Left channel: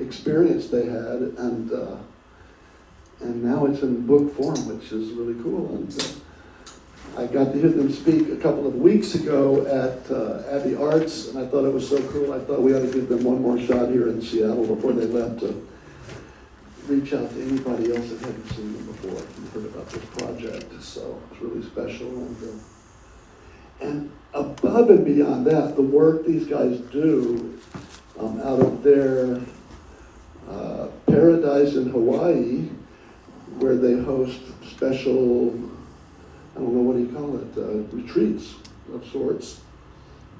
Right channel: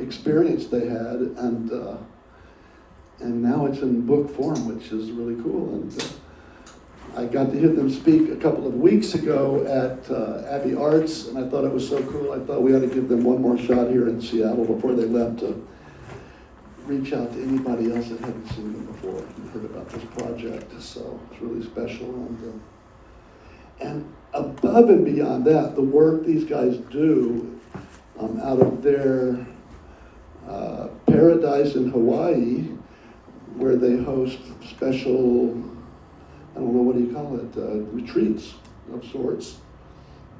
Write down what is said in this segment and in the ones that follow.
experience they had, and now it's in book form, which is really cool. And I got to hear them speak a couple of weeks ago at Abbey Arts, and I thought it was so cool. I thought we ought to give them one more shot here in Seattle before they left to reach out to anybody else that hadn't seen them before and hear about this project. So it's really special. And above and beyond that, the work these guys do out of their paradise in Hawaii, where they host special, I don't know, what do you call it, retreats of sorts.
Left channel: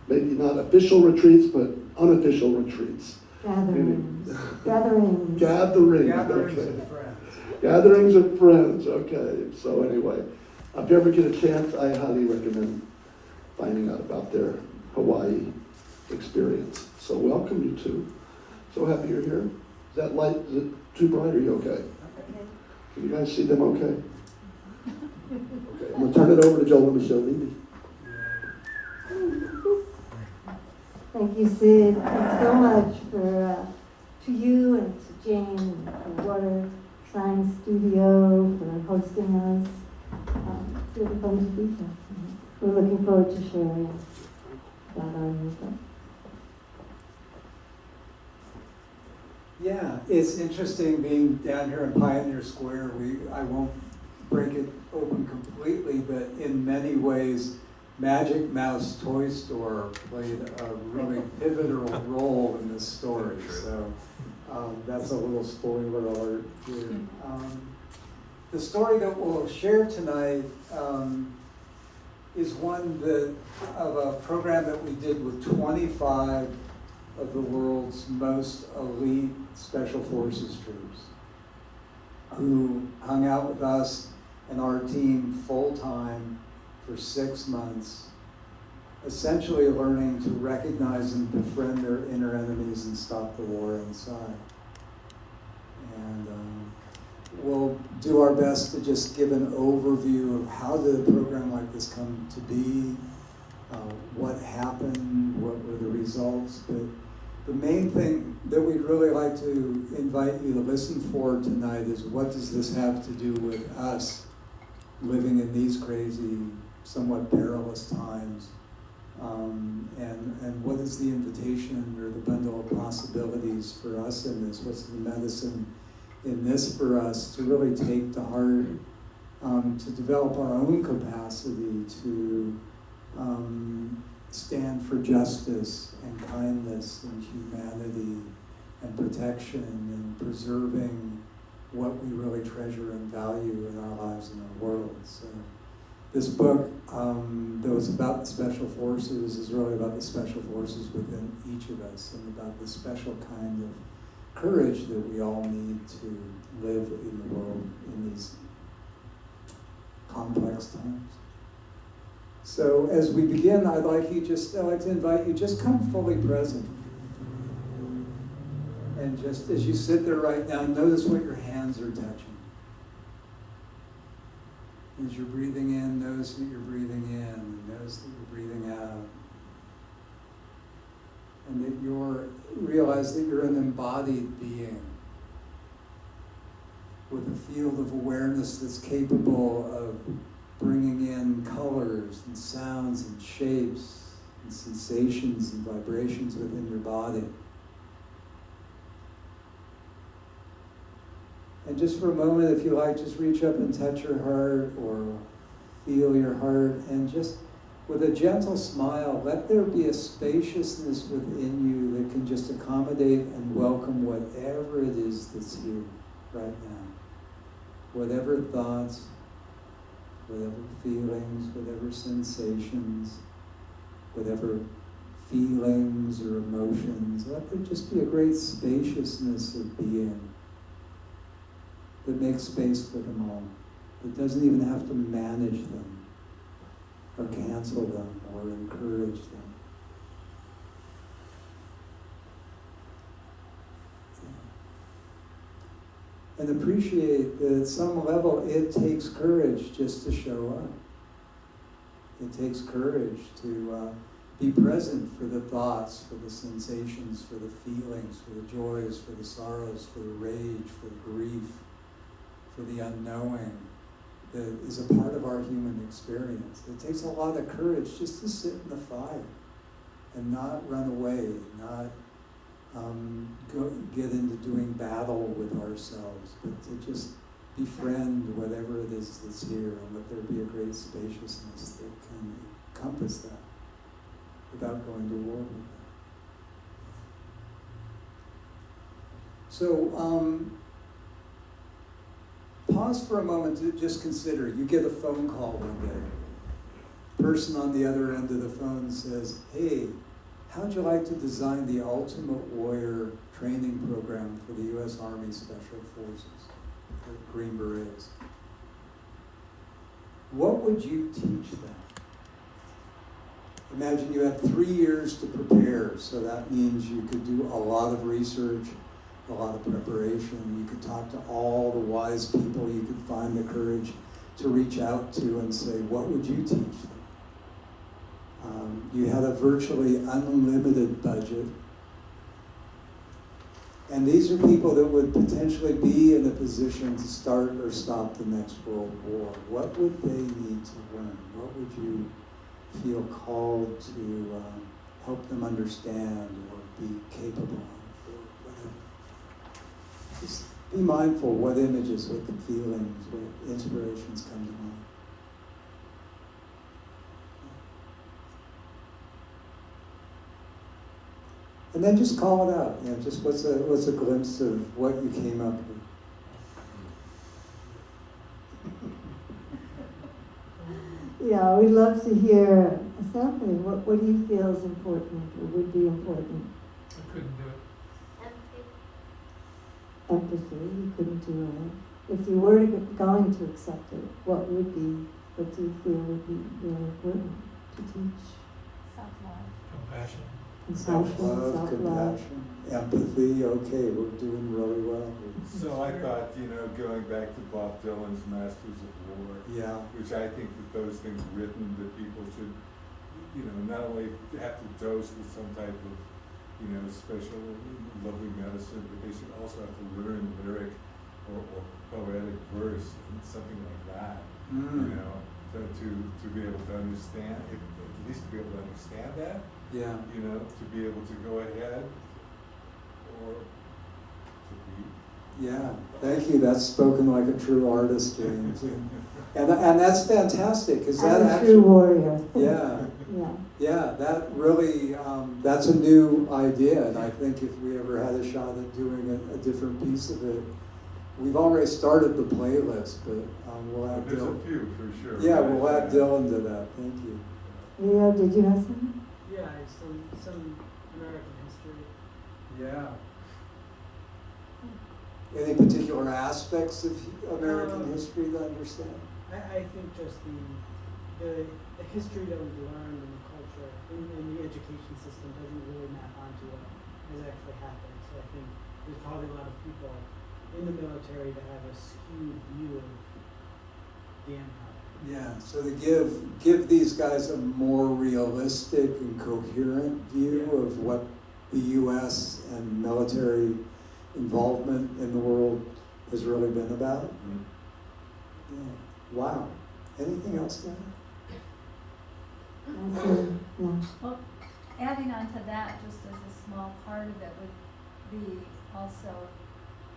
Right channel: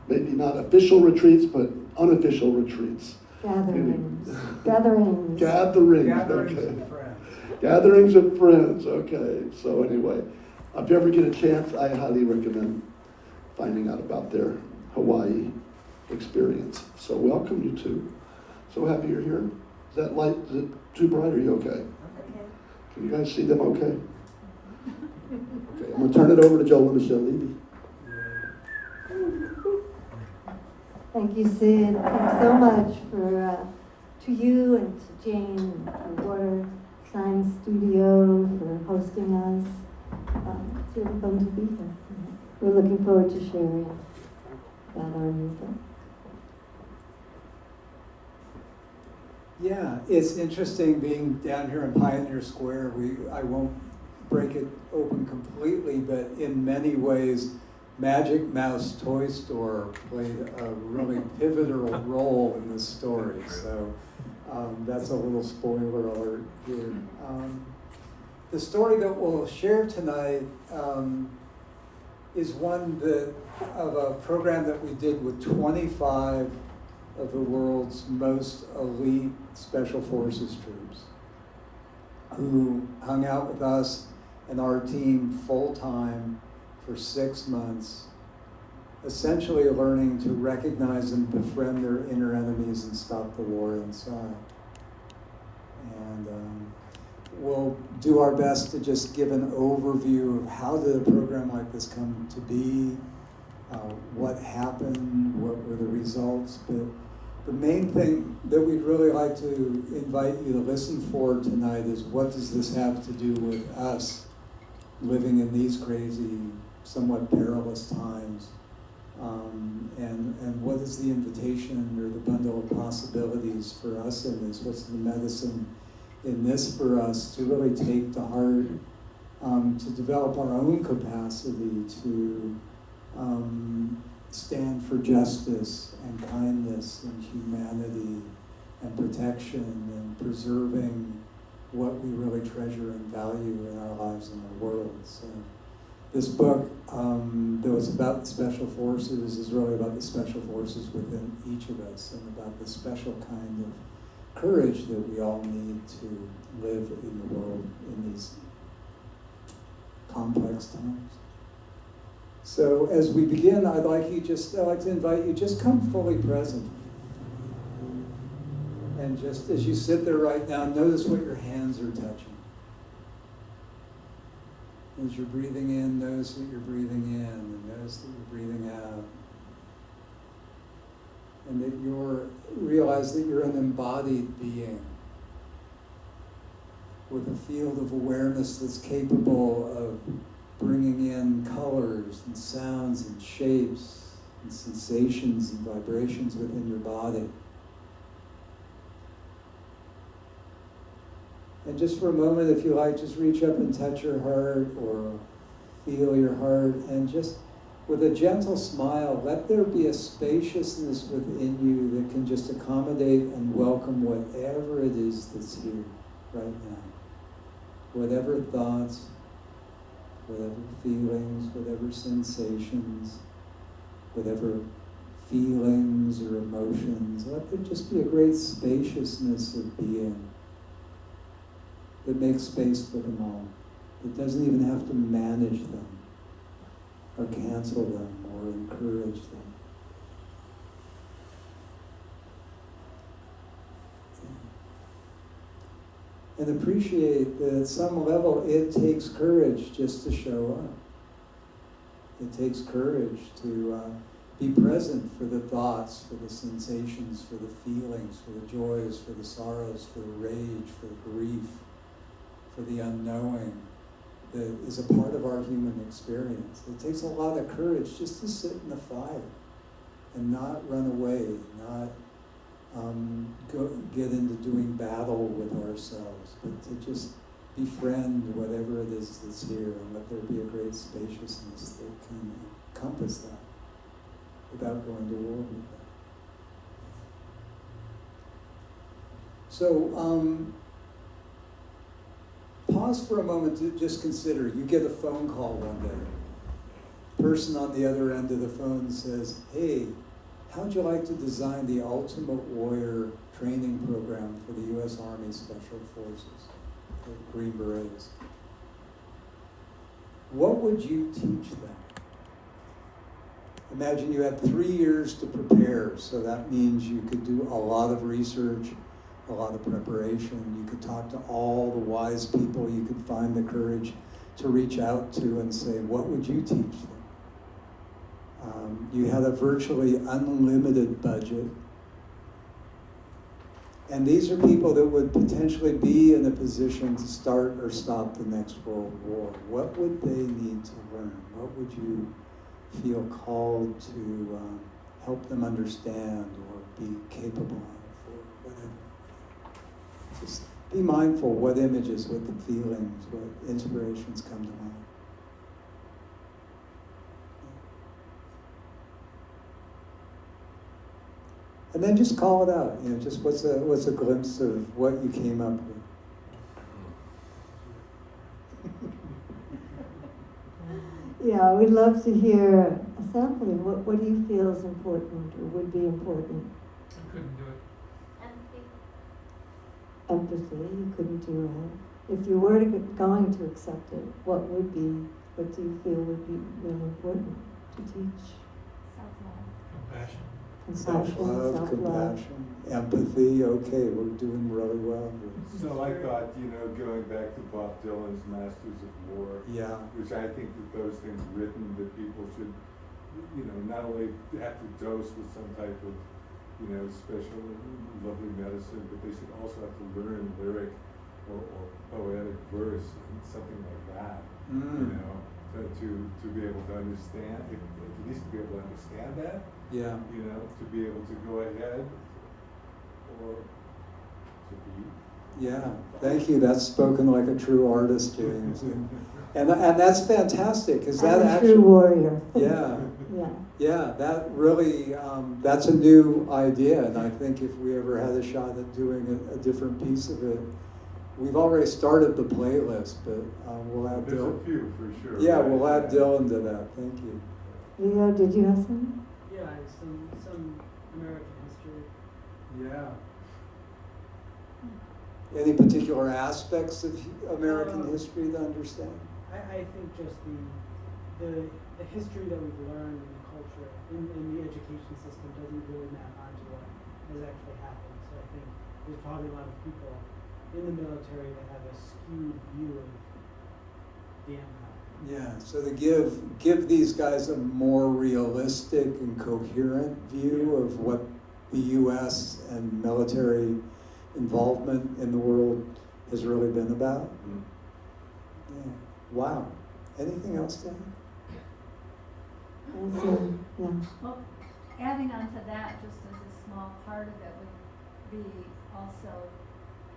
Maybe not official retreats, but unofficial retreats. Gatherings. Gatherings of friends. Gatherings of friends, okay. So anyway, if you ever get a chance, I highly recommend finding out about their Hawaii experience. So welcome, you two. So happy you're here. Is that light, is it too bright? Are you okay? Can you guys see them okay? Okay, I'm going to turn it over to Joe and Michelle. Thank you, Sid. Thanks so much to you and to Jane and daughter Science Studio for hosting us. It's really fun to be here. We're looking forward to sharing about our movement. Yeah, it's interesting being down here in Pioneer Square. I won't break it open completely, but in many ways, Magic Mouse Toy Store played a really pivotal role in this story. So that's a little spoiler alert here. The story that we'll share tonight is one of a program that we did with 25 of the world's most elite special forces troops who hung out with us and our team full-time for 6 months, essentially learning to recognize and befriend their inner enemies and stop the war inside. And we'll do our best to just give an overview of how did a program like this come to be, what happened, what were the results. But the main thing that we'd really like to invite you to listen for tonight is, what does this have to do with us living in these crazy, somewhat perilous times? And what is the invitation or the bundle of possibilities for us in this? What's the medicine in this for us to really take to heart, to develop our own capacity to stand for justice and kindness and humanity and protection and preserving what we really treasure and value in our lives and our world. So this book that was about the special forces is really about the special forces within each of us and about the special kind of courage that we all need to live in the world in these complex times. So as we begin, I'd like to invite you, just come fully present. And just as you sit there right now, notice what your hands are touching. As you're breathing in, notice that you're breathing in, and notice that you're breathing out. And that realize that you're an embodied being with a field of awareness that's capable of bringing in colors and sounds and shapes and sensations and vibrations within your body. And just for a moment, if you like, just reach up and touch your heart or feel your heart, and just with a gentle smile, let there be a spaciousness within you that can just accommodate and welcome whatever it is that's here right now. Whatever thoughts, whatever feelings, whatever sensations, whatever feelings or emotions, let there just be a great spaciousness of being that makes space for them all. It doesn't even have to manage them or cancel them or encourage them. And appreciate that at some level it takes courage just to show up. It takes courage to be present for the thoughts, for the sensations, for the feelings, for the joys, for the sorrows, for the rage, for the grief, for the unknowing that is a part of our human experience. It takes a lot of courage just to sit in the fire and not run away, not get into doing battle with ourselves, but to just befriend whatever it is that's here and let there be a great spaciousness that can encompass that without going to war with it. So, pause for a moment to just consider. You get a phone call one day. Person on the other end of the phone says, "Hey, how'd you like to design the ultimate warrior training program for the U.S. Army Special Forces, the Green Berets? What would you teach them?" Imagine you had 3 years to prepare, so that means you could do a lot of research, a lot of preparation. You could talk to all the wise people you could find the courage to reach out to and say, what would you teach them? You had a virtually unlimited budget. And these are people that would potentially be in a position to start or stop the next World War. What would they need to learn? What would you feel called to help them understand or be capable of? Just be mindful what images, what the feelings, what inspirations come to mind. And then just call it out. You know, just what's a glimpse of what you came up with. Yeah, we'd love to hear something. What do you feel is important or would be important? I couldn't do it. Empathy, you couldn't do that. If you were going to accept it, what do you feel would be really important to teach? Self-love. Compassion. Compassion, Self-love, compassion, empathy. Okay, we're doing really well. So I thought, going back to Bob Dylan's Masters of War, Yeah. which I think that those things written that people should, not only have to dose with some type of, special lovely medicine, but they should also have to learn lyric or poetic verse, something like that, to be able to understand, at least to be able to understand that, Yeah. to be able to go ahead or to be. Yeah, thank you. That's spoken like a true artist, James. And that's fantastic, because that I'm a actually, true warrior. yeah, Yeah. yeah, that really, that's a new idea. And I think if we ever had a shot at doing a different piece of it, we've already started the playlist, but we'll have There's a Dylan. few for sure. Yeah, we'll add Dylan to that. Thank you. Leo, did you have something? Yeah, some American history. Yeah. Any particular aspects of American history to understand? I think just the history that we've learned in the culture, in the education system doesn't really map onto what has actually happened. So I think there's probably a lot of people in the military that have a skewed view of the empire. Yeah, so to give these guys a more realistic and coherent view of what the U.S. and military involvement in the world has really been about. Mhm. Yeah. Wow. Anything else, Dan? Yeah. Well, adding on to that, just as a small part of it, would be also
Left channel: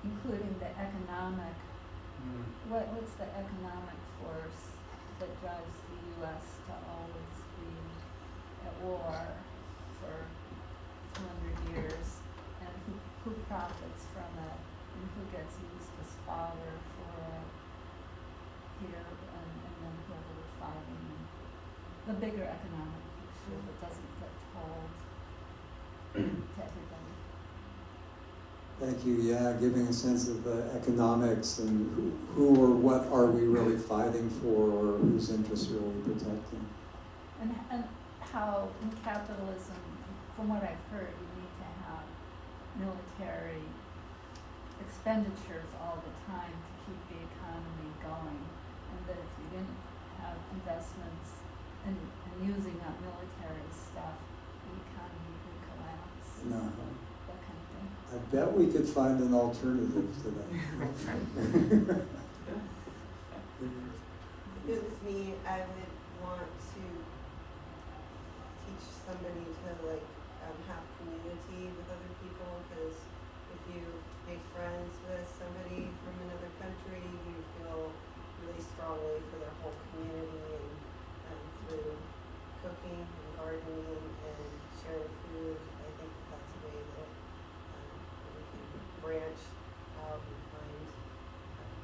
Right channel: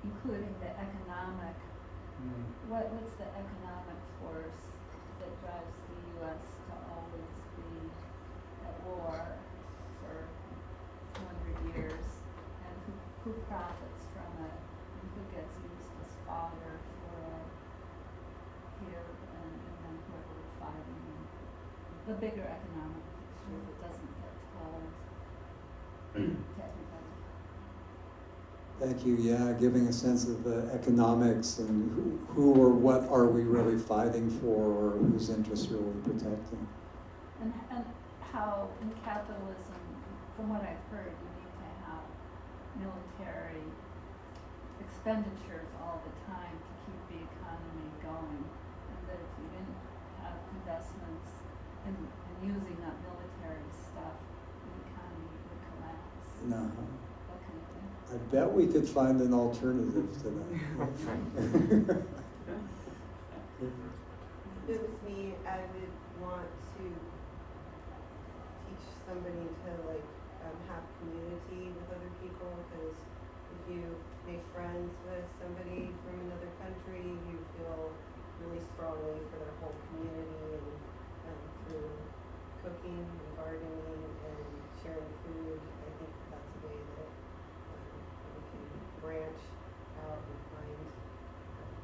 including the economic, what's the economic force that drives the U.S. to always be at war for 200 years, and who profits from it, and who gets used as fodder for here and then here we're fighting. The bigger economic picture that doesn't get told technically. Thank you. Yeah, giving a sense of the economics and who or what are we really fighting for, or whose interests are we protecting. And how in capitalism, from what I've heard, you need to have military expenditures all the time to keep the economy going. And that if you didn't have investments in using that military stuff, No. That kind of thing. I bet we could find an alternative to that. If it was me, I would want to teach somebody to like have community with other people, because if you make friends with somebody from another country, you feel really strongly for their whole community, and through cooking and gardening and sharing food, I think that's a way that we can branch out and find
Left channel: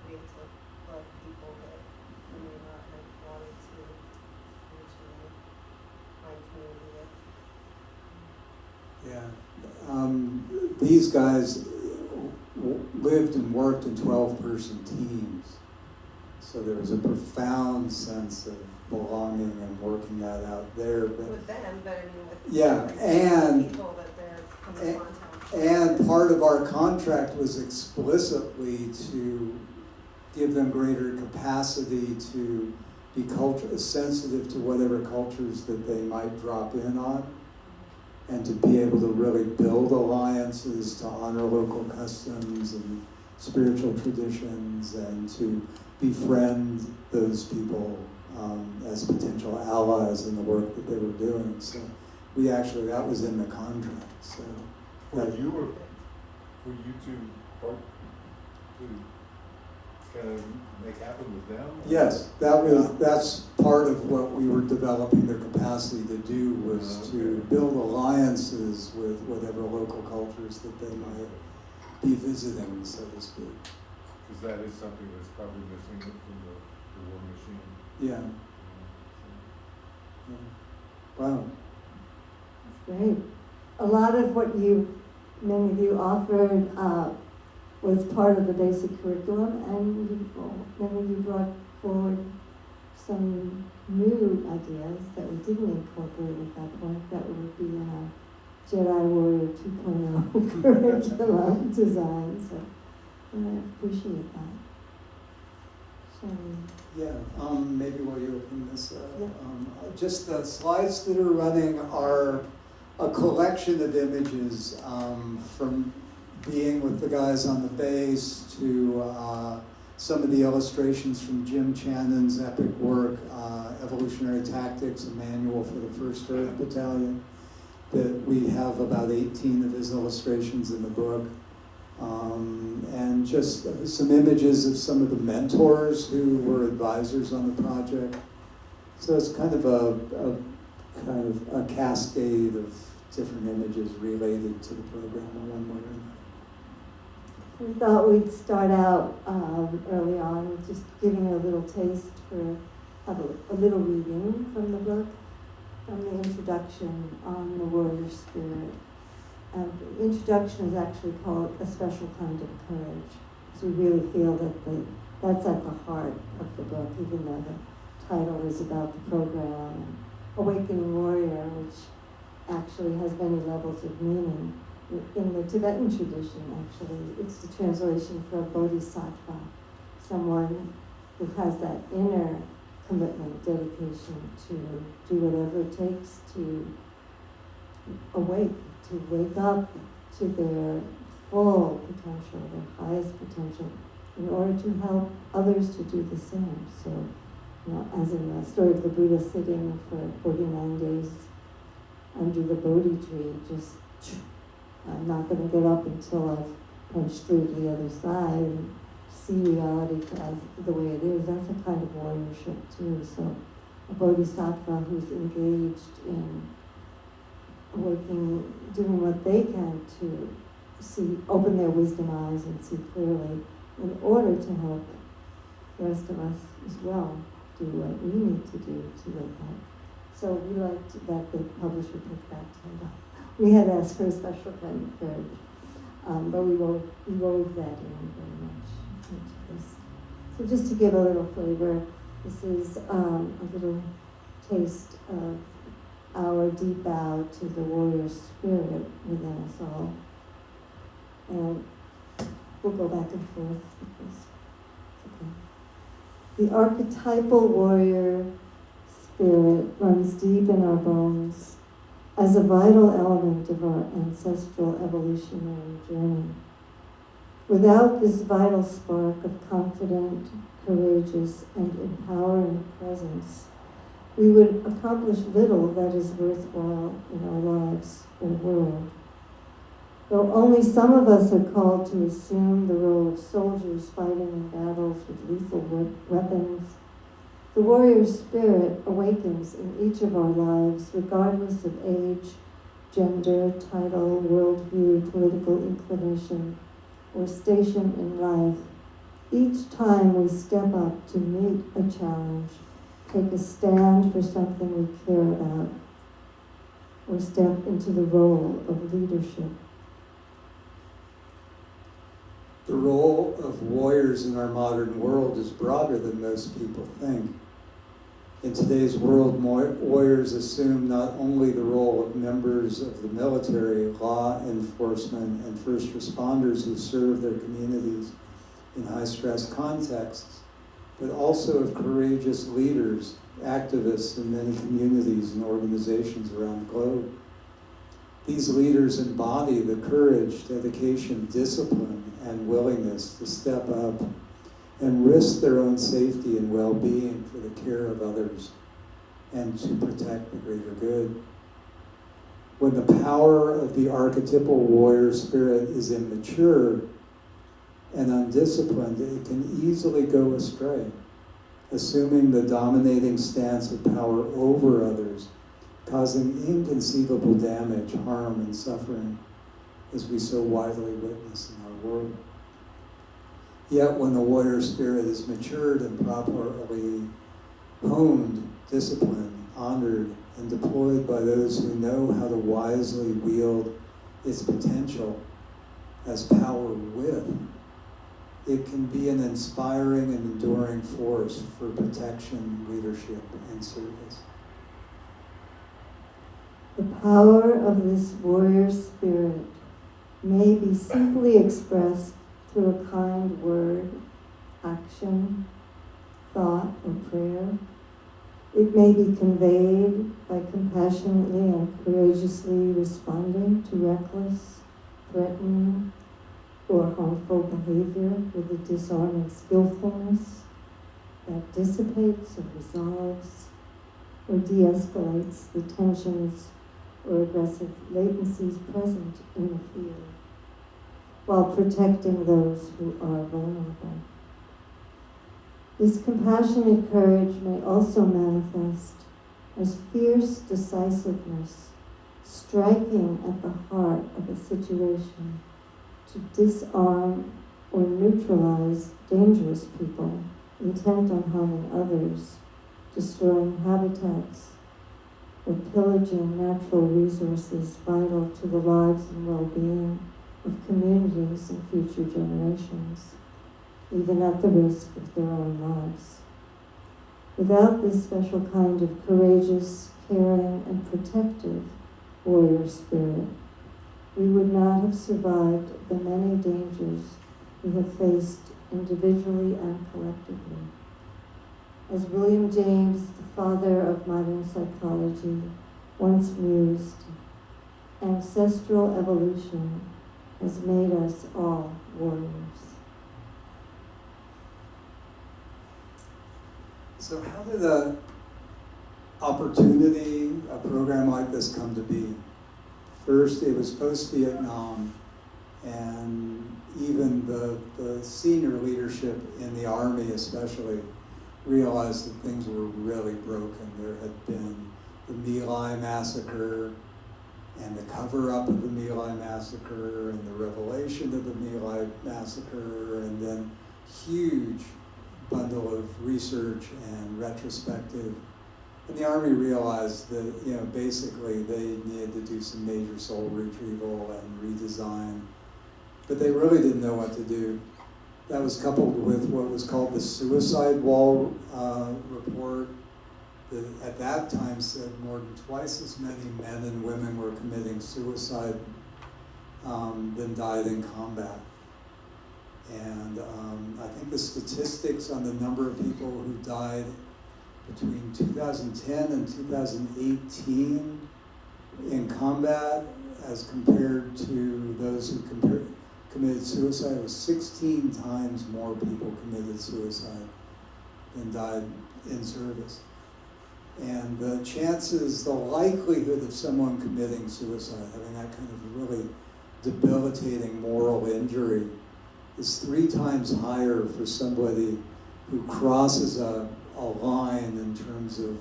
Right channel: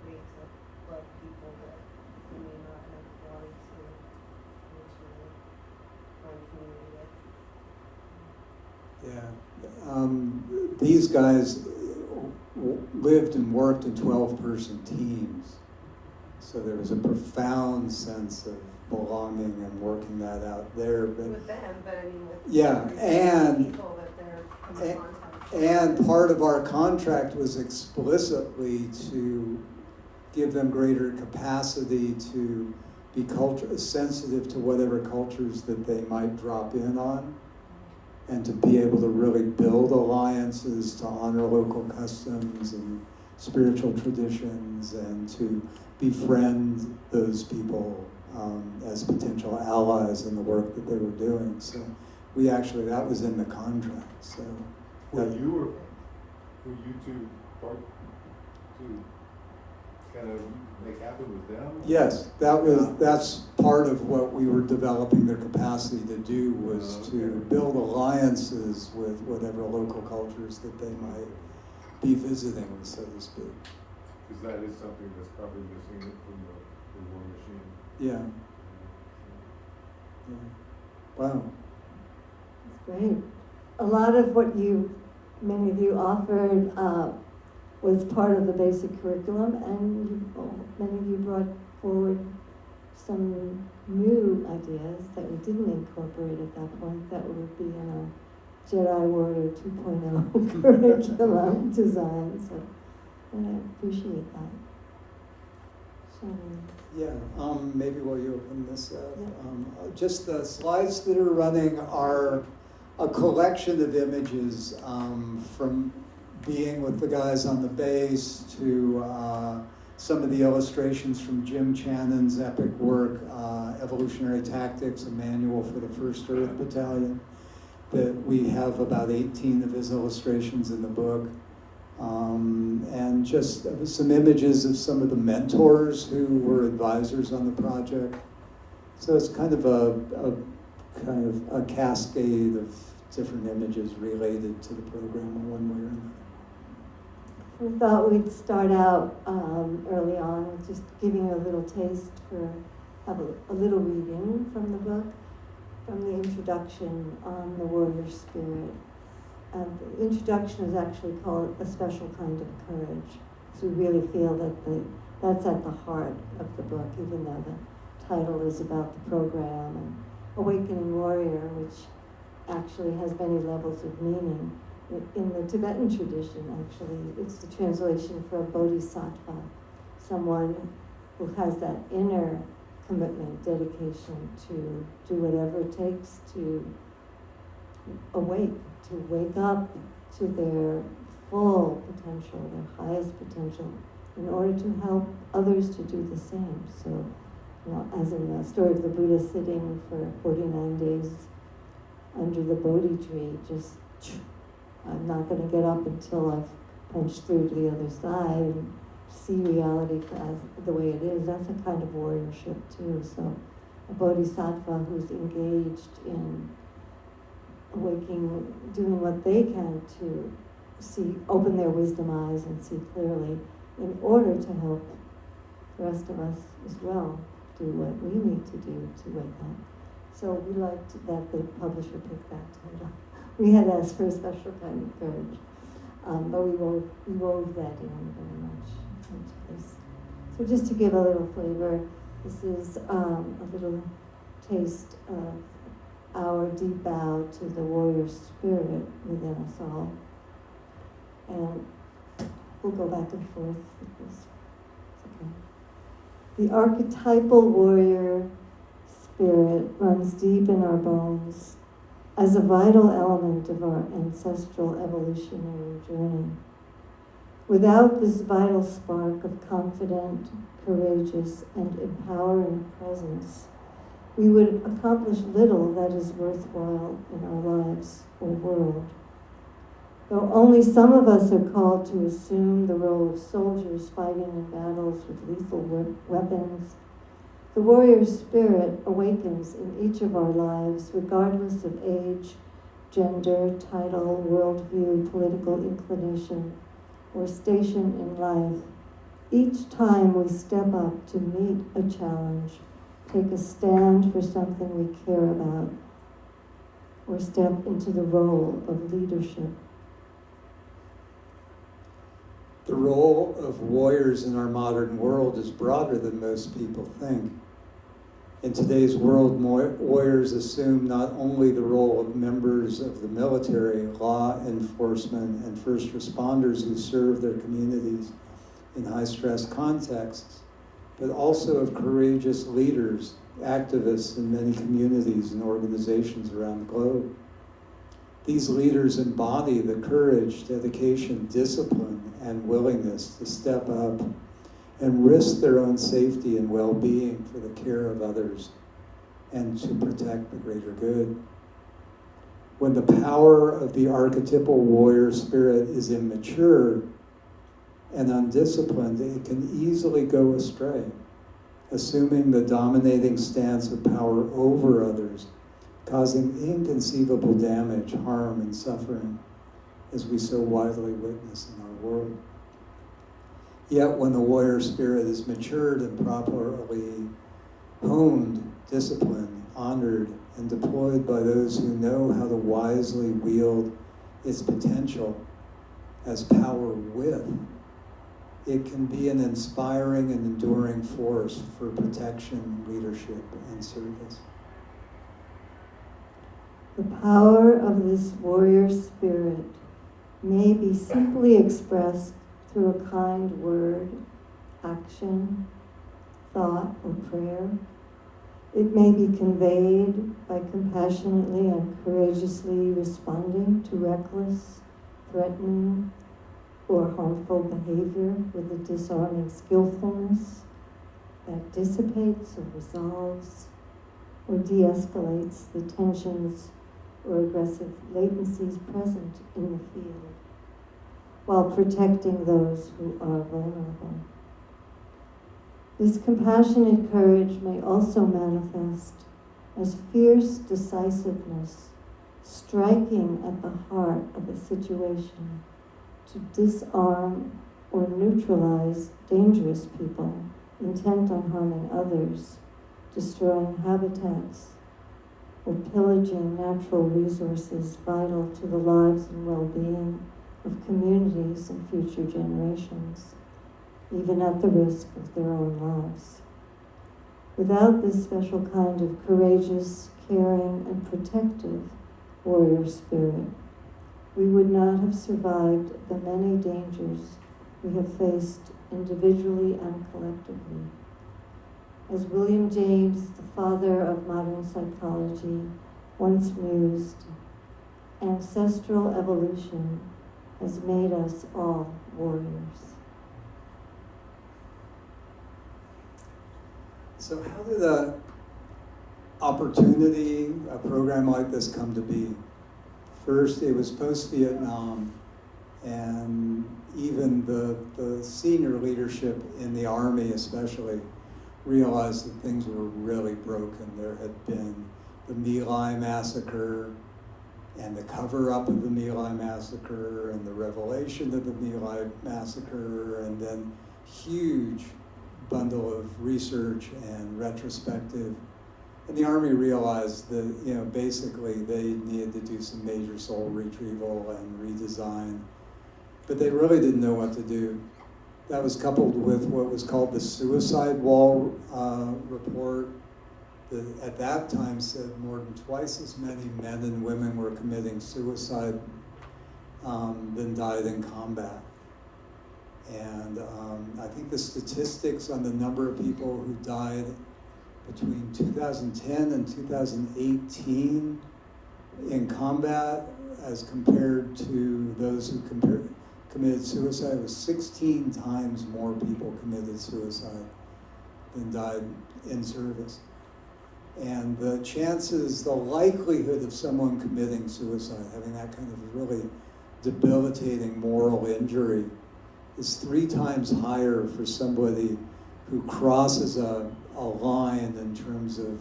ways to love people that we may not have found to initially find community with. Yeah. These guys lived and worked in 12-person teams. So there was a profound sense of belonging and working that out there. But With them, but I mean with yeah, and people that they're coming in contact with. and part of our contract was explicitly to give them greater capacity to be sensitive to whatever cultures that they might drop in on, and to be able to really build alliances to honor local customs and spiritual traditions, and to befriend those people as potential allies in the work that they were doing. So we actually, that was in the contract. So Well, you were, for you to work, to kind of make happen with them? yes, that's part of what we were developing their capacity to do, was to build alliances with whatever local cultures that they might be visiting, so to speak. Because that is something that's probably missing from the war machine. Yeah. Wow. That's great. A lot of what many of you offered was part of the basic curriculum, and many of you brought forward some new ideas that we didn't incorporate at that point that would be in a Jedi Warrior 2.0 curriculum design. So I appreciate that. So, Yeah, maybe while you open this up, Yeah. just the slides that are running are a collection of images from being with the guys on the base to some of the illustrations from Jim Channon's epic work, Evolutionary Tactics, a manual for the 1st Earth Battalion, that we have about 18 of his illustrations in the book. And just some images of some of the mentors who were advisors on the project. So it's kind of a cascade of different images related to the program in one way or another. we thought we'd start out early on just giving a little taste for a little reading from the book, from the introduction on the warrior spirit. And the introduction is actually called A Special Kind of Courage. So we really feel that that's at the heart of the book, even though the title is about the program. Awakening Warrior, which actually has many levels of meaning. In the Tibetan tradition, actually, it's the translation for a bodhisattva, someone who has that inner commitment, dedication to do whatever it takes to awake, to wake up to their full potential, their highest potential, in order to help others to do the same. So, as in the story of the Buddha sitting for 49 days under the Bodhi tree, just, I'm not going to get up until I've punched through to the other side and see reality as the way it is. That's a kind of warriorship too. So a bodhisattva who's engaged in working, doing what they can to open their wisdom eyes and see clearly, in order to help the rest of us as well do what we need to do to wake up. So we liked that the publisher picked that title. We had asked for a special kind of courage, but we wove that in very much into this. So just to give a little flavor, this is a little taste of our deep bow to the warrior spirit within us all. And we'll go back and forth with this. Okay. The archetypal warrior spirit runs deep in our bones. as a vital element of our ancestral evolutionary journey. Without this vital spark of confident, courageous, and empowering presence, we would accomplish little that is worthwhile in our lives or world. Though only some of us are called to assume the role of soldiers fighting in battles with lethal weapons, the warrior spirit awakens in each of our lives, regardless of age, gender, title, worldview, political inclination, or station in life. Each time we step up to meet a challenge, take a stand for something we care about, or step into the role of leadership. The role of warriors in our modern world is broader than most people think. In today's world, warriors assume not only the role of members of the military, law enforcement, and first responders who serve their communities in high-stress contexts, but also of courageous leaders, activists in many communities and organizations around the globe. These leaders embody the courage, dedication, discipline, and willingness to step up and risk their own safety and well-being for the care of others and to protect the greater good. When the power of the archetypal warrior spirit is immature and undisciplined, it can easily go astray, assuming the dominating stance of power over others, causing inconceivable damage, harm, and suffering, as we so widely witness in our world. Yet when the warrior spirit is matured and properly honed, disciplined, honored, and deployed by those who know how to wisely wield its potential as power with, it can be an inspiring and enduring force for protection, leadership, and service. The power of this warrior spirit may be simply expressed through a kind word, action, thought, or prayer. It may be conveyed by compassionately and courageously responding to reckless, threatening, or harmful behavior with a disarming skillfulness that dissipates or resolves or de-escalates the tensions or aggressive latencies present in the field, while protecting those who are vulnerable. This compassionate courage may also manifest as fierce decisiveness, striking at the heart of a situation to disarm or neutralize dangerous people intent on harming others, destroying habitats, or pillaging natural resources vital to the lives and well-being of communities and future generations, even at the risk of their own lives. Without this special kind of courageous, caring, and protective warrior spirit, we would not have survived the many dangers we have faced individually and collectively. As William James, the father of modern psychology, once mused, ancestral evolution has made us all warriors. So how did a opportunity, a program like this come to be? First, it was post-Vietnam, and even the senior leadership in the Army especially realized that things were really broken. There had been the My Lai massacre, and the cover-up of the My Lai massacre, and the revelation of the My Lai massacre, and then huge bundle of research and retrospective. And the Army realized that, basically they needed to do some major soul retrieval and redesign, but they really didn't know what to do. That was coupled with what was called the suicide wall report, that at that time said more than twice as many men and women were committing suicide than died in combat. And I think the statistics on the number of people who died between 2010 and 2018 in combat as compared to those who committed suicide was 16 times more people committed suicide than died in service. And the chances, the likelihood of someone committing suicide, having that kind of really debilitating moral injury, is 3 times higher for somebody who crosses a line in terms of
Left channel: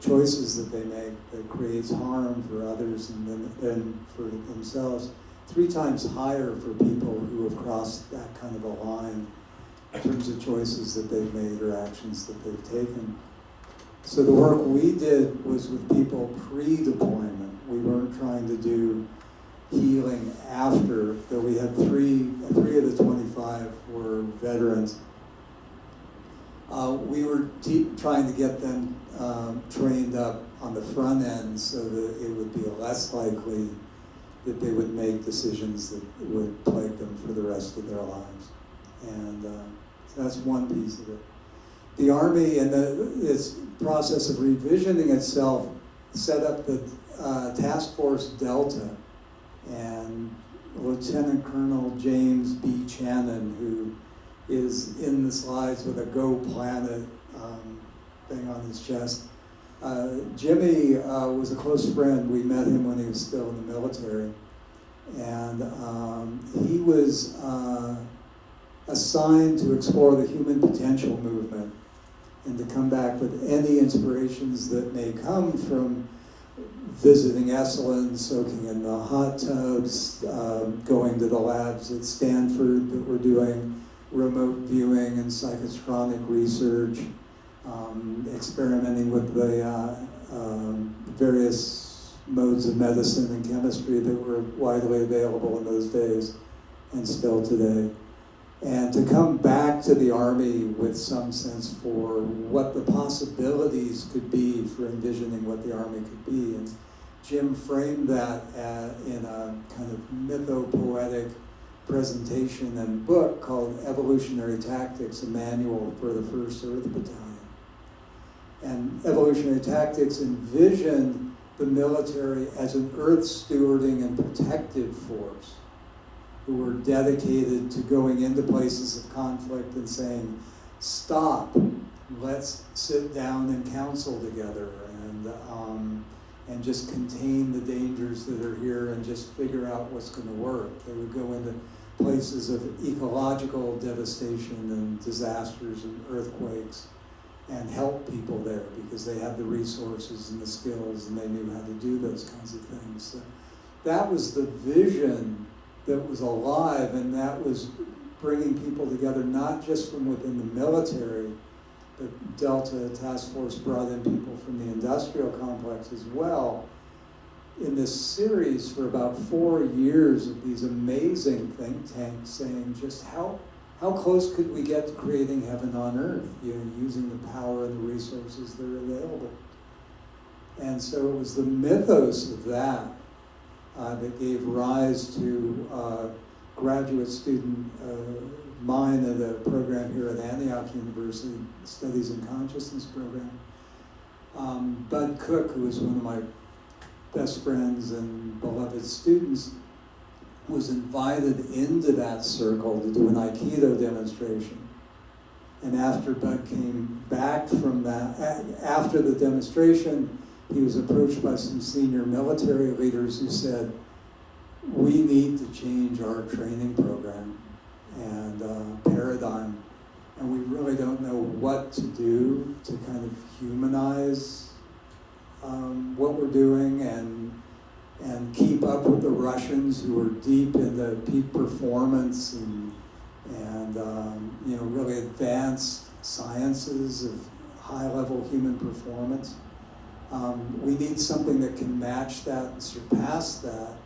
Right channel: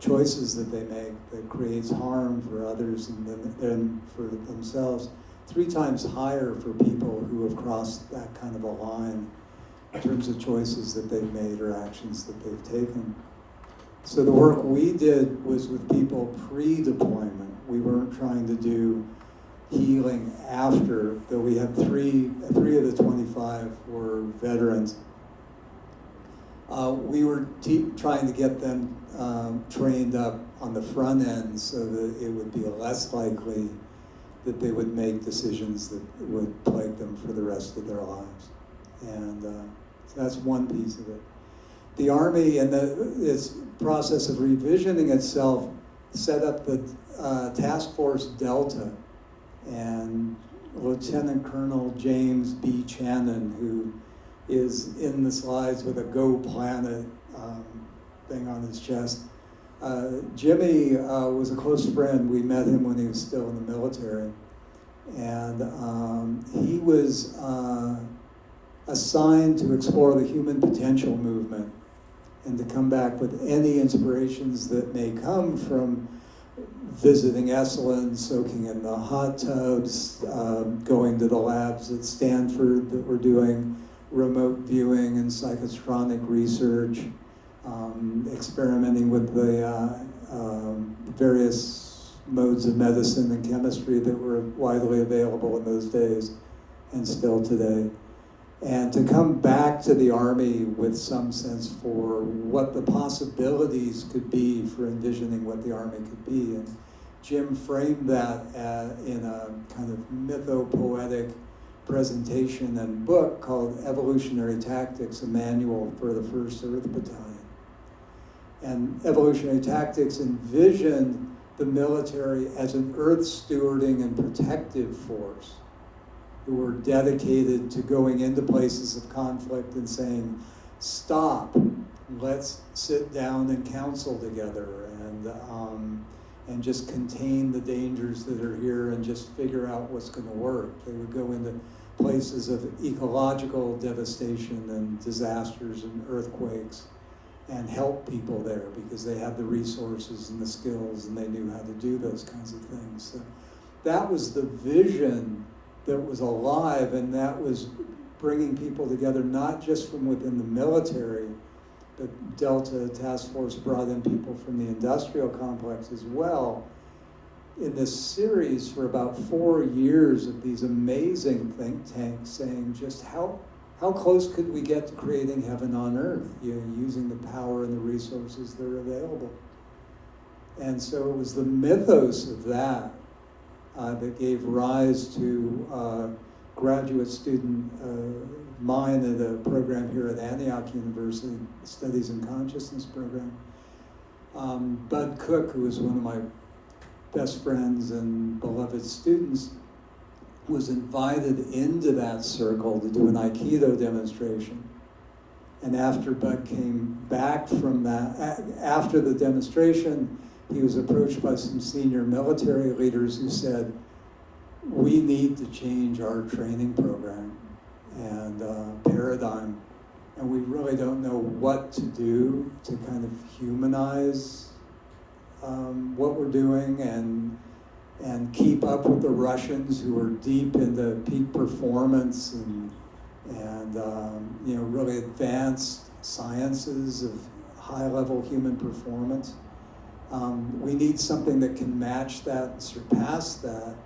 choices that they make that creates harm for others and then for themselves. 3 times higher for people who have crossed that kind of a line in terms of choices that they've made or actions that they've taken. So the work we did was with people pre-deployment. We weren't trying to do healing after, though we had three of the 25 were veterans. We were trying to get them trained up on the front end so that it would be less likely that they would make decisions that would plague them for the rest of their lives. And so that's one piece of it. The Army, and its process of revisioning itself, set up the Task Force Delta, and Lieutenant Colonel James B. Channon, who is in the slides with a Go Planet thing on his chest. Jimmy was a close friend. We met him when he was still in the military. And he was assigned to explore the human potential movement and to come back with any inspirations that may come from visiting Esalen, soaking in the hot tubs, going to the labs at Stanford that were doing remote viewing and psychotronic research, experimenting with the various modes of medicine and chemistry that were widely available in those days and still today. And to come back to the Army with some sense for what the possibilities could be for envisioning what the Army could be. And Jim framed that in a kind of mythopoetic presentation and book called Evolutionary Tactics, a manual for the 1st Earth Battalion. And Evolutionary Tactics envisioned the military as an earth stewarding and protective force who were dedicated to going into places of conflict and saying, stop, let's sit down and counsel together and just contain the dangers that are here and just figure out what's going to work. They would go into places of ecological devastation and disasters and earthquakes and help people there because they had the resources and the skills and they knew how to do those kinds of things. So that was the vision that was alive, and that was bringing people together not just from within the military, but Delta Task Force brought in people from the industrial complex as well in this series for about 4 years of these amazing think tanks saying just how close could we get to creating heaven on earth, using the power and the resources that are available. And so it was the mythos of that that gave rise to graduate student mine at a program here at Antioch University, Studies in Consciousness program. Bud Cook, who was one of my best friends and beloved students, was invited into that circle to do an aikido demonstration. And after Bud came back from that, after the demonstration, he was approached by some senior military leaders who said, we need to change our training program and paradigm, and we really don't know what to do to kind of humanize what we're doing and keep up with the Russians who are deep into peak performance and really advanced sciences of high-level human performance. We need something that can match that and surpass that,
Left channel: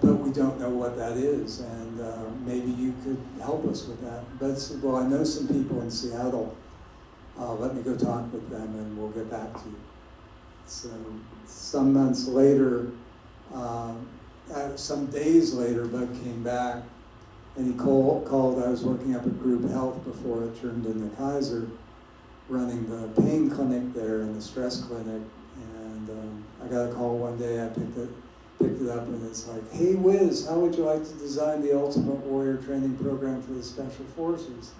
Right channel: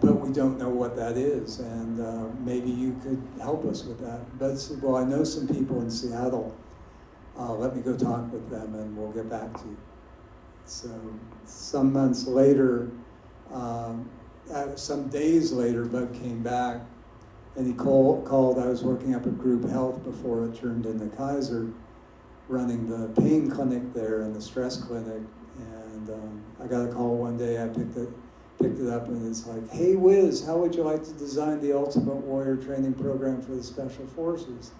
but we don't know what that is, and maybe you could help us with that. But I said, well, I know some people in Seattle. Let me go talk with them, and we'll get back to you. So some months later, some days later, Doug came back, and he called. I was working up at Group Health before it turned into Kaiser, running the pain clinic there and the stress clinic, And I got a call one day, I picked it up, and it's like, hey Wiz, how would you like to design the Ultimate Warrior training program for the Special Forces?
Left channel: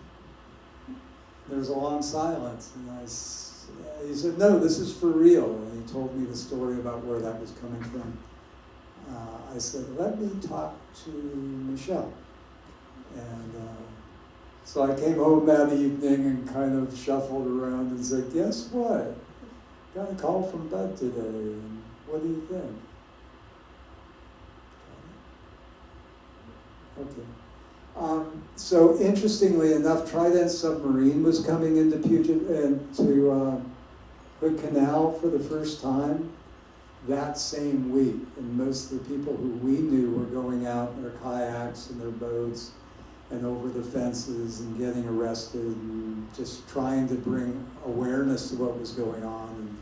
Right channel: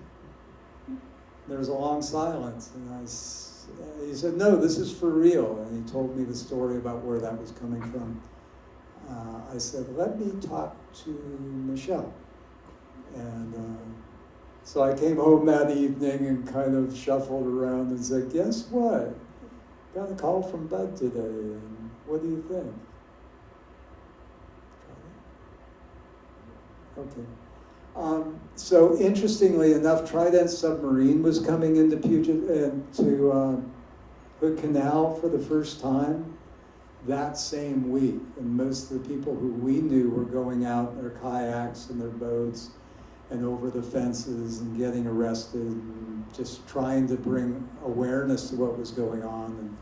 There was a long silence, and he said, no, this is for real. And he told me the story about where that was coming from. I said, let me talk to Michelle. And so I came home that evening and kind of shuffled around and said, guess what? Got a call from Bud today, and what do you think? Okay. So interestingly enough, Trident Submarine was coming into Hood Canal for the first time that same week, and most of the people who we knew were going out in their kayaks and their boats and over the fences and getting arrested and just trying to bring awareness to what was going on and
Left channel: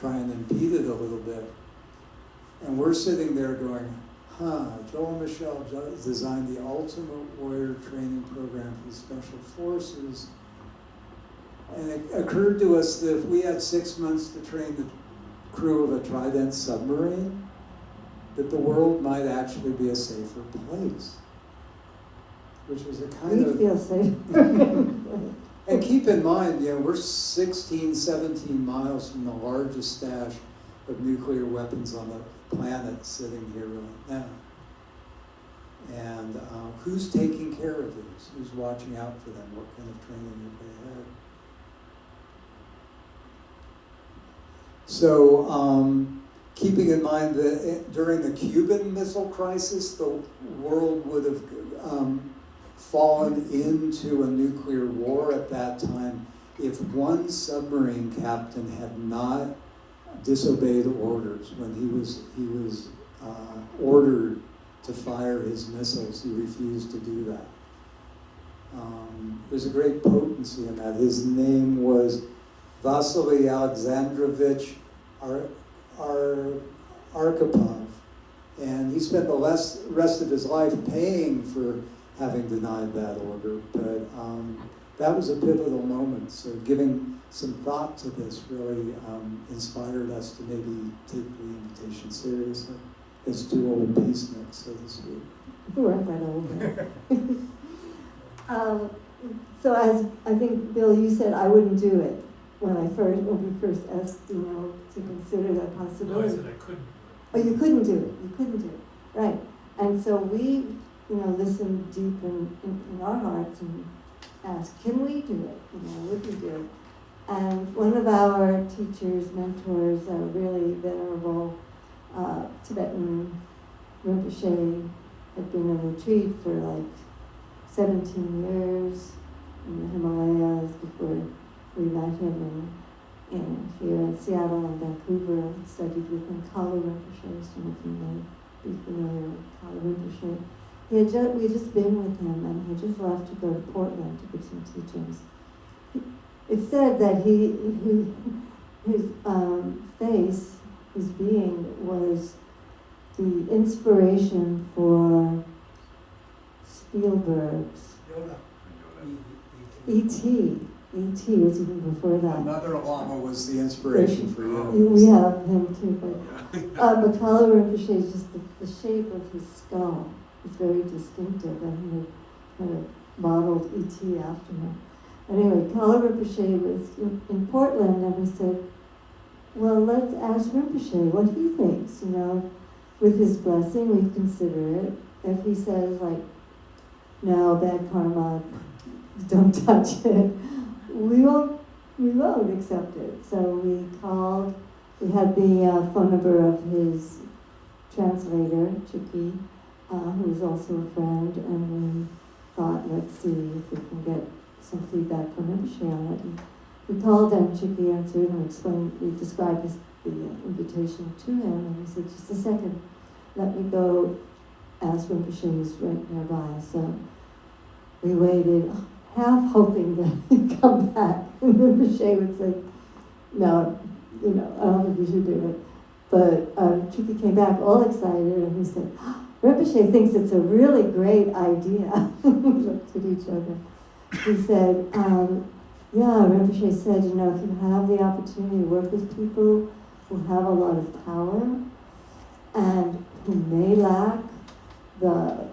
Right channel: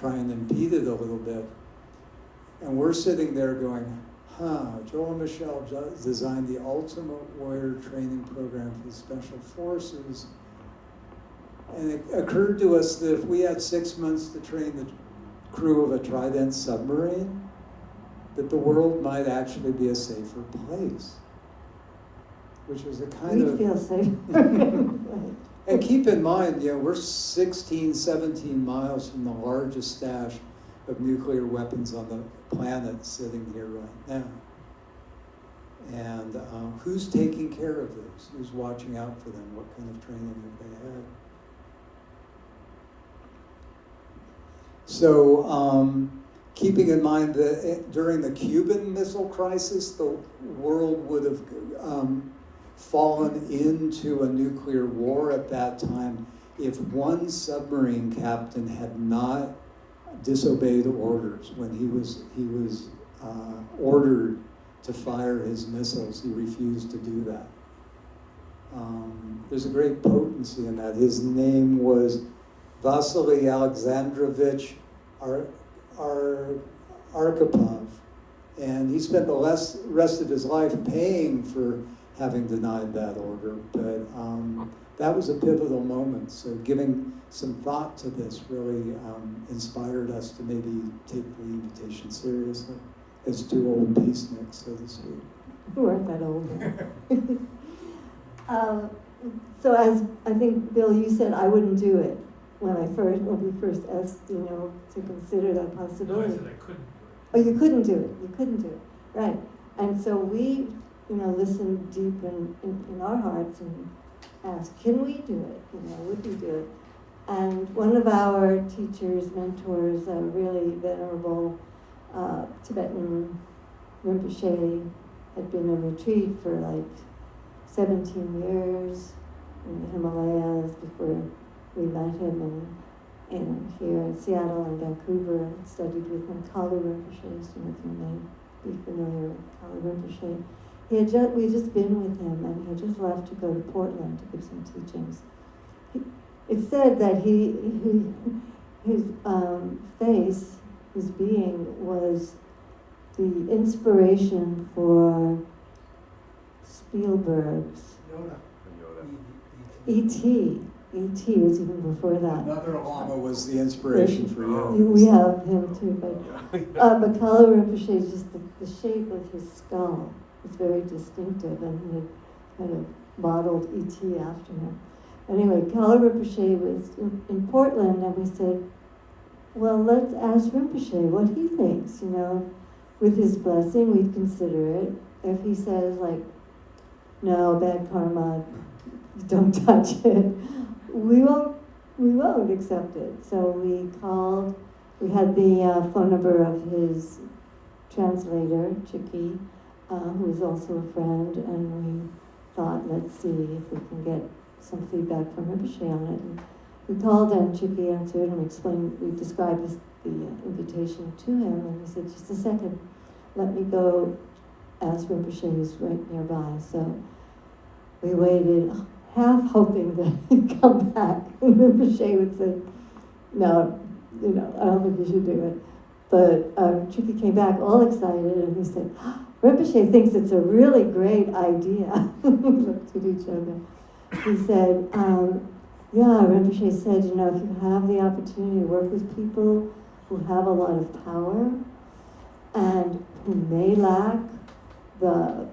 try and impede it a little bit. And we're sitting there going, Joel and Michelle designed the Ultimate Warrior training program for the Special Forces. And it occurred to us that if we had 6 months to train the crew of a Trident submarine, that the world might actually be a safer place. Which was a kind of... We feel safe. And keep in mind, we're 16, 17 miles from the largest stash of nuclear weapons on the planet sitting here right now. And who's taking care of those? Who's watching out for them? What kind of training have they had? So, keeping in mind that during the Cuban Missile Crisis, the world would have fallen into a nuclear war at that time if one submarine captain had not disobeyed orders. When he was ordered to fire his missiles, he refused to do that. There's a great potency in that. His name was Vasily Alexandrovich Arkhipov, and he spent the rest of his life paying for having denied that order, but that was a pivotal moment. So giving some thought to this really inspired us to maybe take the invitation seriously as two old peaceniks, so to speak. We weren't that old. So as I think, Bill, you said I wouldn't do it when we first asked, to consider that No, I possibility. said I couldn't. Oh, you couldn't do it. You couldn't do it. Right. And so we, listened deep in our hearts and asked, can we do it? Would we do it? And one of our teachers, mentors, a really venerable Tibetan Rinpoche, had been in retreat for like 17 years in the Himalayas before we met him, and here in Seattle and Vancouver, studied with him. Kalu Rinpoche, some of you may be familiar with Kalu Rinpoche. We had just been with him, and he had just left to go to Portland to give some teachings. It said that his face, his being, was the inspiration for Spielberg's E.T. E.T. was even before that. Mother Lama was the inspiration for you. We have him too, but Kalu Rinpoche, just the shape of his skull is very distinctive, and he had kind of modeled E.T. after him. Anyway, Kalu Rinpoche was in Portland, and we said, well, let's ask Rinpoche what he thinks, with his blessing, we'd consider it. If he says, no, bad karma, don't touch it, we won't accept it. So we called, we had the phone number of his translator, Chicky, who is also a friend, and we thought, let's see if we can get some feedback from Rinpoche on it. And we called him, Chicky answered, and we described the invitation to him, and he said, just a second, let me go ask Rinpoche, who's right nearby. So we waited, half hoping that he'd come back, and Rinpoche would say, no, I don't think we should do it. But Chicky came back all excited, and he said, Rinpoche thinks it's a really great idea. We looked at each other. He said, Rinpoche said, if you have the opportunity to work with people who have a lot of power and who may lack the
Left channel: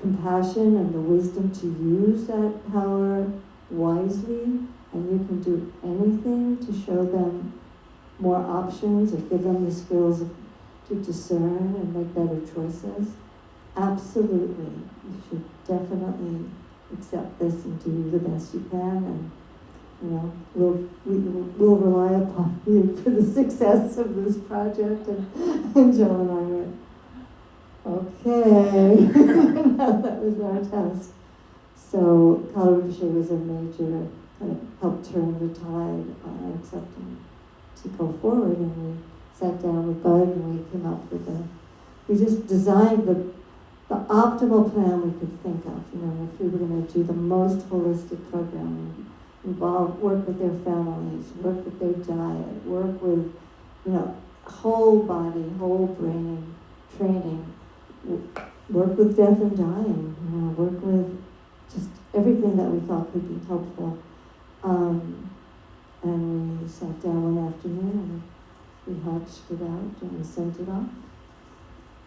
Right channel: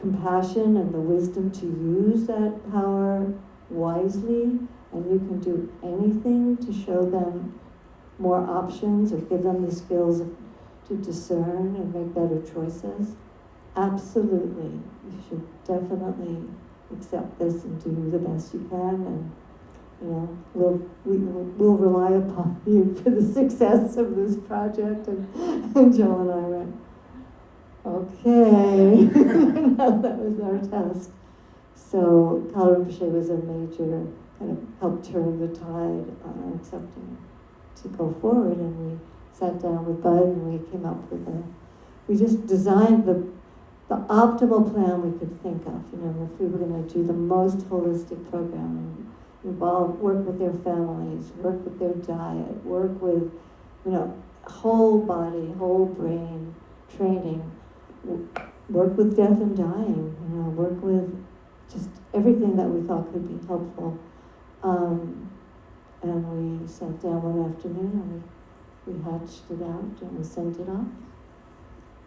compassion and the wisdom to use that power wisely, and you can do anything to show them more options or give them the skills to discern and make better choices, absolutely. You should definitely accept this and do the best you can, and we'll rely upon you for the success of this project. And Joe and I went, okay, that was our test. So Color Rinpoche was a major kind of helped turn the tide, accepting to go forward, and we sat down with Bud and we came up with we just designed the optimal plan we could think of. If we were going to do the most holistic program, work with their families, work with their diet, work with, whole body, whole brain training, work with death and dying, work with just everything that we thought could be helpful. And we sat down one afternoon and we hatched it out and we sent it off.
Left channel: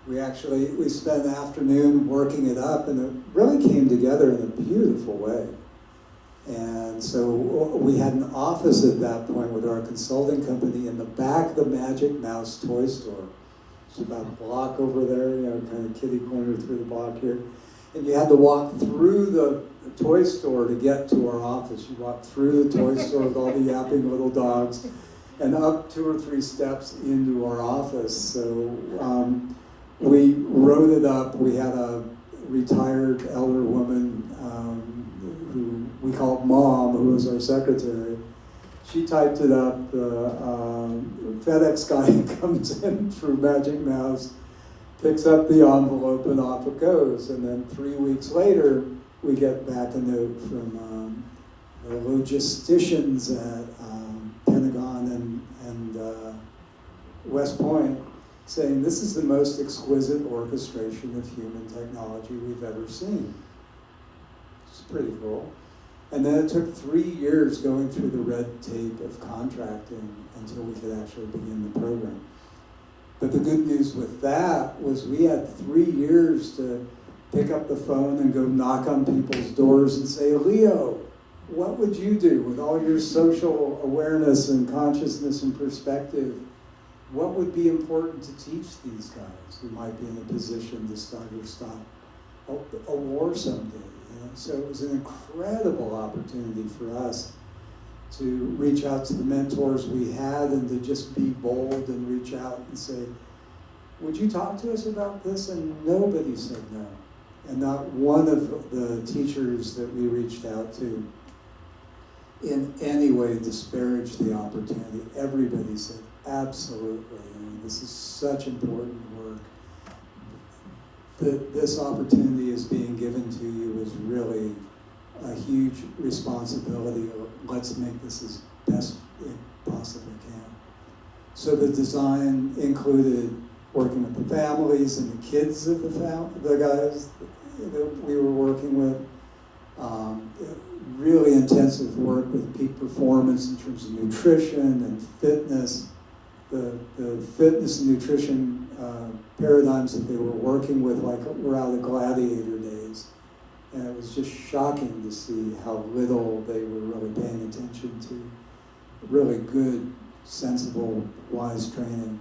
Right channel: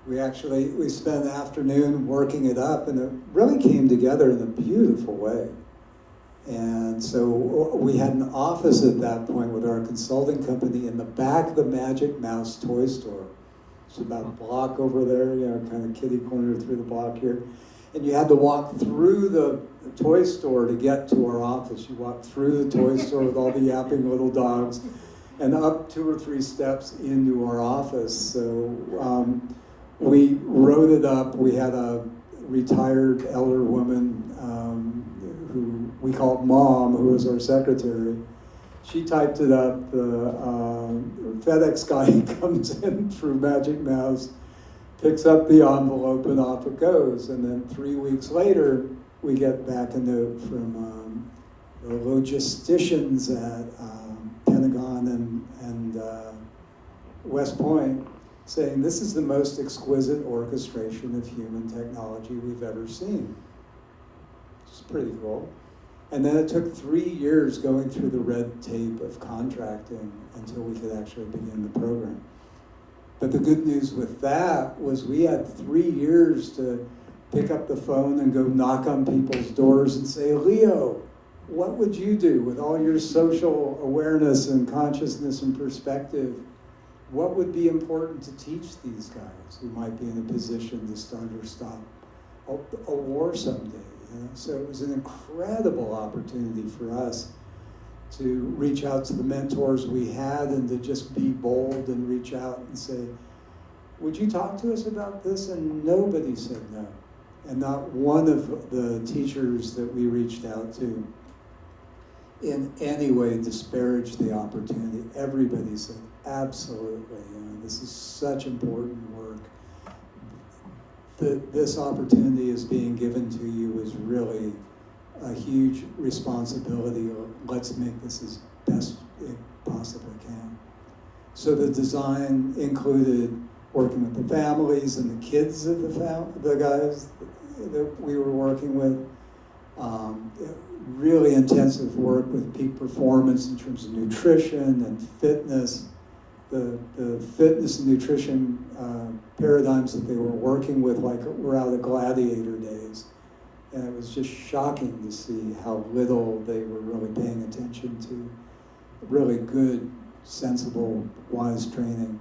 We spent the afternoon working it up, and it really came together in a beautiful way. And so we had an office at that point with our consulting company in the back of the Magic Mouse toy store. It's about a block over there, kind of kitty corner through the block here. And you had to walk through the toy store to get to our office. You walked through the toy store with all the yapping little dogs and up 2 or 3 steps into our office. So we wrote it up. We had a retired elder woman who we called Mom, who was our secretary. She typed it up. The FedEx guy comes in through Magic Mouse, picks up the envelope, and off it goes. And then 3 weeks later, we get back a note from the logisticians at Pentagon and West Point saying this is the most exquisite orchestration of human technology we've ever seen. It's pretty cool. And then it took 3 years going through the red tape of contracting until we could actually begin the program. But the good news with that was we had 3 years to pick up the phone and go knock on people's doors and say, Leo, what would you do with all your social awareness and consciousness and perspective? What would be important to teach these guys who might be in a position to start or stop a war someday? So it was an incredible opportunity for us to reach out to the mentors we had and to just be bold and reach out and say, would you talk to us about this? And nobody said no. And not one of the teachers that we reached out to in any way disparaged the opportunity. Everybody said, absolutely. This is such important work. This opportunity is being given to you is really a huge responsibility, or let's make this as best it possibly can. So the design included working with the families and the kids of the guys that we were working with. Really intensive work with peak performance in terms of nutrition and fitness. The fitness and nutrition paradigms that they were working with were out of gladiator days. And it was just shocking to see how little they were really paying attention to really good, sensible, wise training.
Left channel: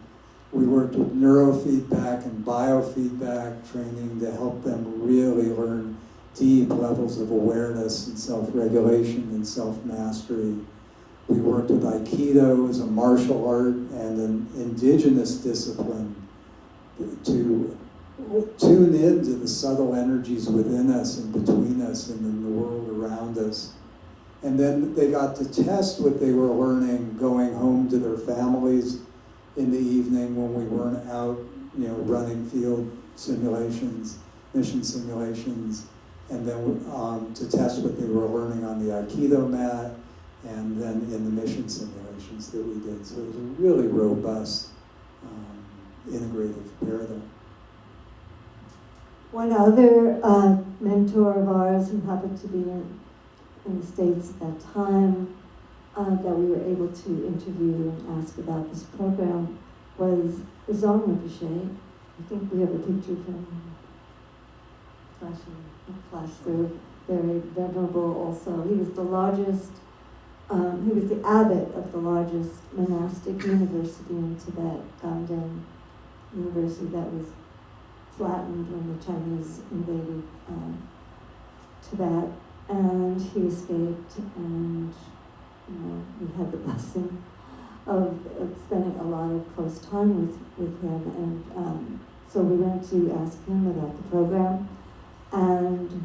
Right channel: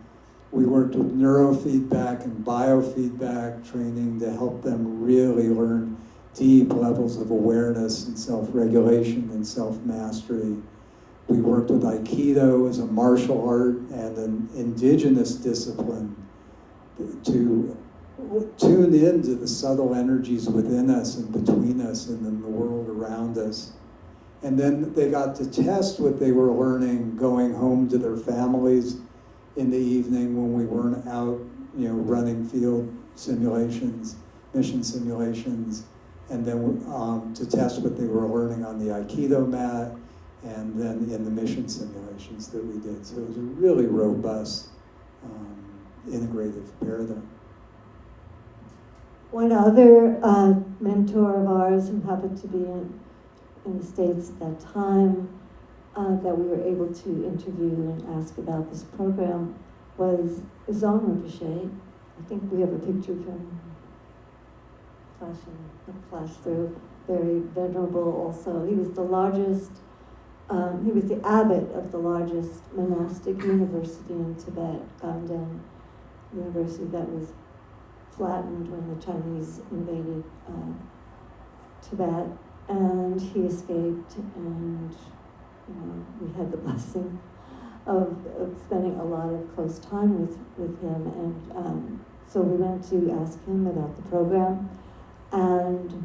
We worked with neurofeedback and biofeedback training to help them really learn deep levels of awareness and self-regulation and self-mastery. We worked with aikido as a martial art and an indigenous discipline to tune into the subtle energies within us and between us and in the world around us. And then they got to test what they were learning going home to their families in the evening when we weren't out, running field simulations, mission simulations, and then to test what they were learning on the aikido mat, and then in the mission simulations that we did. So it was a really robust, integrative paradigm. One other mentor of ours who happened to be in the States at that time that we were able to interview and ask about this program was Jean Rinpoche. I think we have a picture of him flash through. Very venerable also. He was the largest, he was the abbot of the largest monastic university in Tibet, Ganden University, that was flattened when the Chinese invaded Tibet, and he escaped, and we had the blessing of spending a lot of close time with him, and so we went to ask him about the program, and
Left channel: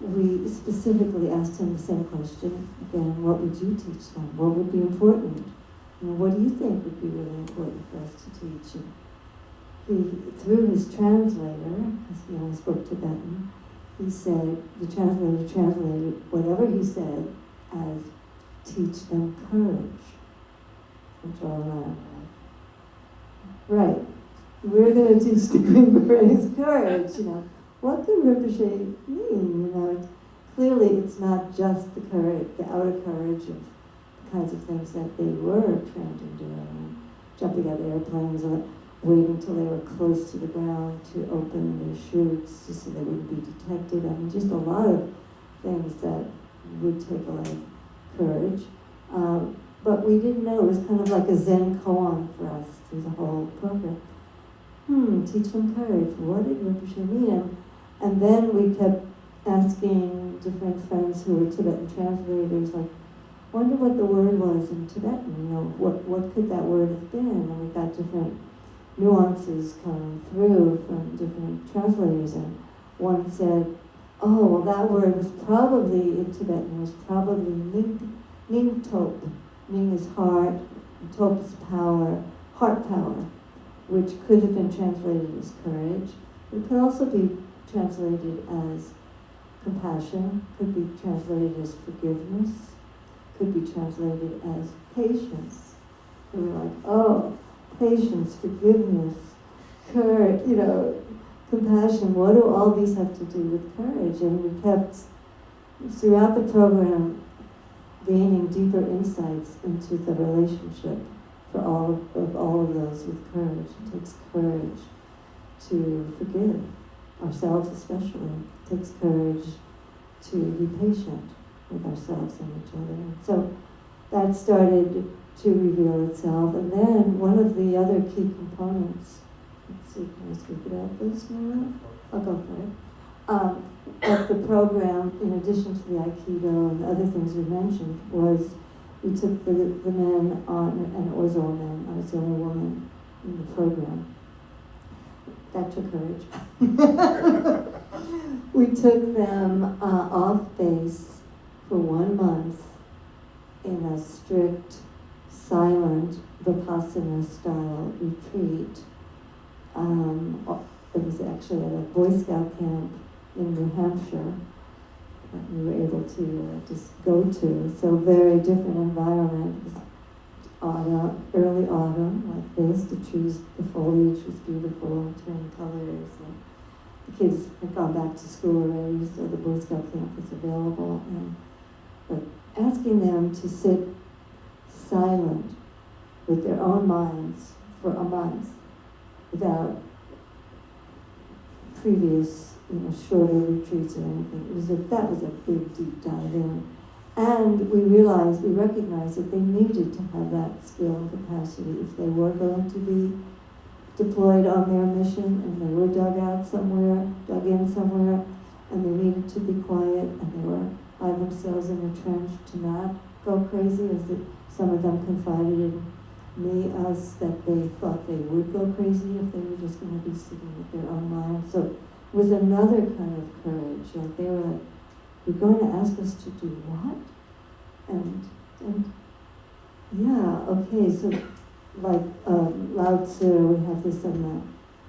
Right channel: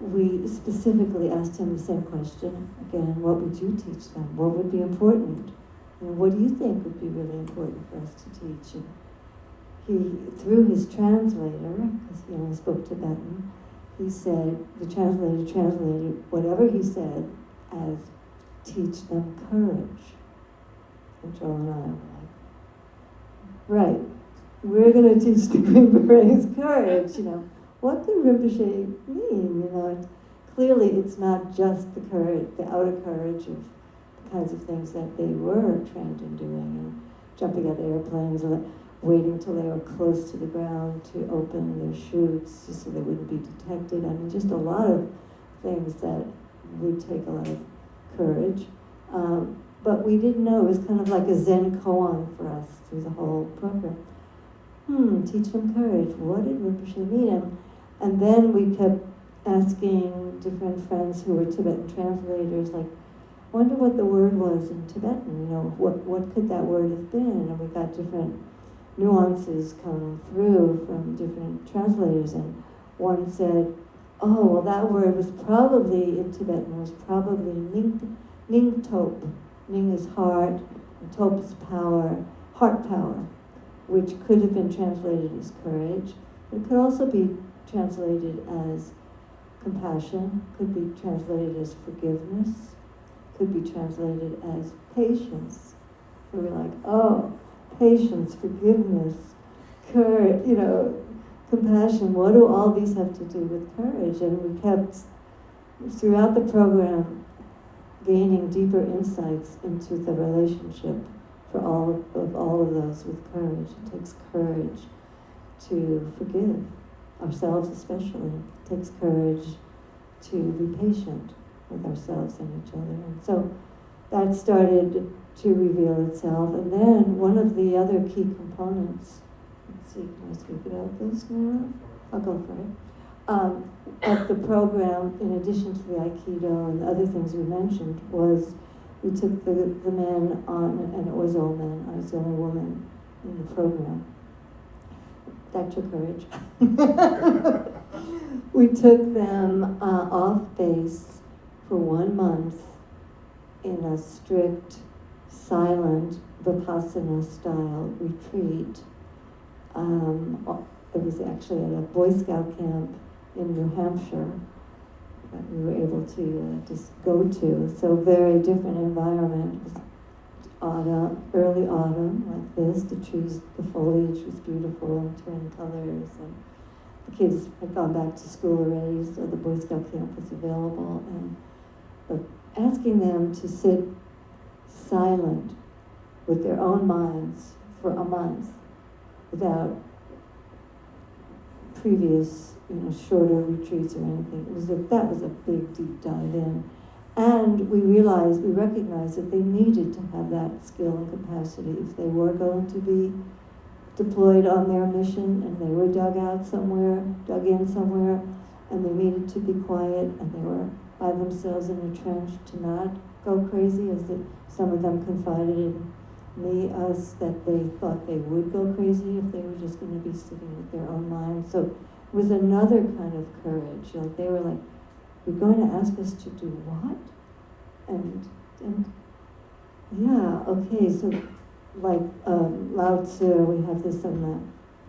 we specifically asked him the same question again: what would you teach them? What would be important? And what do you think would be really important for us to teach? And he, through his translator, because he only spoke Tibetan, he said, the translator translated whatever he said as teach them courage. Which all around. Right. We're going to teach the Green Berets courage, What could Rinpoche mean, Clearly it's not just the courage, the outer courage of the kinds of things that they were trained in doing, and jumping out of airplanes and waiting till they were close to the ground to open their chutes just so they wouldn't be detected. I mean, just a lot of things that would take a lot of courage. But we didn't know. It was kind of like a Zen koan for us through the whole program. Teach them courage. What did Rinpoche mean? And then we kept asking different friends who were Tibetan translators, like, wonder what the word was in Tibetan, what could that word have been? And we got different nuances come through from different translators, and one said, oh, well, that word was probably, in Tibetan, was probably ning top. Ning is heart, and top is power, heart power, which could have been translated as courage. It could also be translated as compassion, could be translated as forgiveness, could be translated as patience. So we're like, oh, patience, forgiveness, courage, compassion, what do all these have to do with courage? And we kept, throughout the program, gaining deeper insights into the relationship for all of those with courage. It takes courage to forgive ourselves, especially. It takes courage to be patient with ourselves and each other. And so that started to reveal itself. And then one of the other key components, let's see, can I speak about this now? I'll go for it. Of the program, in addition to the aikido and other things we mentioned, was we took the men on, and it was all men, I was the only woman in the program. That took courage. We took them off base for 1 month in a strict, silent, Vipassana style retreat. It was actually at a Boy Scout camp in New Hampshire that we were able to just go to. So very different environment. It was early autumn, like this. The trees, the foliage was beautiful, turning colors, and the kids had gone back to school already, so the Boy Scout camp was available. But asking them to sit silent with their own minds for a month without previous, shorter retreats or anything. That was a big deep dive in. And we recognized that they needed to have that skill and capacity if they were going to be deployed on their mission and they were dug in somewhere, and they needed to be quiet, and they were by themselves in the trench to not go crazy, as some of them confided in us that they thought they would go crazy if they were just going to be sitting with their own minds. So it was another kind of courage. Like they were like, "You're going to ask us to do what?" And yeah, okay. So like Lao Tzu, we have this on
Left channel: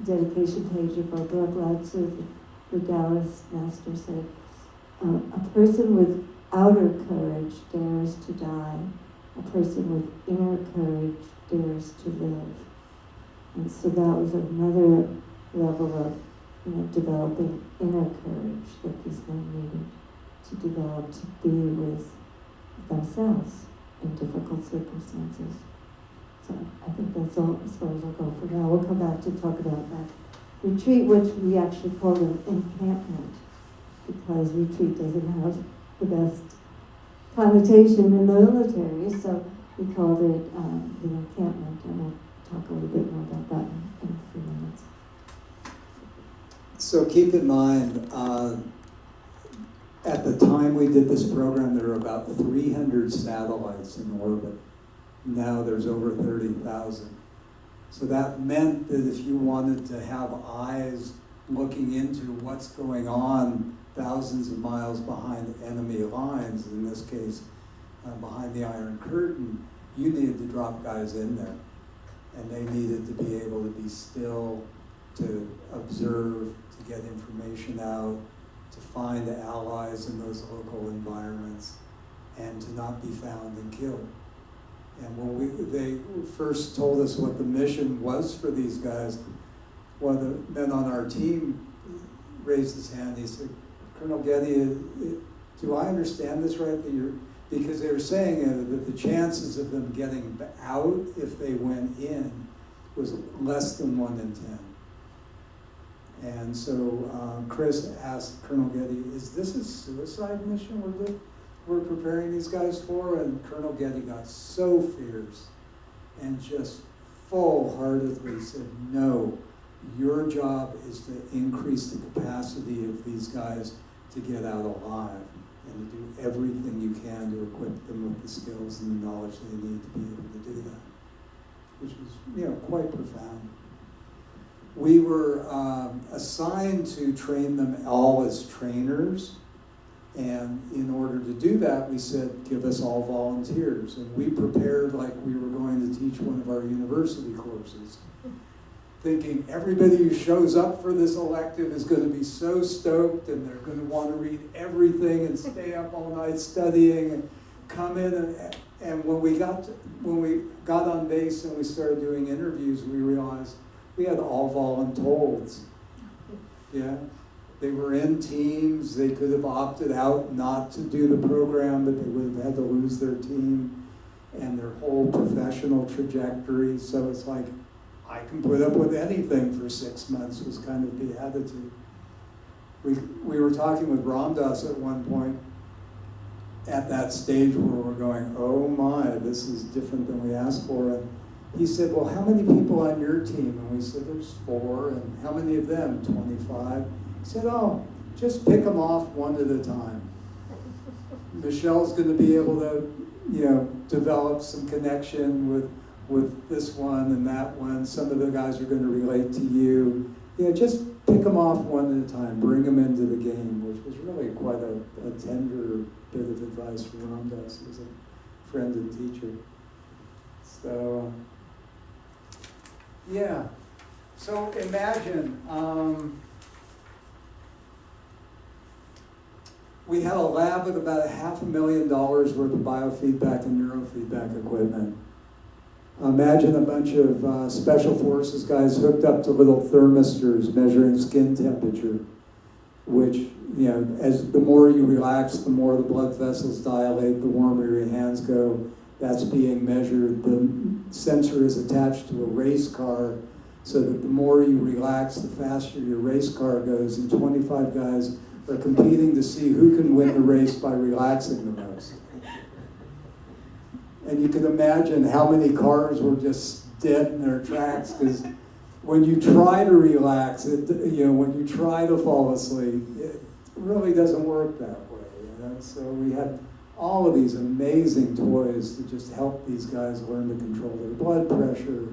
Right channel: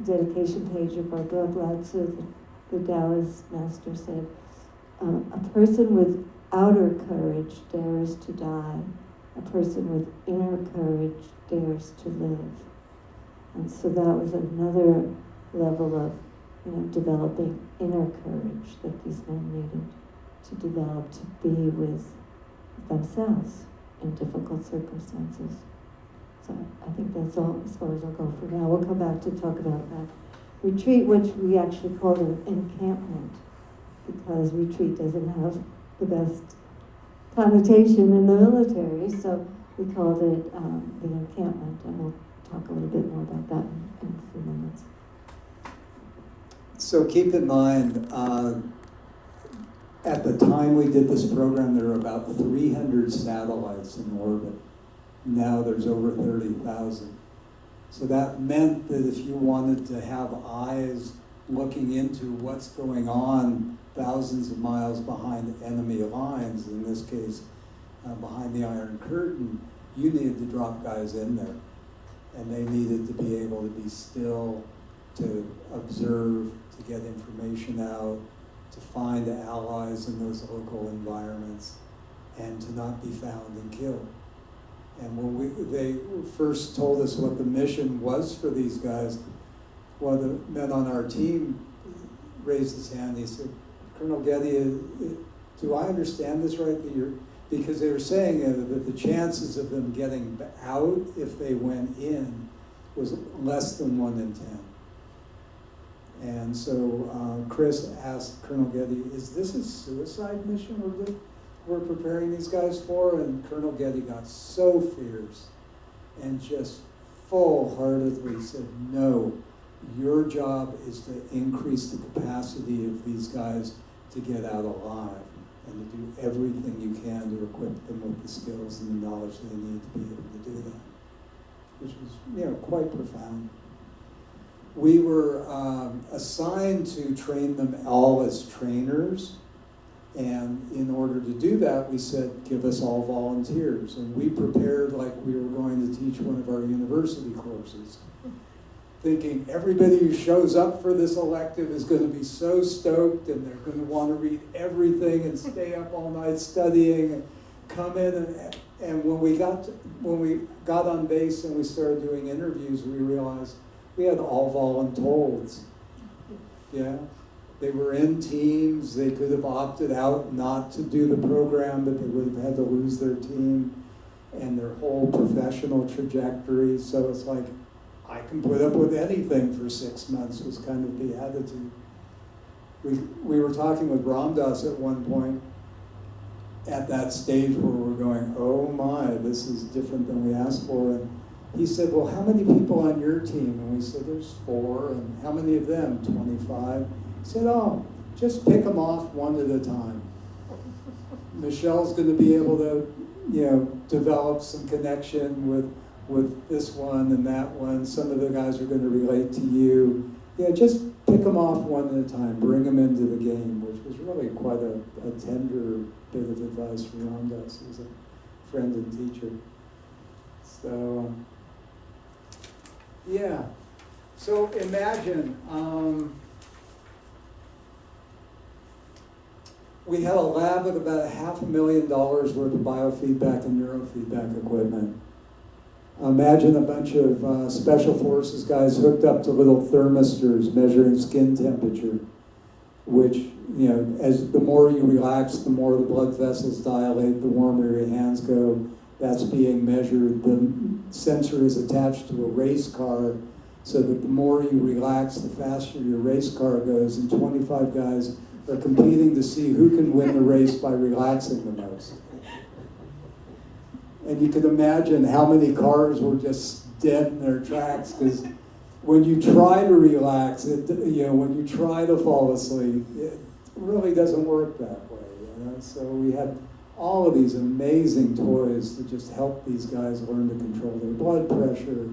the dedication page of our book. Lao Tzu, the Taoist master, said, "A person with outer courage dares to die. A person with inner courage dares to live." And so that was another level of developing inner courage that these men needed to develop to be with themselves in difficult circumstances. So I think that's all as far as I'll go for now. We'll come back to talk about that retreat, which we actually call an encampment, because retreat doesn't have the best connotation in the military, so we called it the encampment, and we'll talk a little bit more about that in a few minutes. So keep in mind, at the time we did this program, there were about 300 satellites in orbit. Now there's over 30,000. So that meant that if you wanted to have eyes looking into what's going on thousands of miles behind enemy lines, in this case, behind the Iron Curtain, you needed to drop guys in there. And they needed to be able to be still, to observe, to get information out, to find allies in those local environments, and to not be found and killed. And when they first told us what the mission was for these guys, one of the men on our team raised his hand. He said, "Colonel Getty, do I understand this right? Because they were saying that the chances of them getting out if they went in was less than 1 in 10. And so Chris asked Colonel Getty, is this a suicide mission we're preparing these guys for? And Colonel Getty got so fierce and just full-heartedly said, no, your job is to increase the capacity of these guys to get out alive and to do everything you can to equip them with the skills and the knowledge they need to be able to do that, which was, quite profound. We were assigned to train them all as trainers, and in order to do that, we said, give us all volunteers, and we prepared like we were going to teach one of our university courses, thinking everybody who shows up for this elective is going to be so stoked, and they're going to want to read everything and stay up all night studying and come in. And when we got on base and we started doing interviews, we realized we had all voluntold. Yeah, they were in teams. They could have opted out not to do the program, but they would have had to lose their team and their whole professional trajectory. So it's like, I can put up with anything for 6 months was kind of the attitude. We were talking with Ramdas at one point at that stage where we're going, oh my, this is different than we asked for. And he said, well, how many people on your team? And we said, there's 4. And how many of them? 25. He said, oh, just pick them off one at a time. Michelle's going to be able to, develop some connection with this one and that one. Some of the guys are going to relate to you. Just pick them off one at a time. Bring them into the game, which was really quite a tender bit of advice from Ramdas as a friend and teacher. So, yeah. So imagine we had a lab with about $500,000 worth of biofeedback and neurofeedback equipment. Imagine a bunch of special forces guys hooked up to little thermistors measuring skin temperature, which, as the more you relax, the more the blood vessels dilate, the warmer your hands go. That's being measured. The sensor is attached to a race car, so that the more you relax, the faster your race car goes, and 25 guys are competing to see who can win the race by relaxing the most. And you can imagine how many cars were just dead in their tracks, because when you try to relax, when you try to fall asleep, it really doesn't work that way. So we had all of these amazing toys to just help these guys learn to control their blood pressure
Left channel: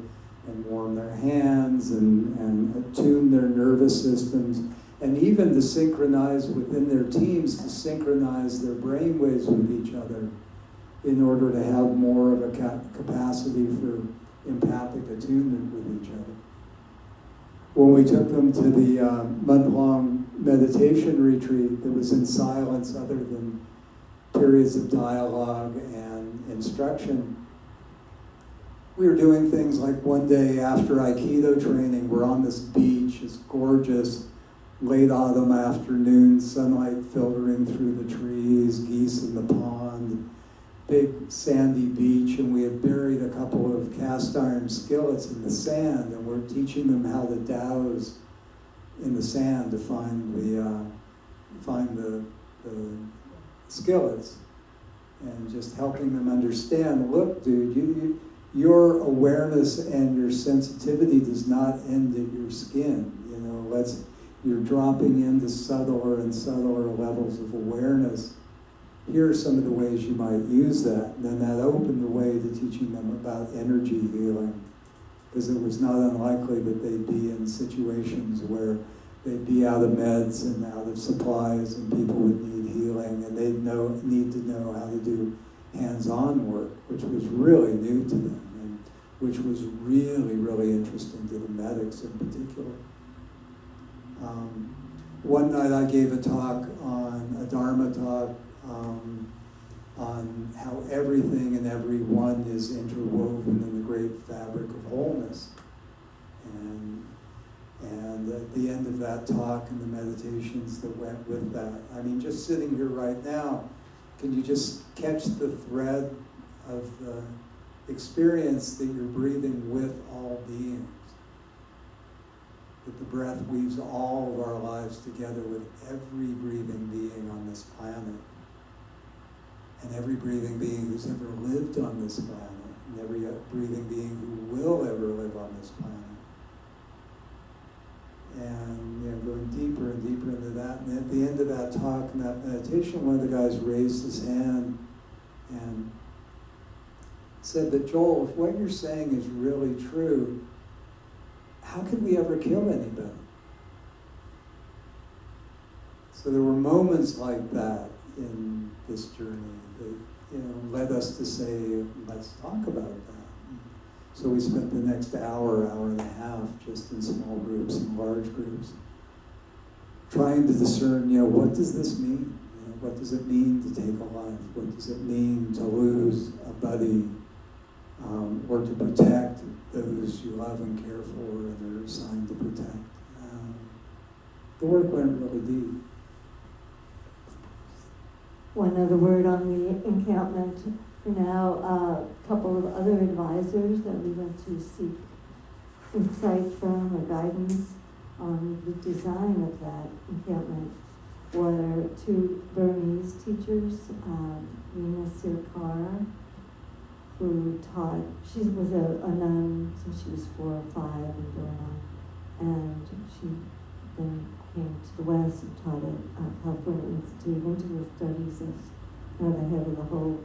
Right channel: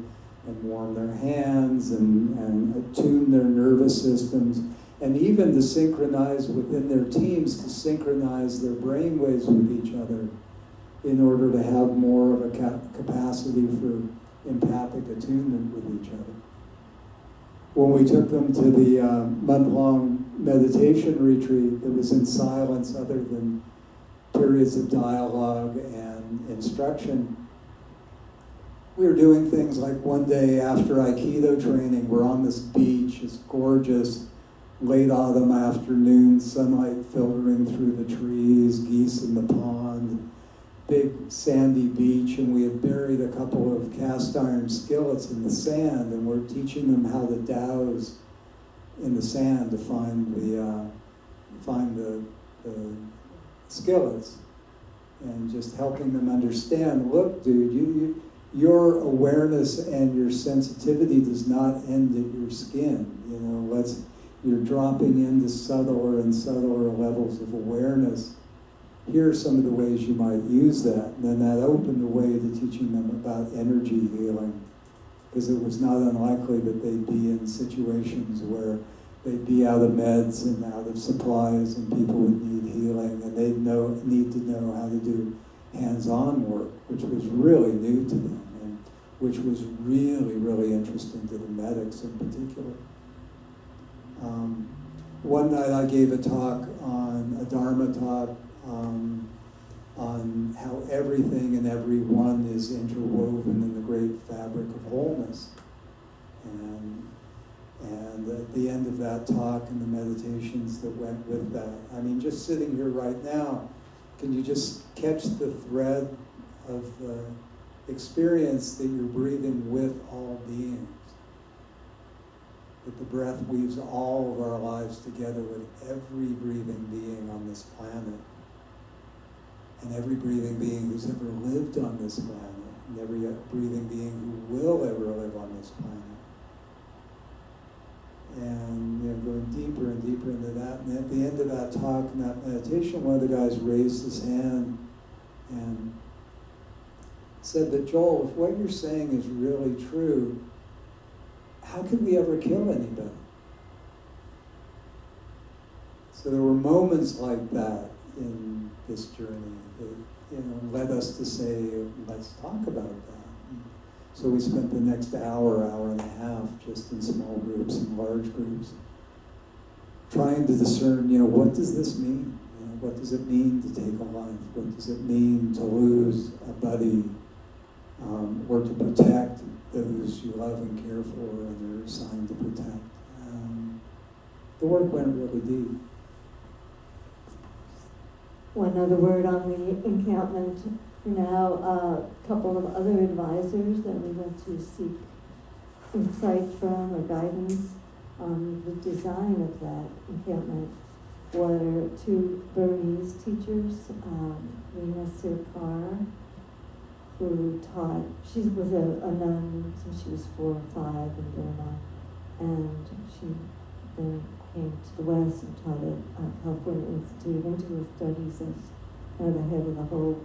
and warm their hands and attune their nervous systems, and even to synchronize within their teams, to synchronize their brainwaves with each other, in order to have more of a capacity for empathic attunement with each other. When we took them to the month-long meditation retreat that was in silence other than periods of dialogue and instruction, we were doing things like one day after aikido training, we're on this beach, it's gorgeous, late autumn afternoon, sunlight filtering through the trees, geese in the pond, big sandy beach, and we had buried a couple of cast iron skillets in the sand, and we're teaching them how to douse in the sand to find the skillets, and just helping them understand, look, dude, your awareness and your sensitivity does not end at your skin. You know, you're dropping into subtler and subtler levels of awareness. Here are some of the ways you might use that. And then that opened the way to teaching them about energy healing, because it was not unlikely that they'd be in situations where they'd be out of meds and out of supplies, and people would need healing, and they'd need to know how to do hands-on work, which was really new to them, and which was really, really interesting to the medics in particular. One night I gave a Dharma talk, on how everything and everyone is interwoven in the great fabric of wholeness. And at the end of that talk and the meditations that went with that, I mean, just sitting here right now, can you just catch the thread of the experience that you're breathing with all beings? That the breath weaves all of our lives together with every breathing being on this planet. And every breathing being who's ever lived on this planet, and every breathing being who will ever live on this planet. And going deeper and deeper into that. And at the end of that talk and that meditation, one of the guys raised his hand and said, "But Joel, if what you're saying is really true, how could we ever kill anybody?" So there were moments like that in this journey that led us to say, let's talk about that. So we spent the next hour and a half just in small groups and large groups, trying to discern, what does this mean? What does it mean to take a life? What does it mean to lose a buddy, or to protect those you love and care for and are assigned to protect? The work went really deep. One other word on the encampment. Now, a couple of other advisors that we went to seek insight from or guidance on the design of that encampment were two Burmese teachers, Rina Sirkar, who taught, she was a nun since she was 4 or 5 in Burma, and she then came to the West and taught at California Institute of Integral Studies as kind of the head of the whole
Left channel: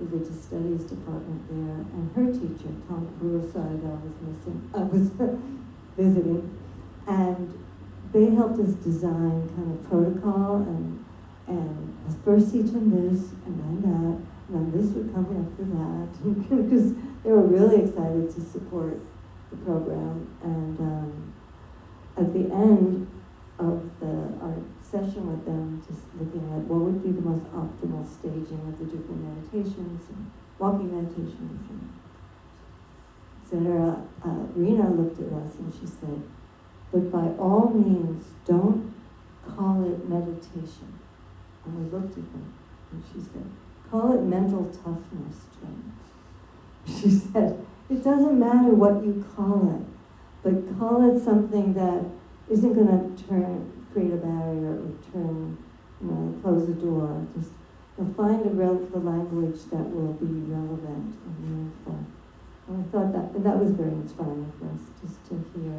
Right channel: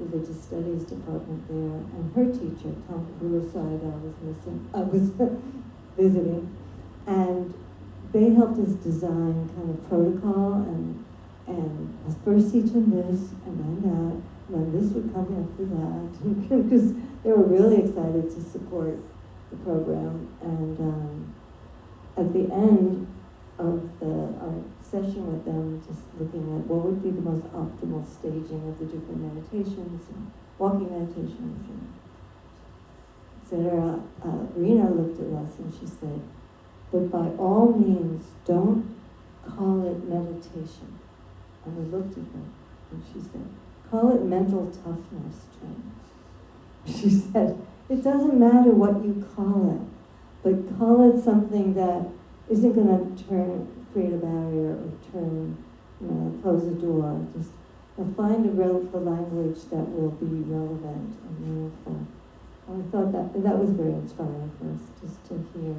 religious studies department there. And her teacher, Tom Rurside, I was visiting, and they helped us design kind of protocol and let's first teach them this and then that, and then this would come after that, because they were really excited to support the program. And at the end of our session with them, just looking at what would be the most optimal staging of the different meditations and walking meditations, etc. Rena looked at us and she said, "But by all means, don't call it meditation." And we looked at her and she said, "Call it mental toughness training." She said, "It doesn't matter what you call it, but call it something that isn't going to create a barrier or close a door. Just find the language that will be relevant and meaningful." And I thought that was very inspiring for us, just to hear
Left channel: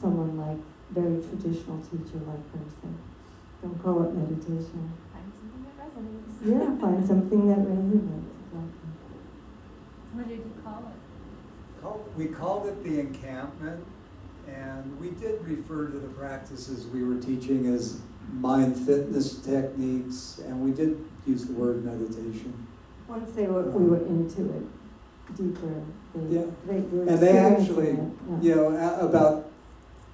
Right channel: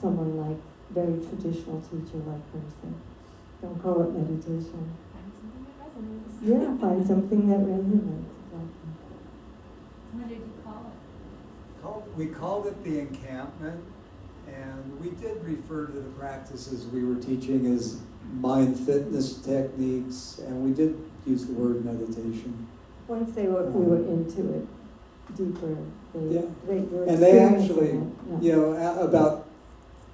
someone like very traditional teacher like her say, "Don't call it meditation." Find something that resonates. Yeah, find something that resonates. What did you call it? We called it the encampment, and we did refer to the practices we were teaching as mind fitness techniques, and we did use the word meditation. Once we were into it deeper, they actually, about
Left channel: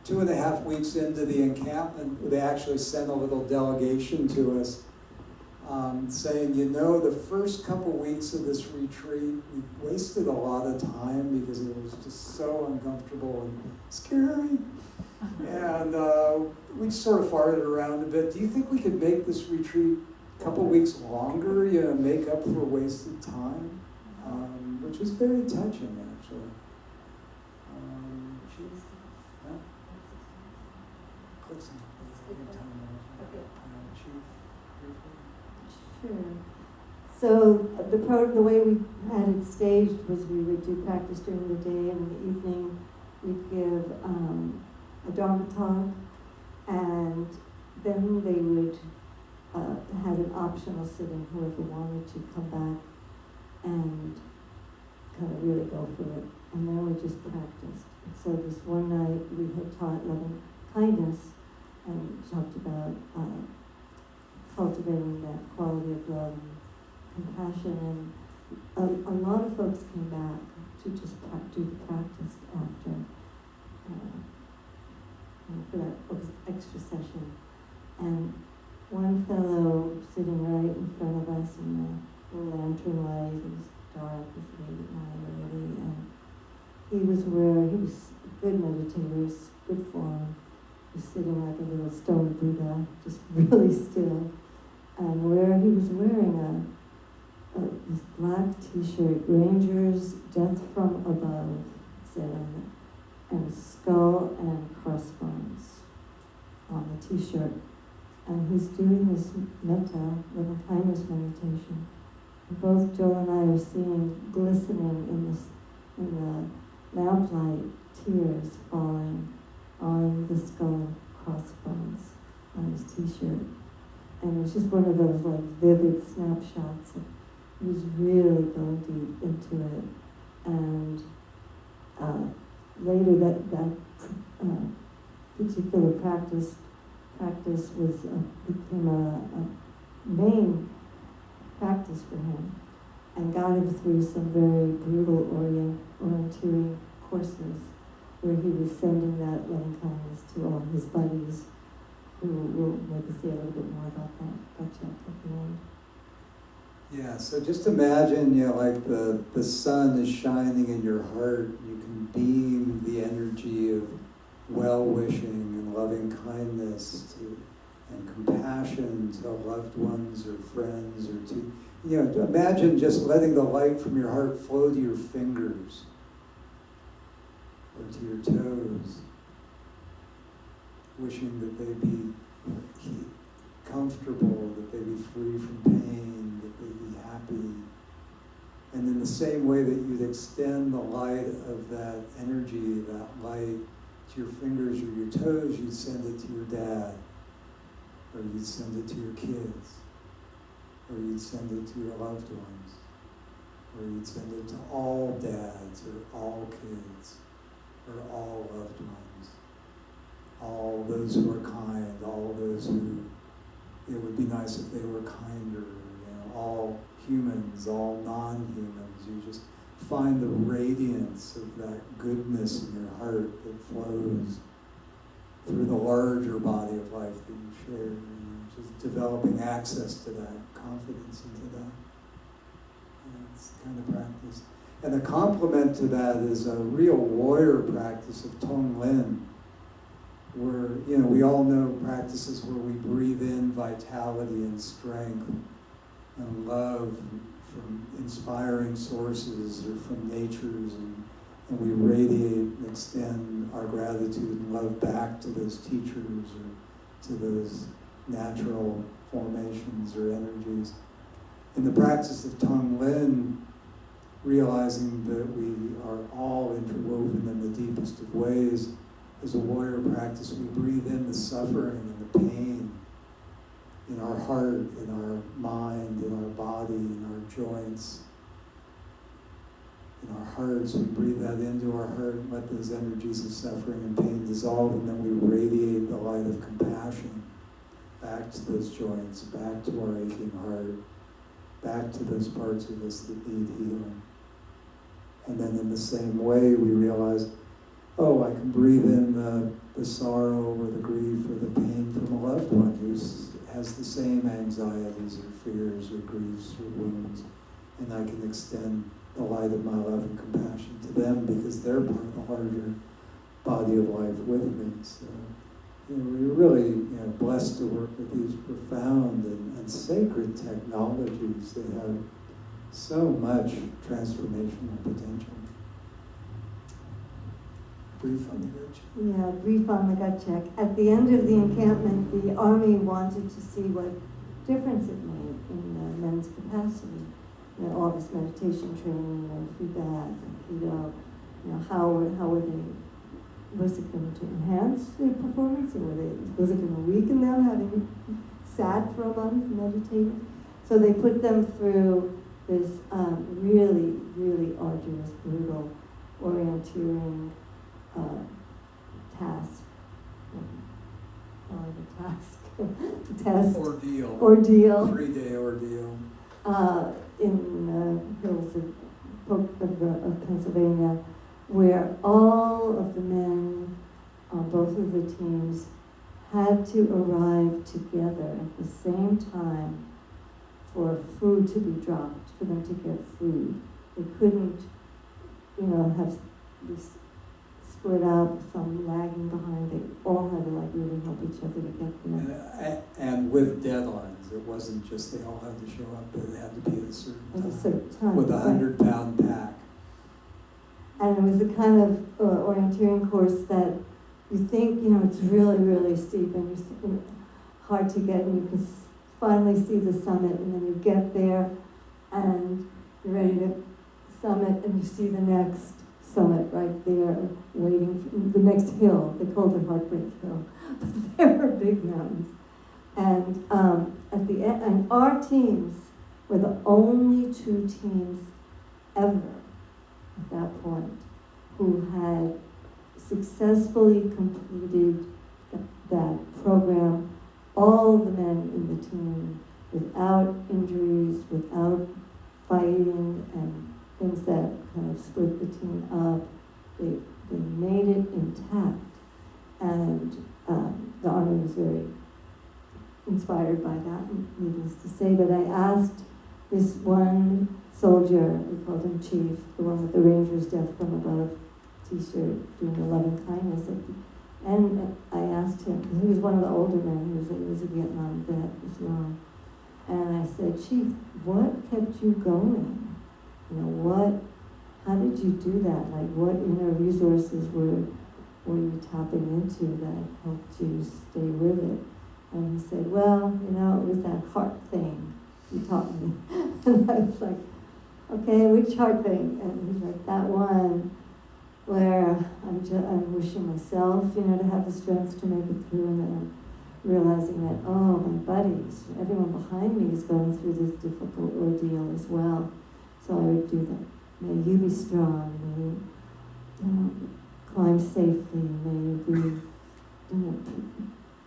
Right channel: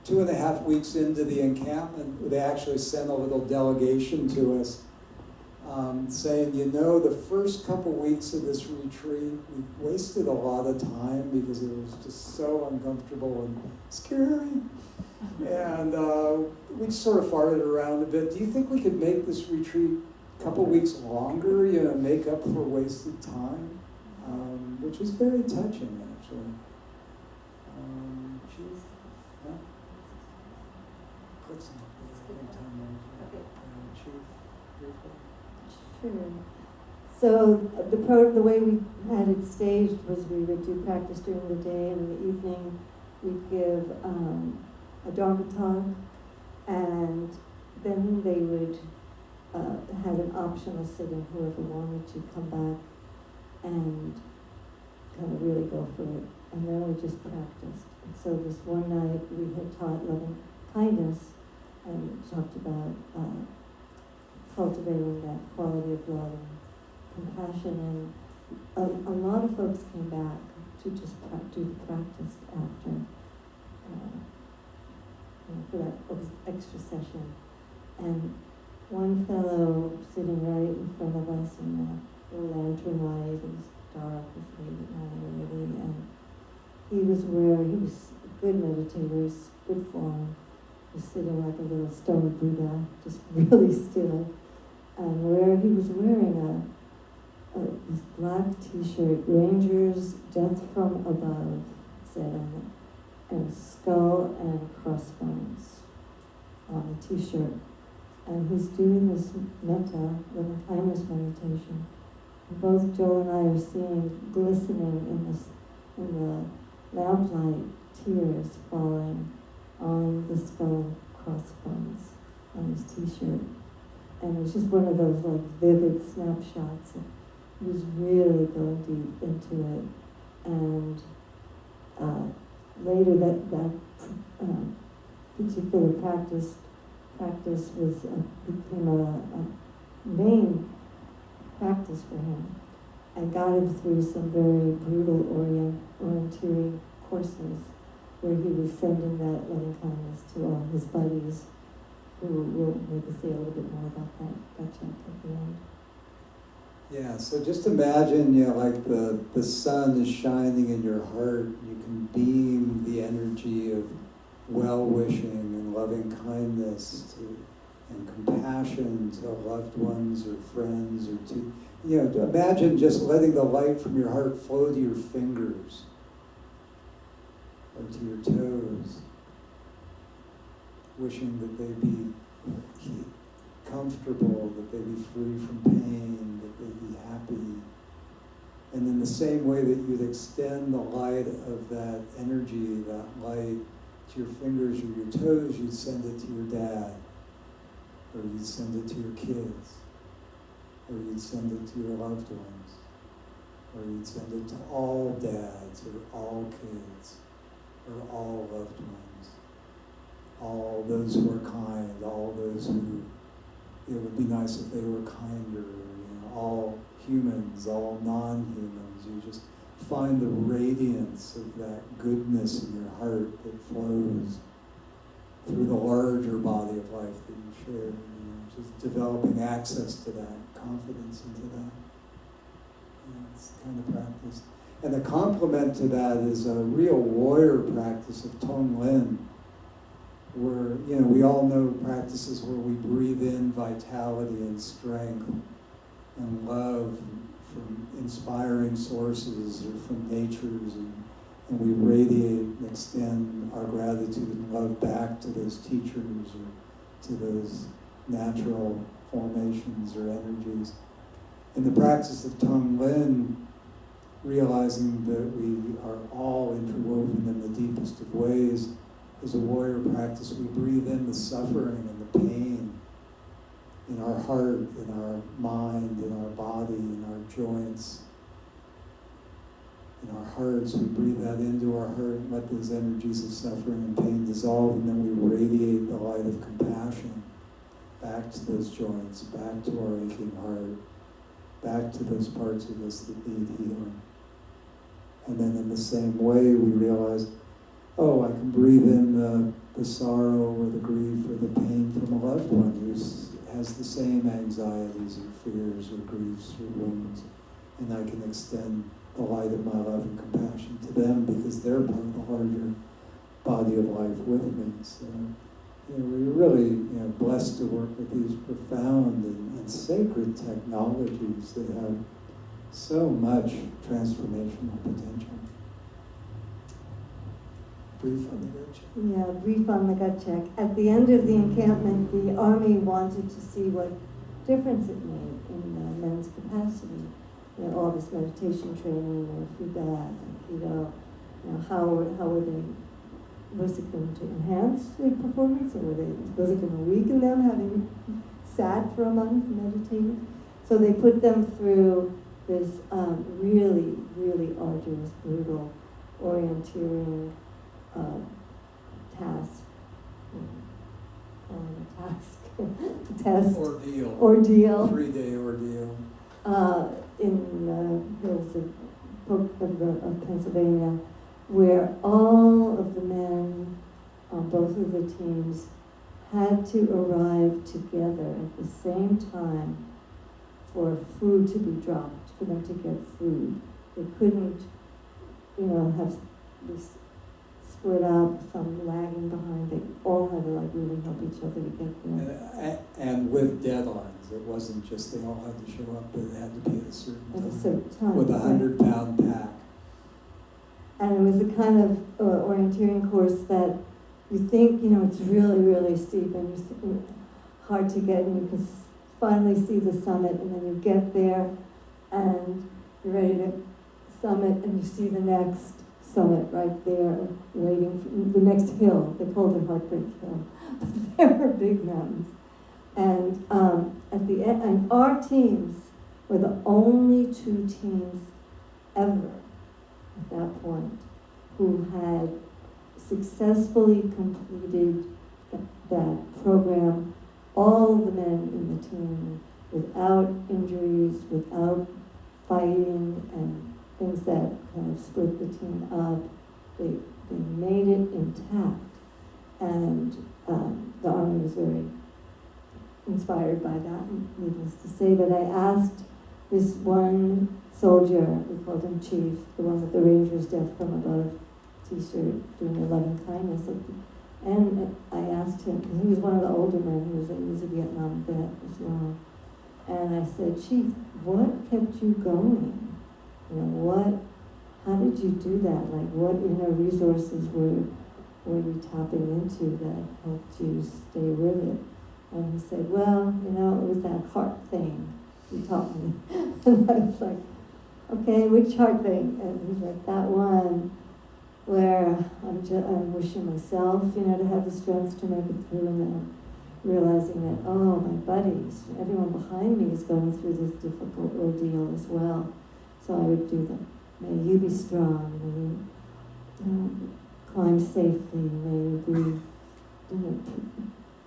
2.5 weeks into the encampment, they actually sent a little delegation to us saying, the first couple weeks of this retreat, we wasted a lot of time because it was just so uncomfortable and scary. And we sort of farted around a bit. Do you think we could make this retreat couple weeks longer, you know, make up for wasted time, which is very touching, actually. Yeah. Click's on. Sure. So the way we had it staged was we would do practice during the day, and in the evening we'd give a Dharma talk, and then they would have an optional sit-in, whoever wanted to come back and kind of really go for it. And then we just practiced. So this one night we had taught loving kindness and talked about cultivating that quality of love and compassion. And a lot of folks came back to just do the practice after for that extra session. And one fellow sitting right in front of us in the lantern light, it was dark, it was late at night already, and he was a good meditator, he was good form. He was sitting like a little stone Buddha, just really still. And he was wearing this black t-shirt, Rangers, Death from Above, said on it, and skull and crossbones on the t-shirt. And he's doing this metta, little kindness meditation. And both Joel and I are seeing, glistening in the lamplight, tears falling on the skull and crossbones on his t-shirt. And it was just one of those like vivid snapshots. He was really going deep into it. And later that particular practice became a main practice for him, and got him through some very brutal orienteering courses where he was sending that loving kindness to all his buddies, who will maybe say a little bit more about that at the end. Yeah, so just imagine, you know, like the sun is shining in your heart. You can beam the energy of well-wishing and loving kindness and compassion to loved ones or friends or to, you know, imagine just letting the light from your heart flow to your fingers or to your toes, wishing that they be comfortable, that they be free from pain, that they be happy. And in the same way that you'd extend the light of that energy, that light, to your fingers or your toes, you'd send it to your dad, or you'd send it to your kids, or you'd send it to your loved ones, or you'd send it to all dads, or all kids, or all loved ones, all those who are kind, all those who, it would be nice if they were kinder, you know, all humans, all non-humans. You just find the radiance of that goodness in your heart that flows through the larger body of life that you share. You know, just developing access to that, confidence into that. That's the kind of practice. And the complement to that is a real warrior practice of Tonglen, where, you know, we all know practices where we breathe in vitality and strength and love from inspiring sources or from natures, and we radiate and extend our gratitude and love back to those teachers or to those natural formations or energies. In the practice of Tonglen, realizing that we are all interwoven in the deepest of ways, as a warrior practice, we breathe in the suffering and the pain in our heart, in our mind, in our body, in our joints, in our hearts. We breathe that into our heart and let those energies of suffering and pain dissolve, and then we radiate the light of compassion back to those joints, back to our aching heart, back to those parts of us that need healing. And then in the same way, we realize, oh, I can breathe in the sorrow or the grief or the pain from a loved one who has the same anxieties or fears or griefs or wounds, and I can extend the light of my love and compassion to them because they're part of the larger body of life with me. So we're really blessed to work with these profound and sacred technologies that have so much transformational potential. Brief on the gut check. Yeah, brief on the gut check. At the end of the encampment, the Army wanted to see what difference it made in the men's capacity. All this meditation training, neurofeedback, aikido, how were they, was it going to enhance their performance, or was it going to weaken them, having sat for a month meditating? So they put them through this really, really arduous, brutal, orienteering task. Test. Ordeal. 3-day ordeal. In the hills of Pennsylvania, where all of the men on both of the teams had to arrive together at the same time for food to be dropped, for them to get food. They couldn't, have this split up, some lagging behind. They all had to really help each other to get there. And with deadlines. It wasn't just they all had to show up, but it had to be at a certain time. With a 100-pound pack. And it was the kind of orienteering course that you think, it's really, really steep and it's hard to get, and you can finally see the summit, and then you get there and you're ready to summit, and you see the next summit right there, waiting for the next hill. They called it Heartbreak Hill, but there were big mountains. And at the end, and our teams were the only 2 teams ever at that point who had successfully completed that program, all the men in the team, without injuries, without fighting and things that kind of split the team up. They made it intact, and the Army was very inspired by that, needless to say. But I asked this one soldier, we called him Chief, the one with the Ranger's Death from Above t-shirt, doing the loving kindness. And I asked him, because he was one of the older men, he was a Vietnam vet as well. And I said, Chief, what kept you going? How did you do that? Like, what inner resources were you tapping into that helped you stay with it? And he said, well, it was that heart thing you taught me. And I was like, okay, which heart thing? And he's like, that one where I'm wishing myself, to have the strength to make it through, and then realizing that, oh, my buddies, everyone behind me is going through this difficult ordeal as well. So I would do that. May you be strong, may you climb safely, may you be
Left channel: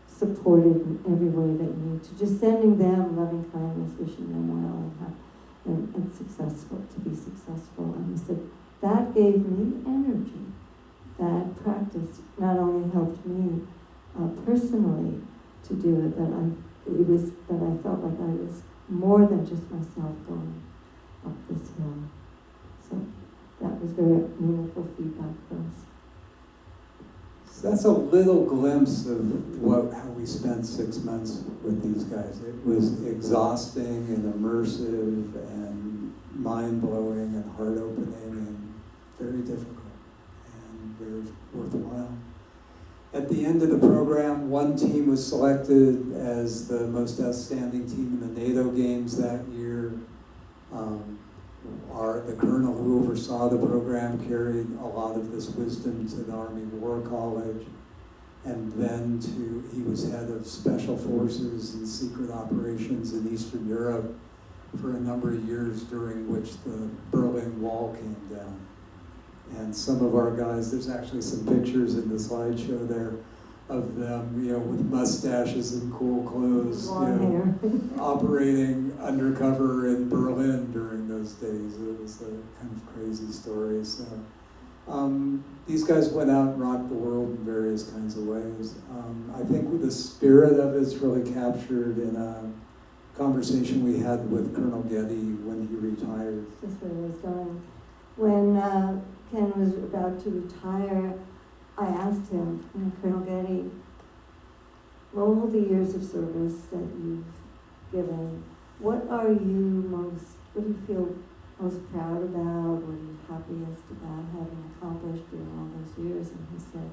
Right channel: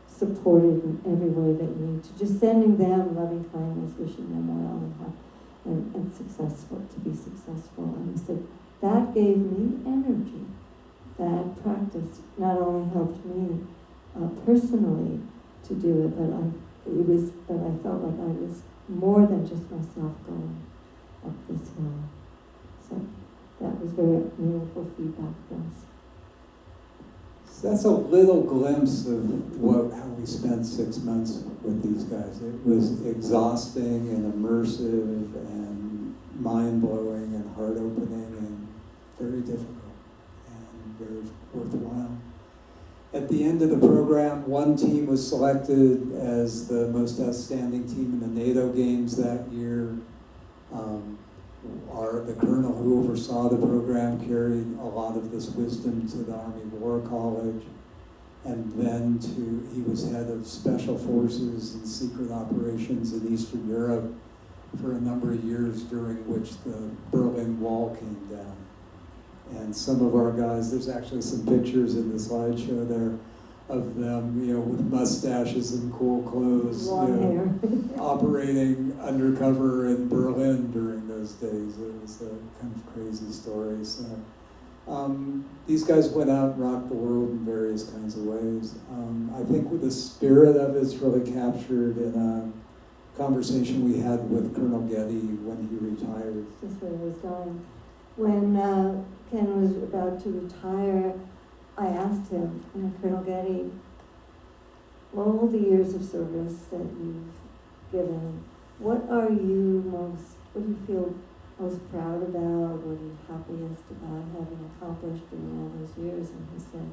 supported in every way that you need to. Just sending them loving kindness, wishing them well, and successful, to be successful. And he said, that gave me energy. That practice not only helped me personally to do it, but I felt like I was more than just myself going up this hill. So that was very meaningful feedback for us. So that's a little glimpse of how we spent 6 months with these guys. It was exhausting and immersive and mind-blowing and heart-opening and very difficult and very worthwhile. At the end of the program, one team was selected as the most outstanding team in the NATO games that year. The colonel who oversaw the program carried a lot of this wisdom to the Army War College, and then he was head of special forces and secret operations in Eastern Europe for a number of years, during which the Berlin Wall came down. And some of our guys, there's actually some pictures in the slideshow there of them, with mustaches and cool clothes, Long hair. operating undercover in Berlin during those days. It was a kind of crazy story. So these guys went out and rocked the world in various kinds of ways. I think the spirit of it's really captured in a conversation we had with Colonel Getty when he retired. That's where he was going. When Ken was about to retire, I asked him, Colonel Getty, all the years of service that you've given, what do you feel most proud about, what are you happiest about having accomplished during all those years? And he said,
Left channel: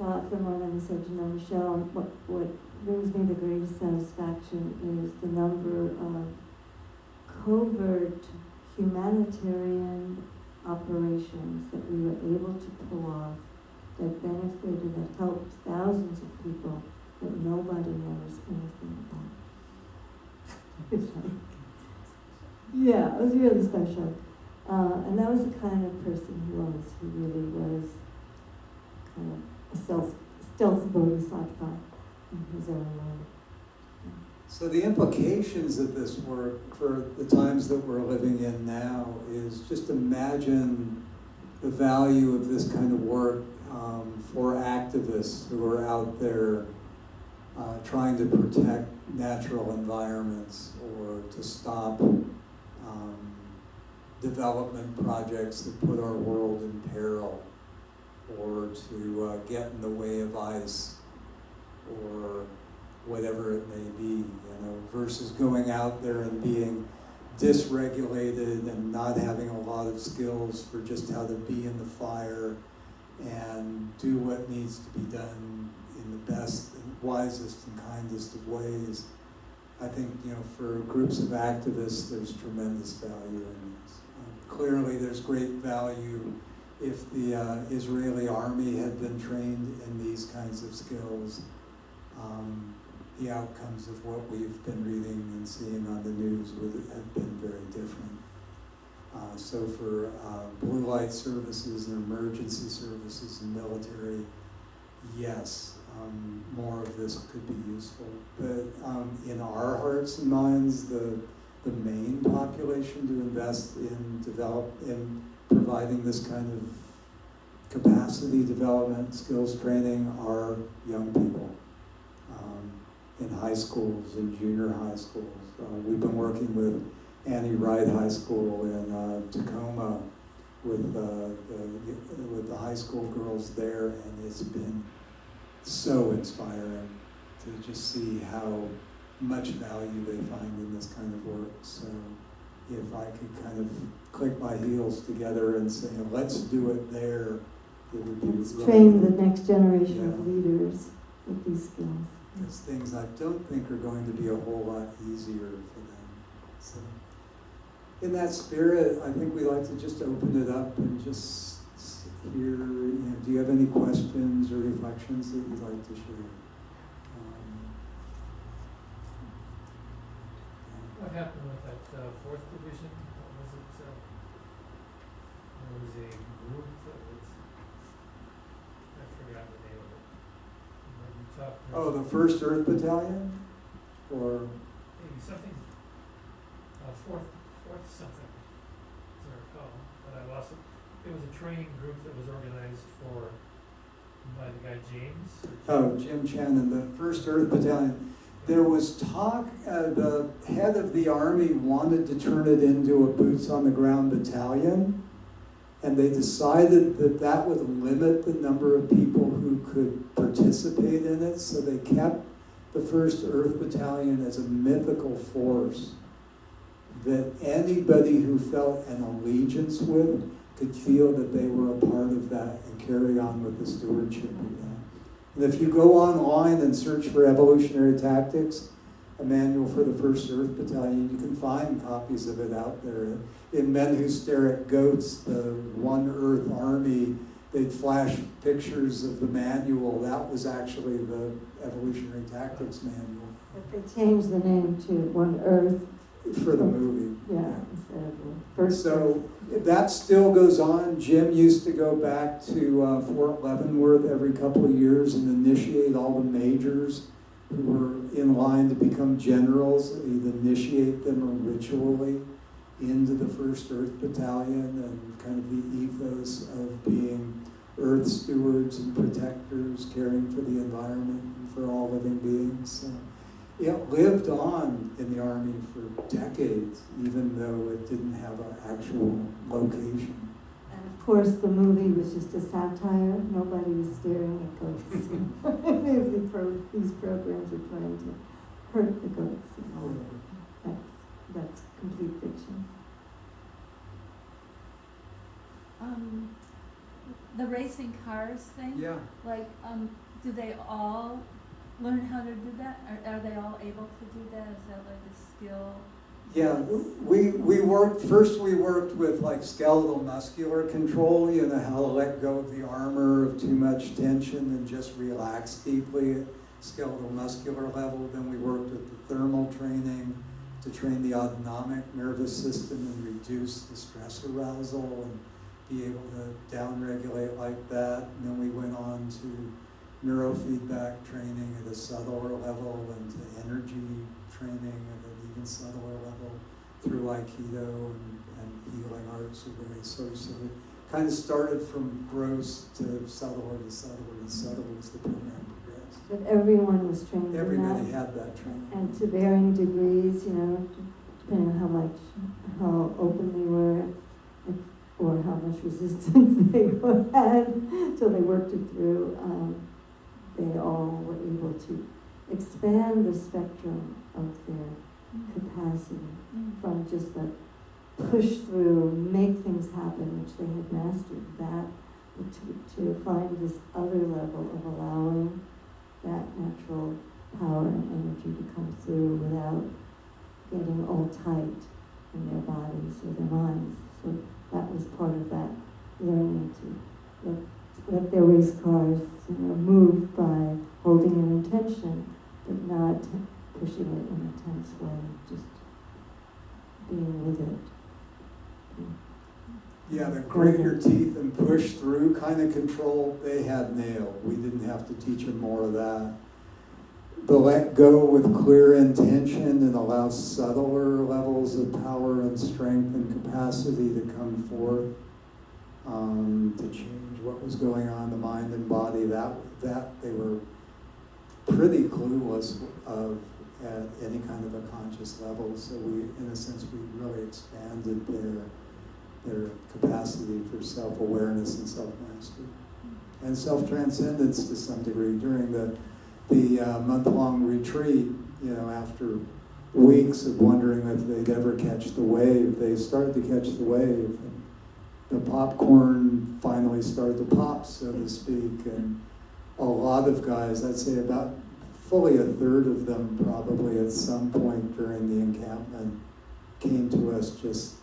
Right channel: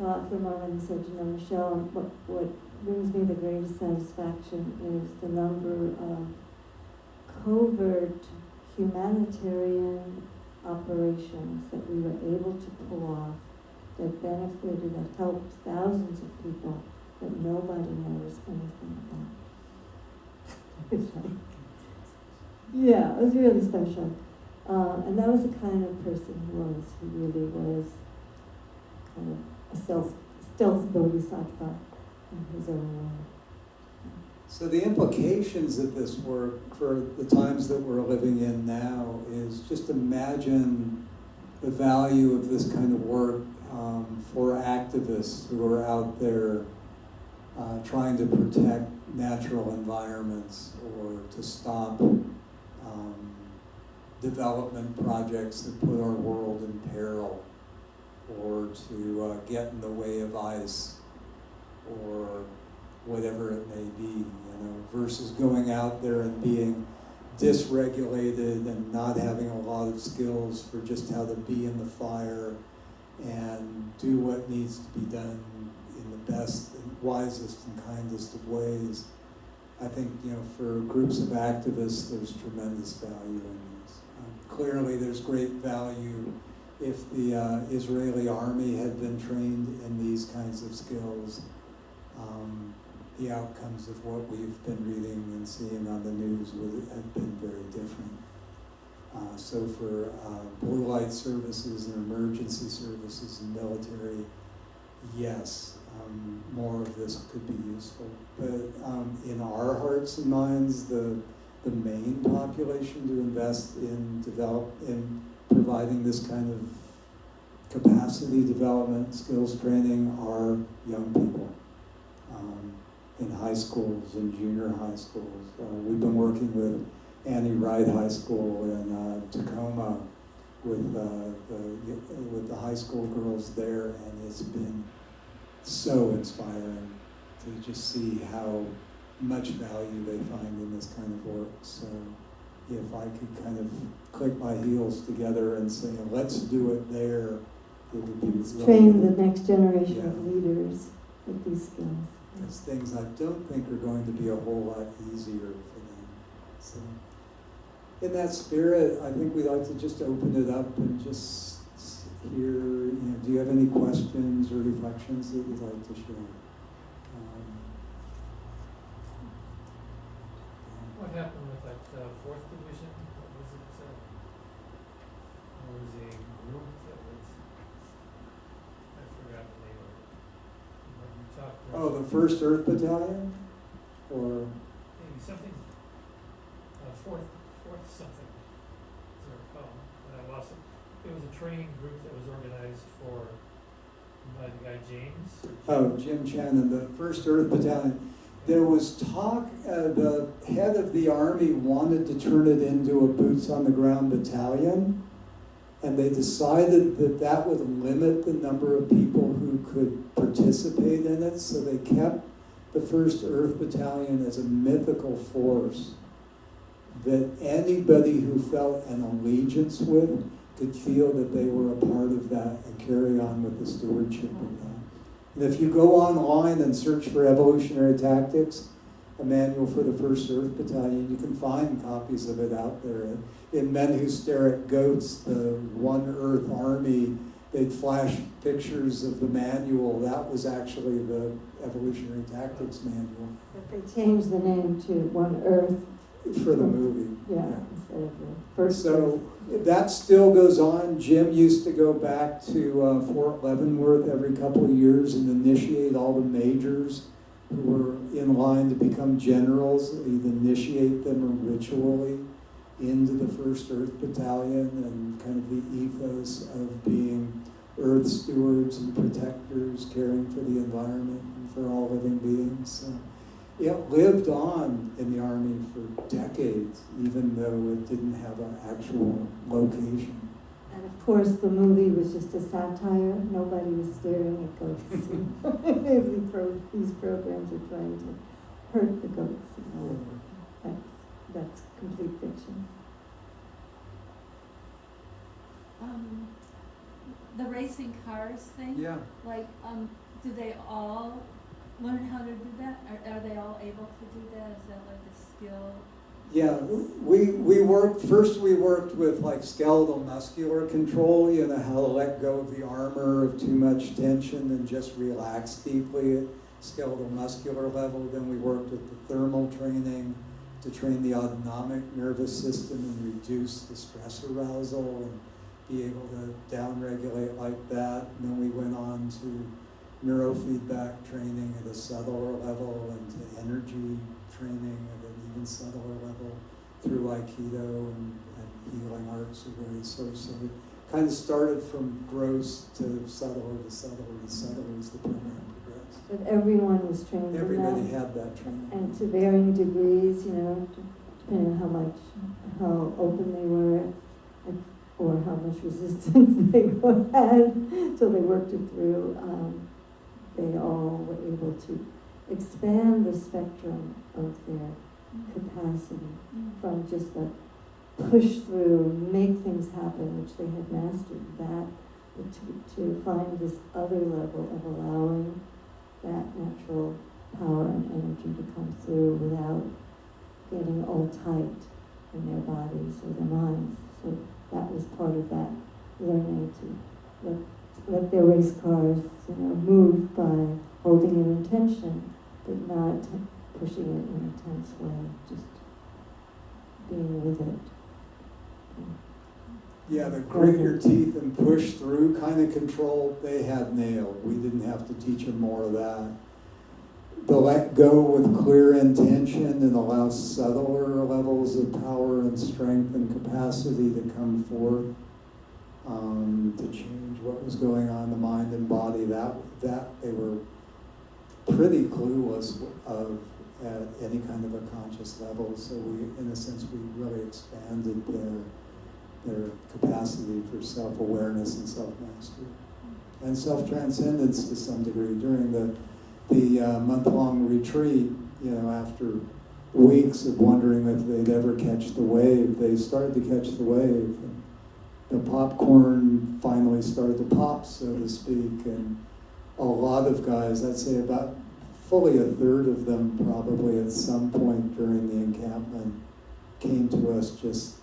thought for a moment, he said, Michelle, what brings me the greatest satisfaction is the number of covert humanitarian operations that we were able to pull off that benefited and helped thousands of people that nobody knows anything about. It's like, yeah, it was really special. And that was the kind of person he was. He really was kind of a stealth bodhisattva in his own way. So the implications of this work for the times that we're living in now is just imagine the value of this kind of work for activists who are out there trying to protect natural environments or to stop development projects that put our world in peril, or to get in the way of ice, or whatever it may be, versus going out there and being dysregulated and not having a lot of skills for just how to be in the fire and do what needs to be done in the best and wisest and kindest of ways. I think, for groups of activists, there's tremendous value in this. Clearly, there's great value if the Israeli army had been trained in these kinds of skills. The outcomes of what we've been reading and seeing on the news would have been very different. So for blue light services and emergency services and military, yes, more of this could be useful. But in our hearts and minds, the main population to invest in providing this kind of capacity development, skills training are young people in high schools and junior high schools. We've been working with Annie Wright High School in Tacoma with the high school girls there, and it's been so inspiring to just see how much value they find in this kind of work. So if I could kind of click my heels together and say, let's do it there, it would be Let's really train the next generation Yeah. of leaders with these skills. It's things I don't think are going to be a whole lot easier for them. So, in that spirit, I think we like to just open it up and just hear, do you have any questions or reflections that you'd like to share? What happened with that fourth division? What was it? There was a group that was, I forgot the name of it. When you talked to Oh, the 1st Earth Battalion? Or, maybe something, fourth something, as I recall, but I lost it. It was a training group that was organized by the guy James. Jim Chen and the 1st Earth Battalion. There was talk, the head of the army wanted to turn it into a boots-on-the-ground battalion, and they decided that that would limit the number of people who could participate in it, so they kept the 1st Earth Battalion as a mythical force that anybody who felt an allegiance with could feel that they were a part of that and carry on with the stewardship of that. And if you go online and search for evolutionary tactics, a manual for the 1st Earth Battalion, you can find copies of it out there. In Men Who Stare at Goats, the One Earth Army, they'd flash pictures of the manual. That was actually the evolutionary tactics manual. But they changed the name to One Earth. For the movie. Yeah, instead of the First So that still goes on. Jim used to go back to Fort Leavenworth every couple of years and initiate all the majors who were in line to become generals. He'd initiate them ritually into the 1st Earth Battalion and kind of the ethos of being Earth stewards and protectors, caring for the environment and for all living beings. So it lived on in the Army for decades, even though it didn't have an actual location. And of course, the movie was just a satire. Nobody was staring at goats. These programs are trying to hurt the goats. That's complete fiction. The racing cars thing? Yeah. Like, do they all learn how to do that? Are they all able to do that? Is that like a skill? Yeah, we worked with like skeletal muscular control, you know, how to let go of the armor of too much tension and just relax deeply at skeletal muscular level. Then we worked with the thermal training to train the autonomic nervous system and reduce the stress arousal and be able to downregulate like that. And then we went on to neurofeedback training at a subtler level and to energy training at an even subtler level through aikido and healing arts of various sorts. So it kind of started from gross to subtler to subtler to subtler as the program progressed. But everyone was trained in that. Everybody had that training. And to varying degrees, you know, depending on how open they were, or how much resistance they had till they worked it through. They all were able to expand the spectrum of their capacity from just the push through, make things happen, which they had mastered, that to find this other level of allowing that natural power and energy to come through without getting all tight in their bodies or their minds. So that was part of that learning to let their race cars, you know, move by holding an intention, but not pushing it in a tense way, just being with it. Yeah, the grit your teeth and push through kind of control, they had nailed. We didn't have to teach them more of that. The let go with clear intention and allow subtler levels of power and strength and capacity to come forth, to change what was going on in the mind and body. That they were pretty clueless of at any kind of a conscious level. So we, in a sense, we really expanded their capacity for self-awareness and self-mastery and self-transcendence to some degree during the month-long retreat. You know, after weeks of wondering if they'd ever catch the wave, they started to catch the wave. And the popcorn finally started to pop, so to speak, and a lot of guys, I'd say about fully a third of them probably at some point during the encampment came to us just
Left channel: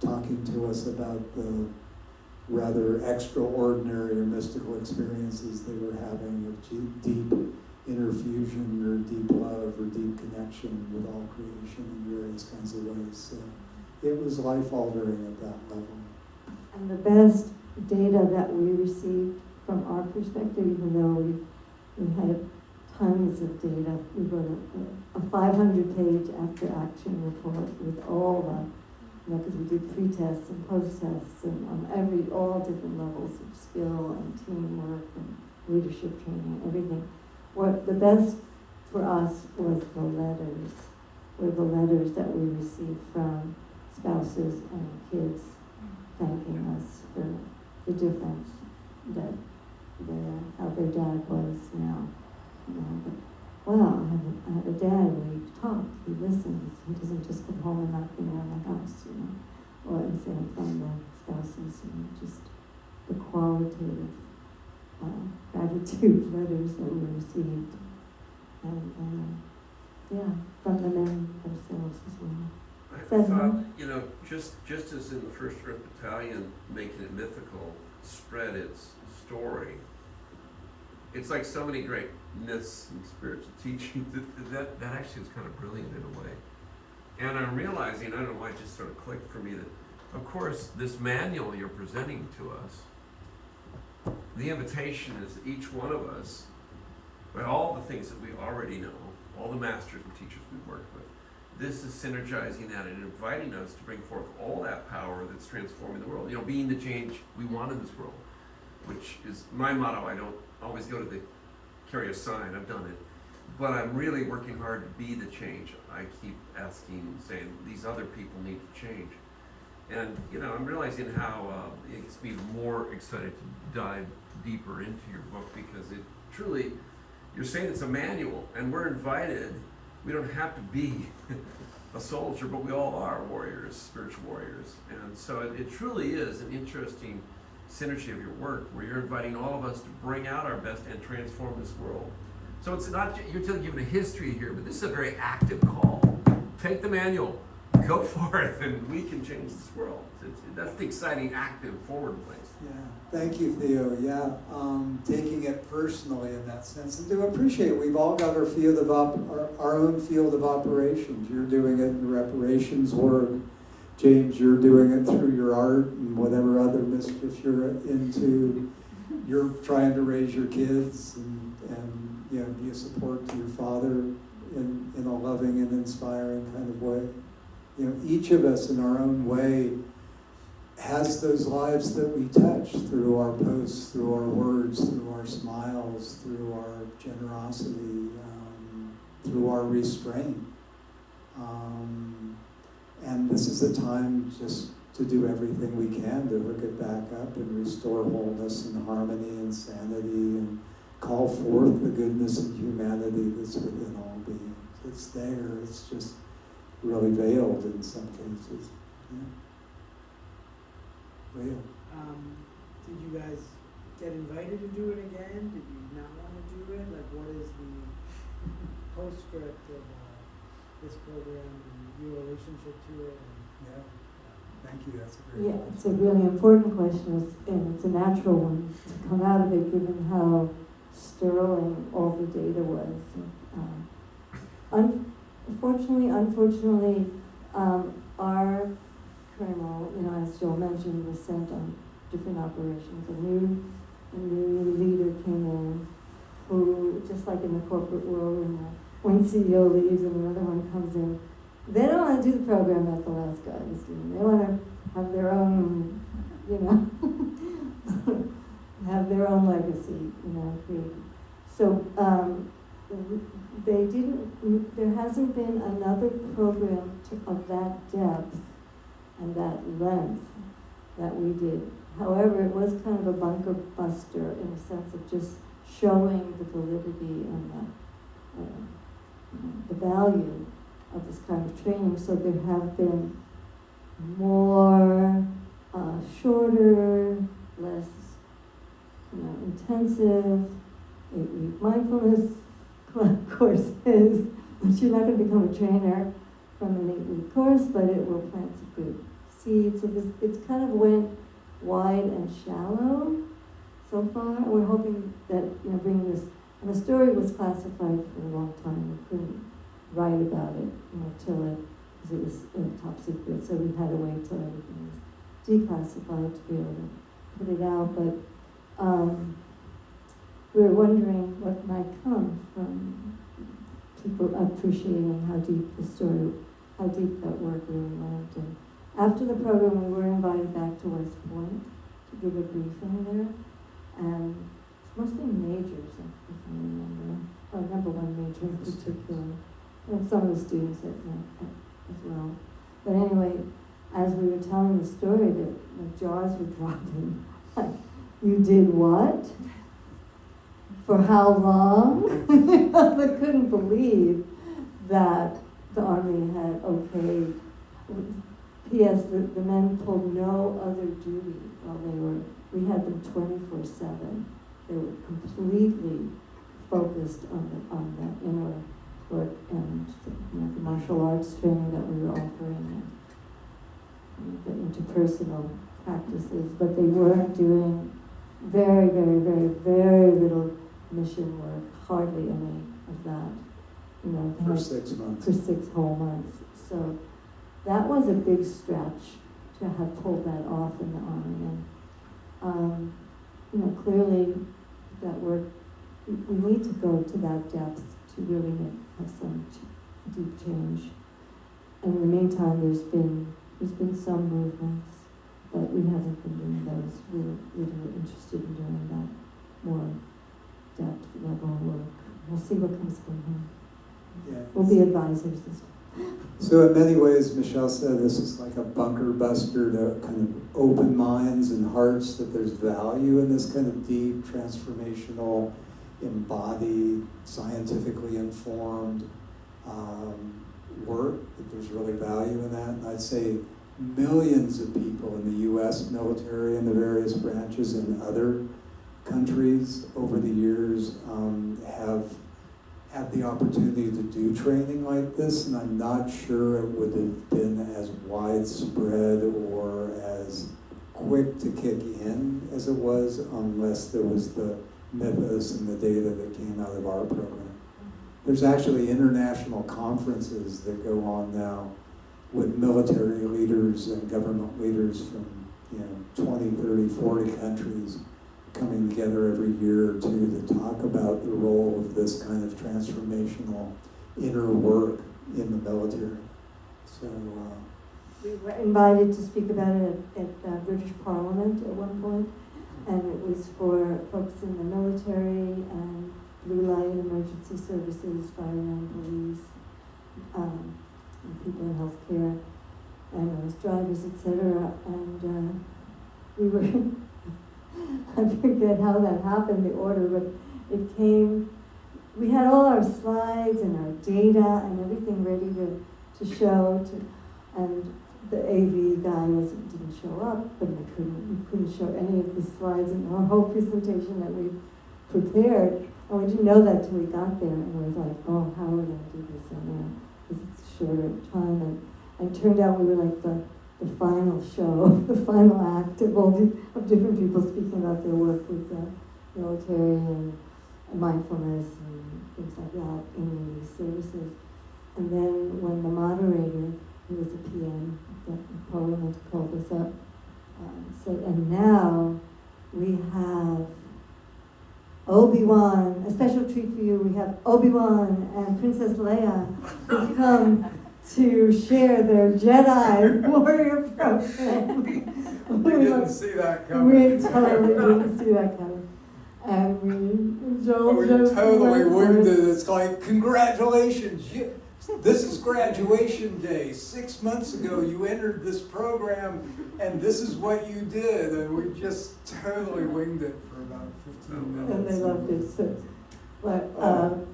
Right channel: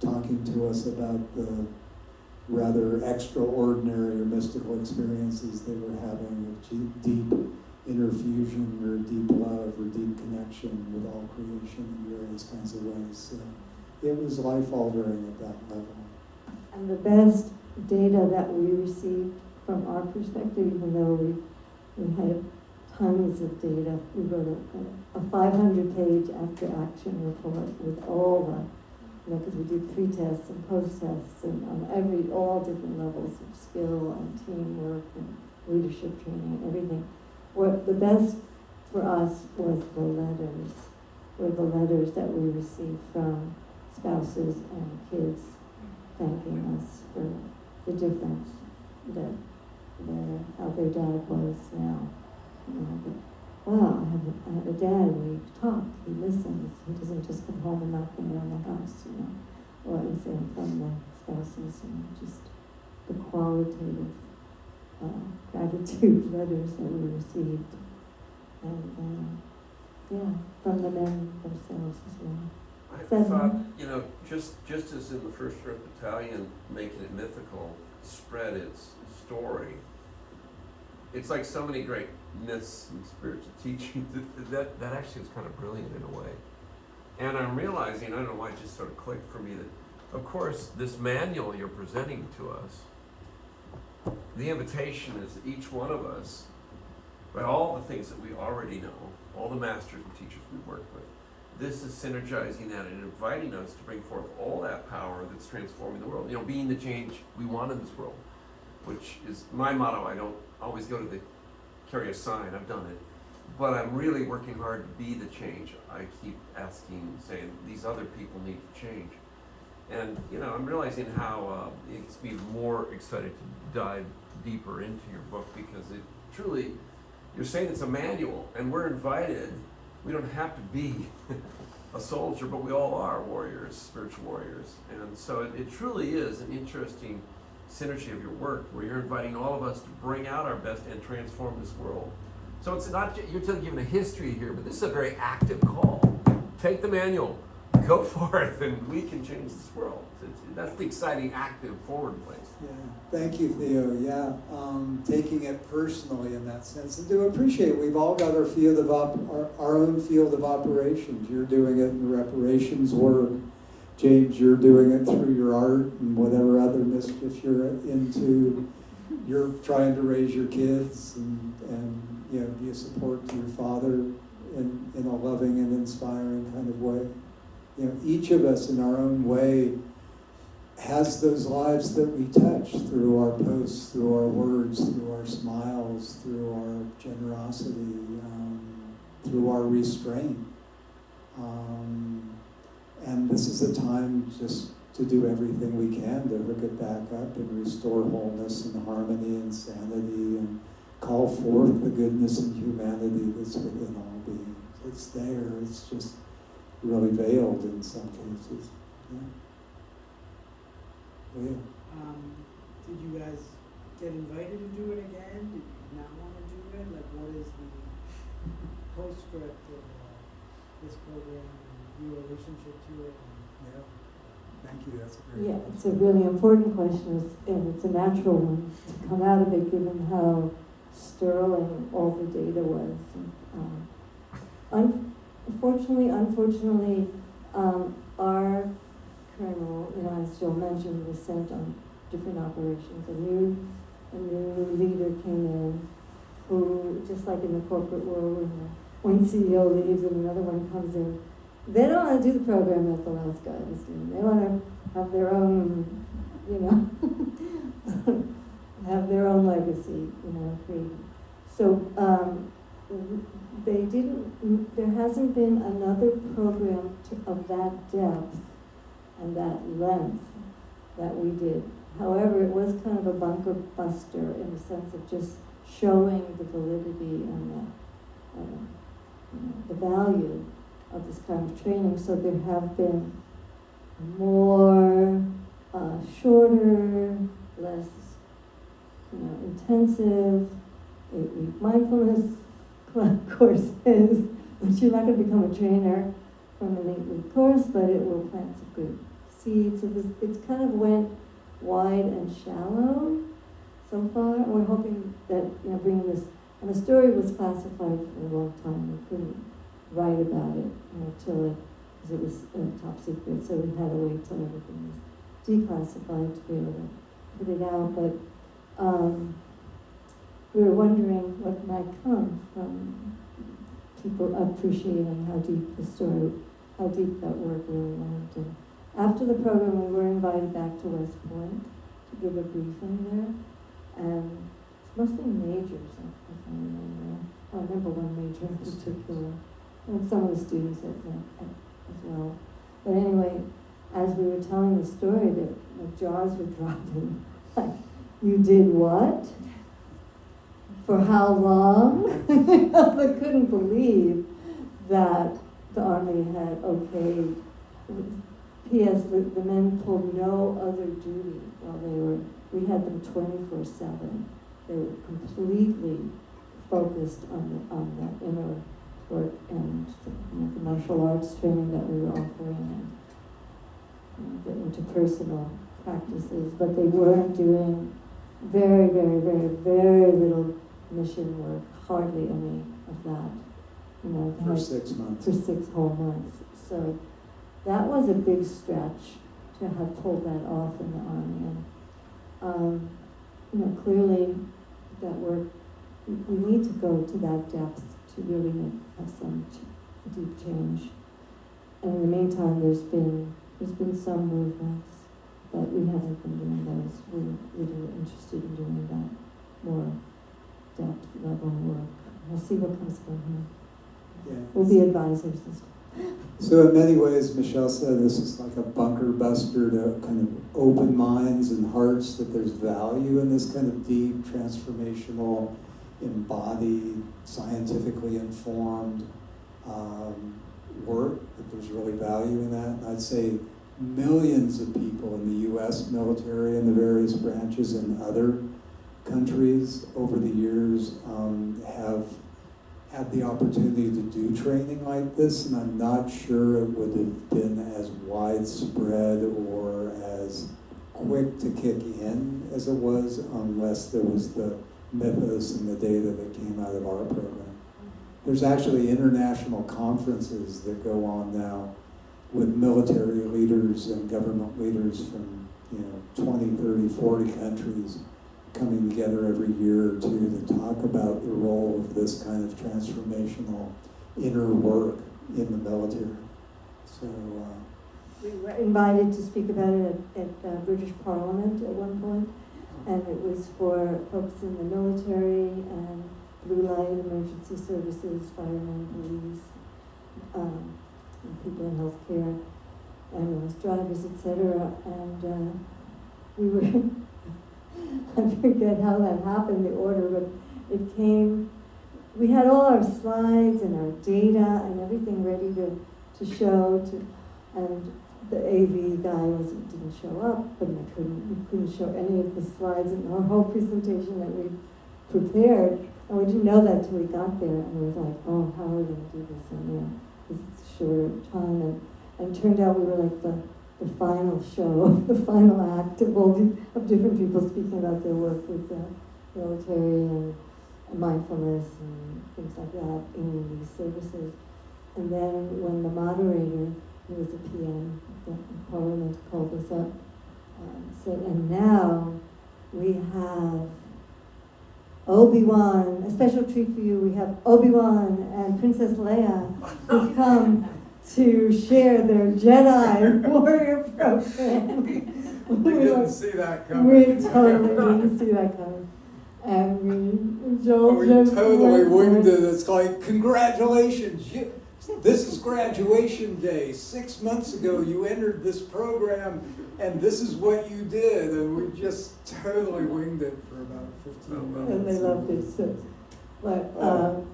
talking to us about the rather extraordinary or mystical experiences they were having of deep inner fusion or deep love or deep connection with all creation in various kinds of ways. So it was life-altering at that level. And the best data that we received from our perspective, even though we had tons of data, we wrote a 500-page after-action report with all the, because we did pre-tests and post-tests and on all different levels of skill and teamwork and leadership training, everything. What the best for us was the letters. Were the letters that we received from spouses and kids thanking us for the difference that how their dad was now. You know, wow, I have a dad, we talk, he listens, he doesn't just come home and knock me around the house, you know, or and say from my spouses, and just the qualitative gratitude letters that we received, and yeah, from the men themselves as well. I thought, you know, just as in the 1st Earth Battalion, making it mythical, spread its story. It's like so many great myths and spiritual teachings that actually is kind of brilliant in a way. And I'm realizing, I don't know why it just sort of clicked for me that, of course, this manual you're presenting to us, the invitation is that each one of us, by all the things that we already know, all the masters and teachers we've worked with, this is synergizing that and inviting us to bring forth all that power that's transforming the world. You know, being the change we want in this world, which is my motto. I don't always go to carry a sign, I've done it. But I'm really working hard to be the change. I keep saying, these other people need to change. And, I'm realizing how it gets me more excited to dive deeper into your book, because it truly, you're saying it's a manual, and we're invited. We don't have to be a soldier, but we all are warriors, spiritual warriors. And so it truly is an interesting synergy of your work, where you're inviting all of us to bring out our best and transform this world. So it's not, you're giving a history here, but this is a very active call. Take the manual, go for it, and we can change this world. That's the exciting, active, forward place. Yeah, thank you, Theo. Yeah, taking it personally in that sense, and to appreciate we've all got our field of our own field of operations. You're doing it in reparations work. James, you're doing it through your art and whatever other mischief you're into. You're trying to raise your kids and be a support to your father in a loving and inspiring kind of way. Each of us in our own way has those lives that we touch through our posts, through our words, through our smiles, through our generosity, through our restraint. And this is a time just to do everything we can to hook it back up and restore wholeness and harmony and sanity and call forth the goodness and humanity that's within all beings. It's there, it's just really veiled in some cases. Yeah. Veiled. Did you guys get invited to do it again? Did you not want to do it? Like, what is the postscript of this program and your relationship to it? Yeah. Thank you, that's a great Yeah, question. it's a really important question, and it's a natural one to come out of it, given how sterling all the data was. Unfortunately, our colonel, as Joe mentioned, was sent on different operations. A new leader came in who, just like in the corporate world, one CEO leaves and another one comes in. They don't want to do the program that the last guy was doing. They want to have their own, have their own legacy, created. So there hasn't been another program of that depth and that length that we did. However, it was kind of a bunker buster in the sense of just showing the validity and the value of this kind of training. So there have been more shorter, less intensive 8-week mindfulness courses, but you're not going to become a trainer from an 8-week course, but it will plant some good seeds. So it's kind of went wide and shallow so far. We're hoping that bringing this, and the story was classified for a long time. We couldn't write about it till because it was top secret. So we had to wait till everything was declassified to be able to put it out. But we were wondering what might come from people appreciating how deep that work really went. And after the program, we were invited back to West Point to give a briefing there, and it's mostly majors, if I remember. I remember one major in particular, and some of the students as well. But anyway, as we were telling the story, the jaws were dropping. Like, you did what? For how long? They couldn't believe that the Army had okayed. P.S. The men pulled no other duty while we had them 24/7. They were completely focused on that inner work and the martial arts training that we were offering and the interpersonal practices, but they weren't doing very, very, very, very little mission work, hardly any of that. For 6 months. For 6 whole months. So that was a big stretch to have pulled that off in the Army. And clearly that work, we need to go to that depth to really have some deep change. And in the meantime, there's been some movements, but we haven't been doing those. We're really interested in doing that more depth level work. We'll see what comes from here. Yeah. We'll be advisors as well. So in many ways, Michelle said this is like a bunker buster to kind of open minds and hearts, that there's value in this kind of deep, transformational, embodied, scientifically informed work, that there's really value in that. And I'd say millions of people in the US military and the various branches and other countries over the years have had the opportunity to do training like this, and I'm not sure it would have been as widespread or as quick to kick in as it was unless there was the mythos and the data that came out of our program. There's actually international conferences that go on now with military leaders and government leaders from 20, 30, 40 countries coming together every year or two to talk about the role of this kind of transformational inner work in the military. So We were invited to speak about it at British Parliament at one point, and it was for folks in the military and blue light emergency services, firemen, police, and people in healthcare, ambulance drivers, etc. And we were, I forget how that happened, the order, but it came, we had all our slides and our data and everything ready to show, and the AV guy didn't show up, but we couldn't show any of the slides in our whole presentation that we prepared. And we didn't know that till we got there, and we were like, oh, how are we going to do this? And because it's a short time, and it turned out we were like the final show, the final act of different people speaking about their work with the military and mindfulness and things like that in these services. And then when the moderator, who was a PM, the Parliament called us up, said, and now we have Obi-Wan, a special treat for you. We have Obi-Wan and Princess Leia who've come to share their Jedi Warrior program. we didn't see that coming. We totally didn't see that coming. And we we totally winged it. It's like, congratulations, this is graduation day. 6 months ago you entered this program and this is what you did. And we just totally winged it for about 15 minutes. And they loved it. So, but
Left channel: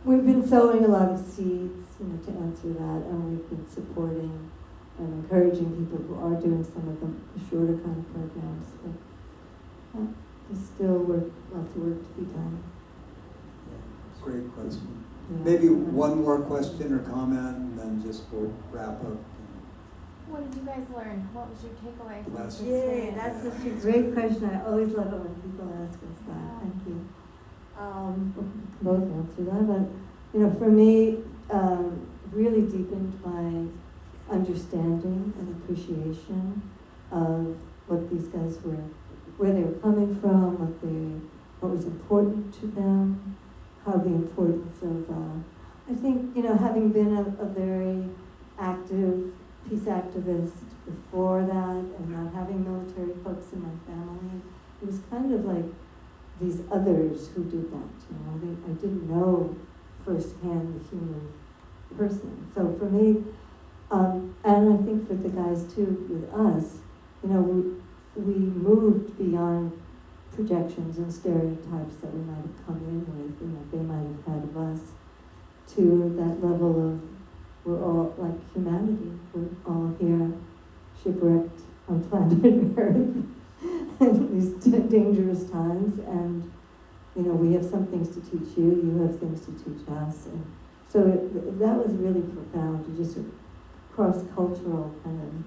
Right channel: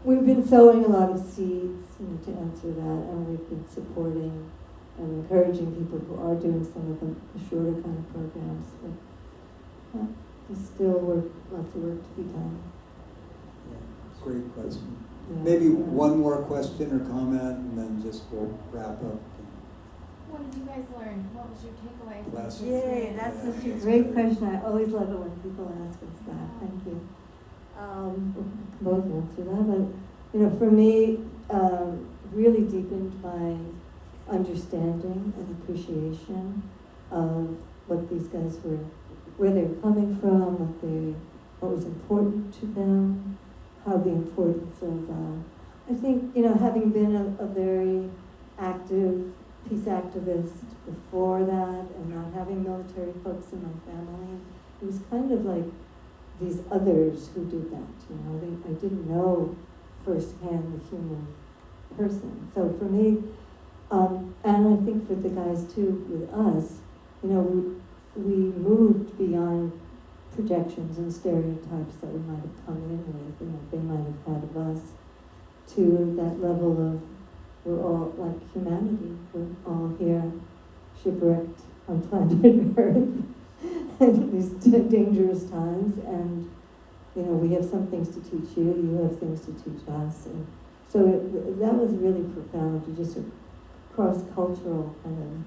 we've been sowing a lot of seeds, to answer that, and we've been supporting and encouraging people who are doing some of the shorter kind of programs. But there's still lots of work to be done. Great question. Yeah. Maybe one more question or comment, and then just we'll wrap up. What did you guys learn? What was your takeaway from Last this? Yay, that's such a great question. I always love it when people ask us that. Thank you. Both answer that. But, for me, really deepened my understanding and appreciation of what these guys were, where they were coming from, what was important to them, how the importance of, I think, having been a very active peace activist before that, and not having military folks in my family, it was kind of like these others who did that. I didn't know firsthand the human person. So for me, and I think for the guys too, with us, we moved beyond projections and stereotypes that we might have come in with, they might have had of us, to that level of, we're all like humanity, we're all here shipwrecked on planet Earth in these dangerous times, and we have some things to teach you, you have things to teach us, and so that was really profound, just a cross-cultural kind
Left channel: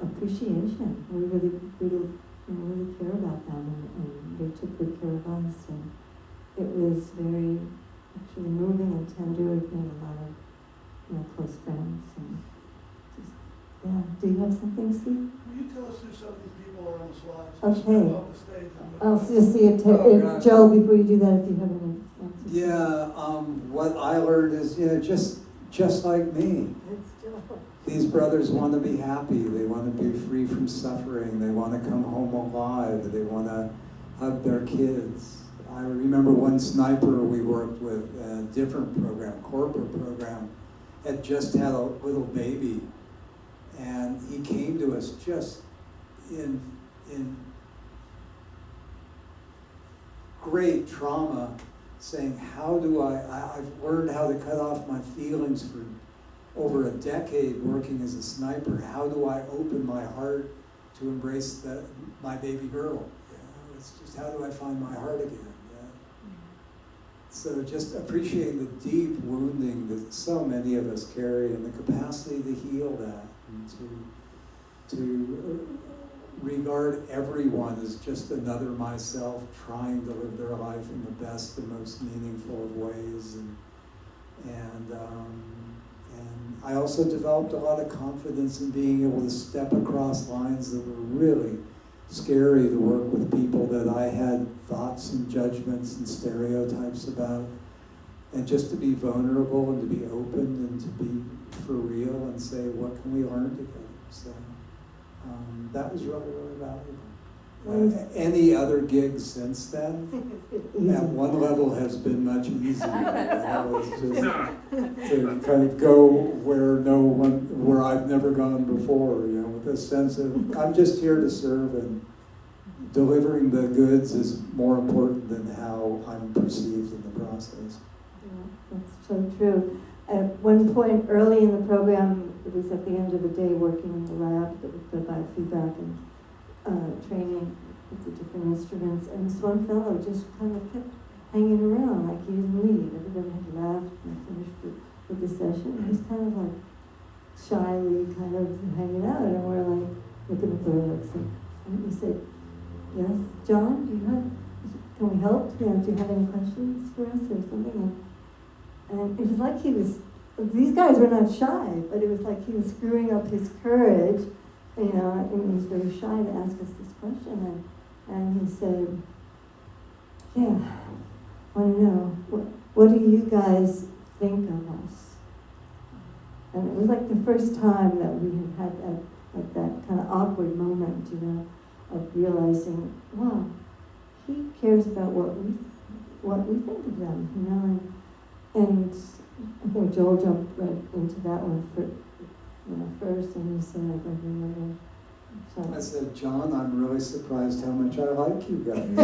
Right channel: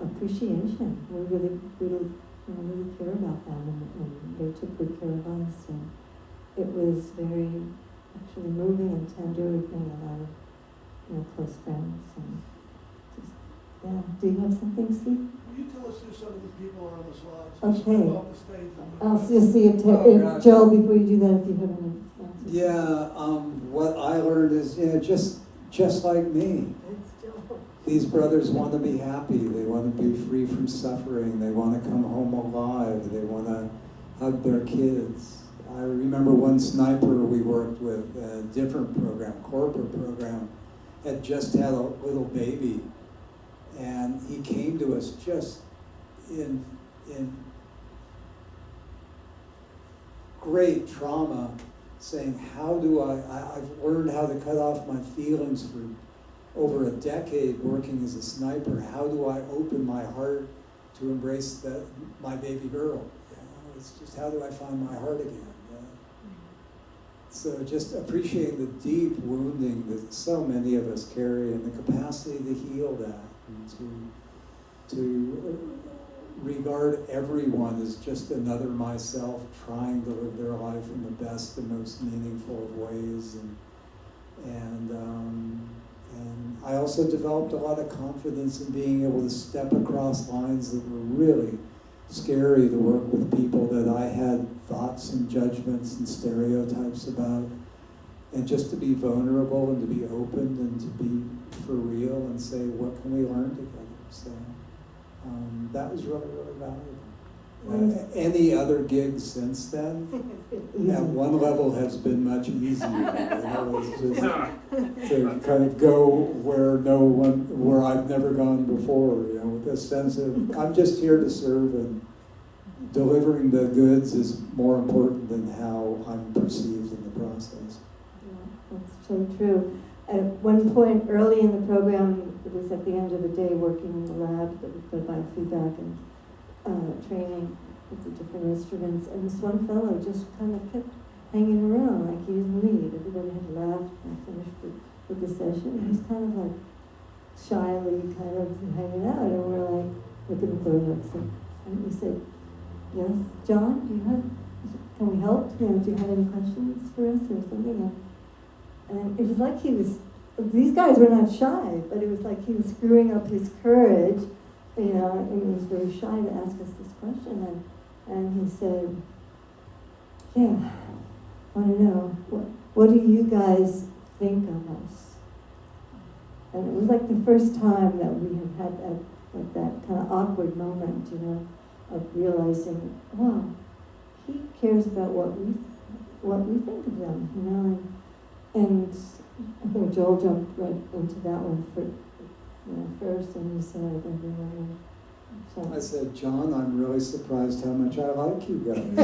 of appreciation. We really, really, really care about them, and they took good care of us, and it was very actually moving and tender. We've made a lot of close friends, and just, yeah. Do you have something, Steve? Will you tell us who some of these people are on the slides? Okay. Step off the stage and- I'll just see if Joe, before you do that, if you have any answers. Yeah, what I learned is, just like me. These brothers want to be happy. They want to be free from suffering. They want to come home alive. They want to hug their kids. I remember one sniper we worked with in a different program, corporate program, had just had a little baby, and he came to us just in great trauma, saying, how do I've learned how to cut off my feelings for over a decade working as a sniper. How do I open my heart to embrace my baby girl? It's just, how do I find my heart again? So just appreciating the deep wounding that so many of us carry, and the capacity to heal that, and to regard everyone as just another myself trying to live their life in the best and most meaningful of ways. And I also developed a lot of confidence in being able to step across lines that were really scary to work with people that I had thoughts and judgments and stereotypes about, and just to be vulnerable and to be open and to be for real and say, what can we learn together? So that was really, really valuable. Any other gigs since then, at one level, has been much easier. To kind of go where I've never gone before, with a sense of, I'm just here to serve, and delivering the goods is more important than how I'm perceived in the process. Yeah, that's so true. At one point early in the program, it was at the end of the day working in the lab, the biofeedback and training with the different instruments, and this one fellow just kind of kept hanging around like he didn't leave. Everybody had left and finished with the session. He was kind of like shyly kind of hanging out, and we're like looking for him. And we said, yes, John, can we help? Do you have any questions for us or something? And it was like these guys were not shy, but it was like he was screwing up his courage, and he was very shy to ask us this question. And he said, yeah, I want to know, what do you guys think of us? And it was like the first time that we had that kind of awkward moment, of realizing, wow, he cares about what we think of them, And I think Joel jumped right into that one first, and he said, I said, John, I'm really surprised how much I like you guys.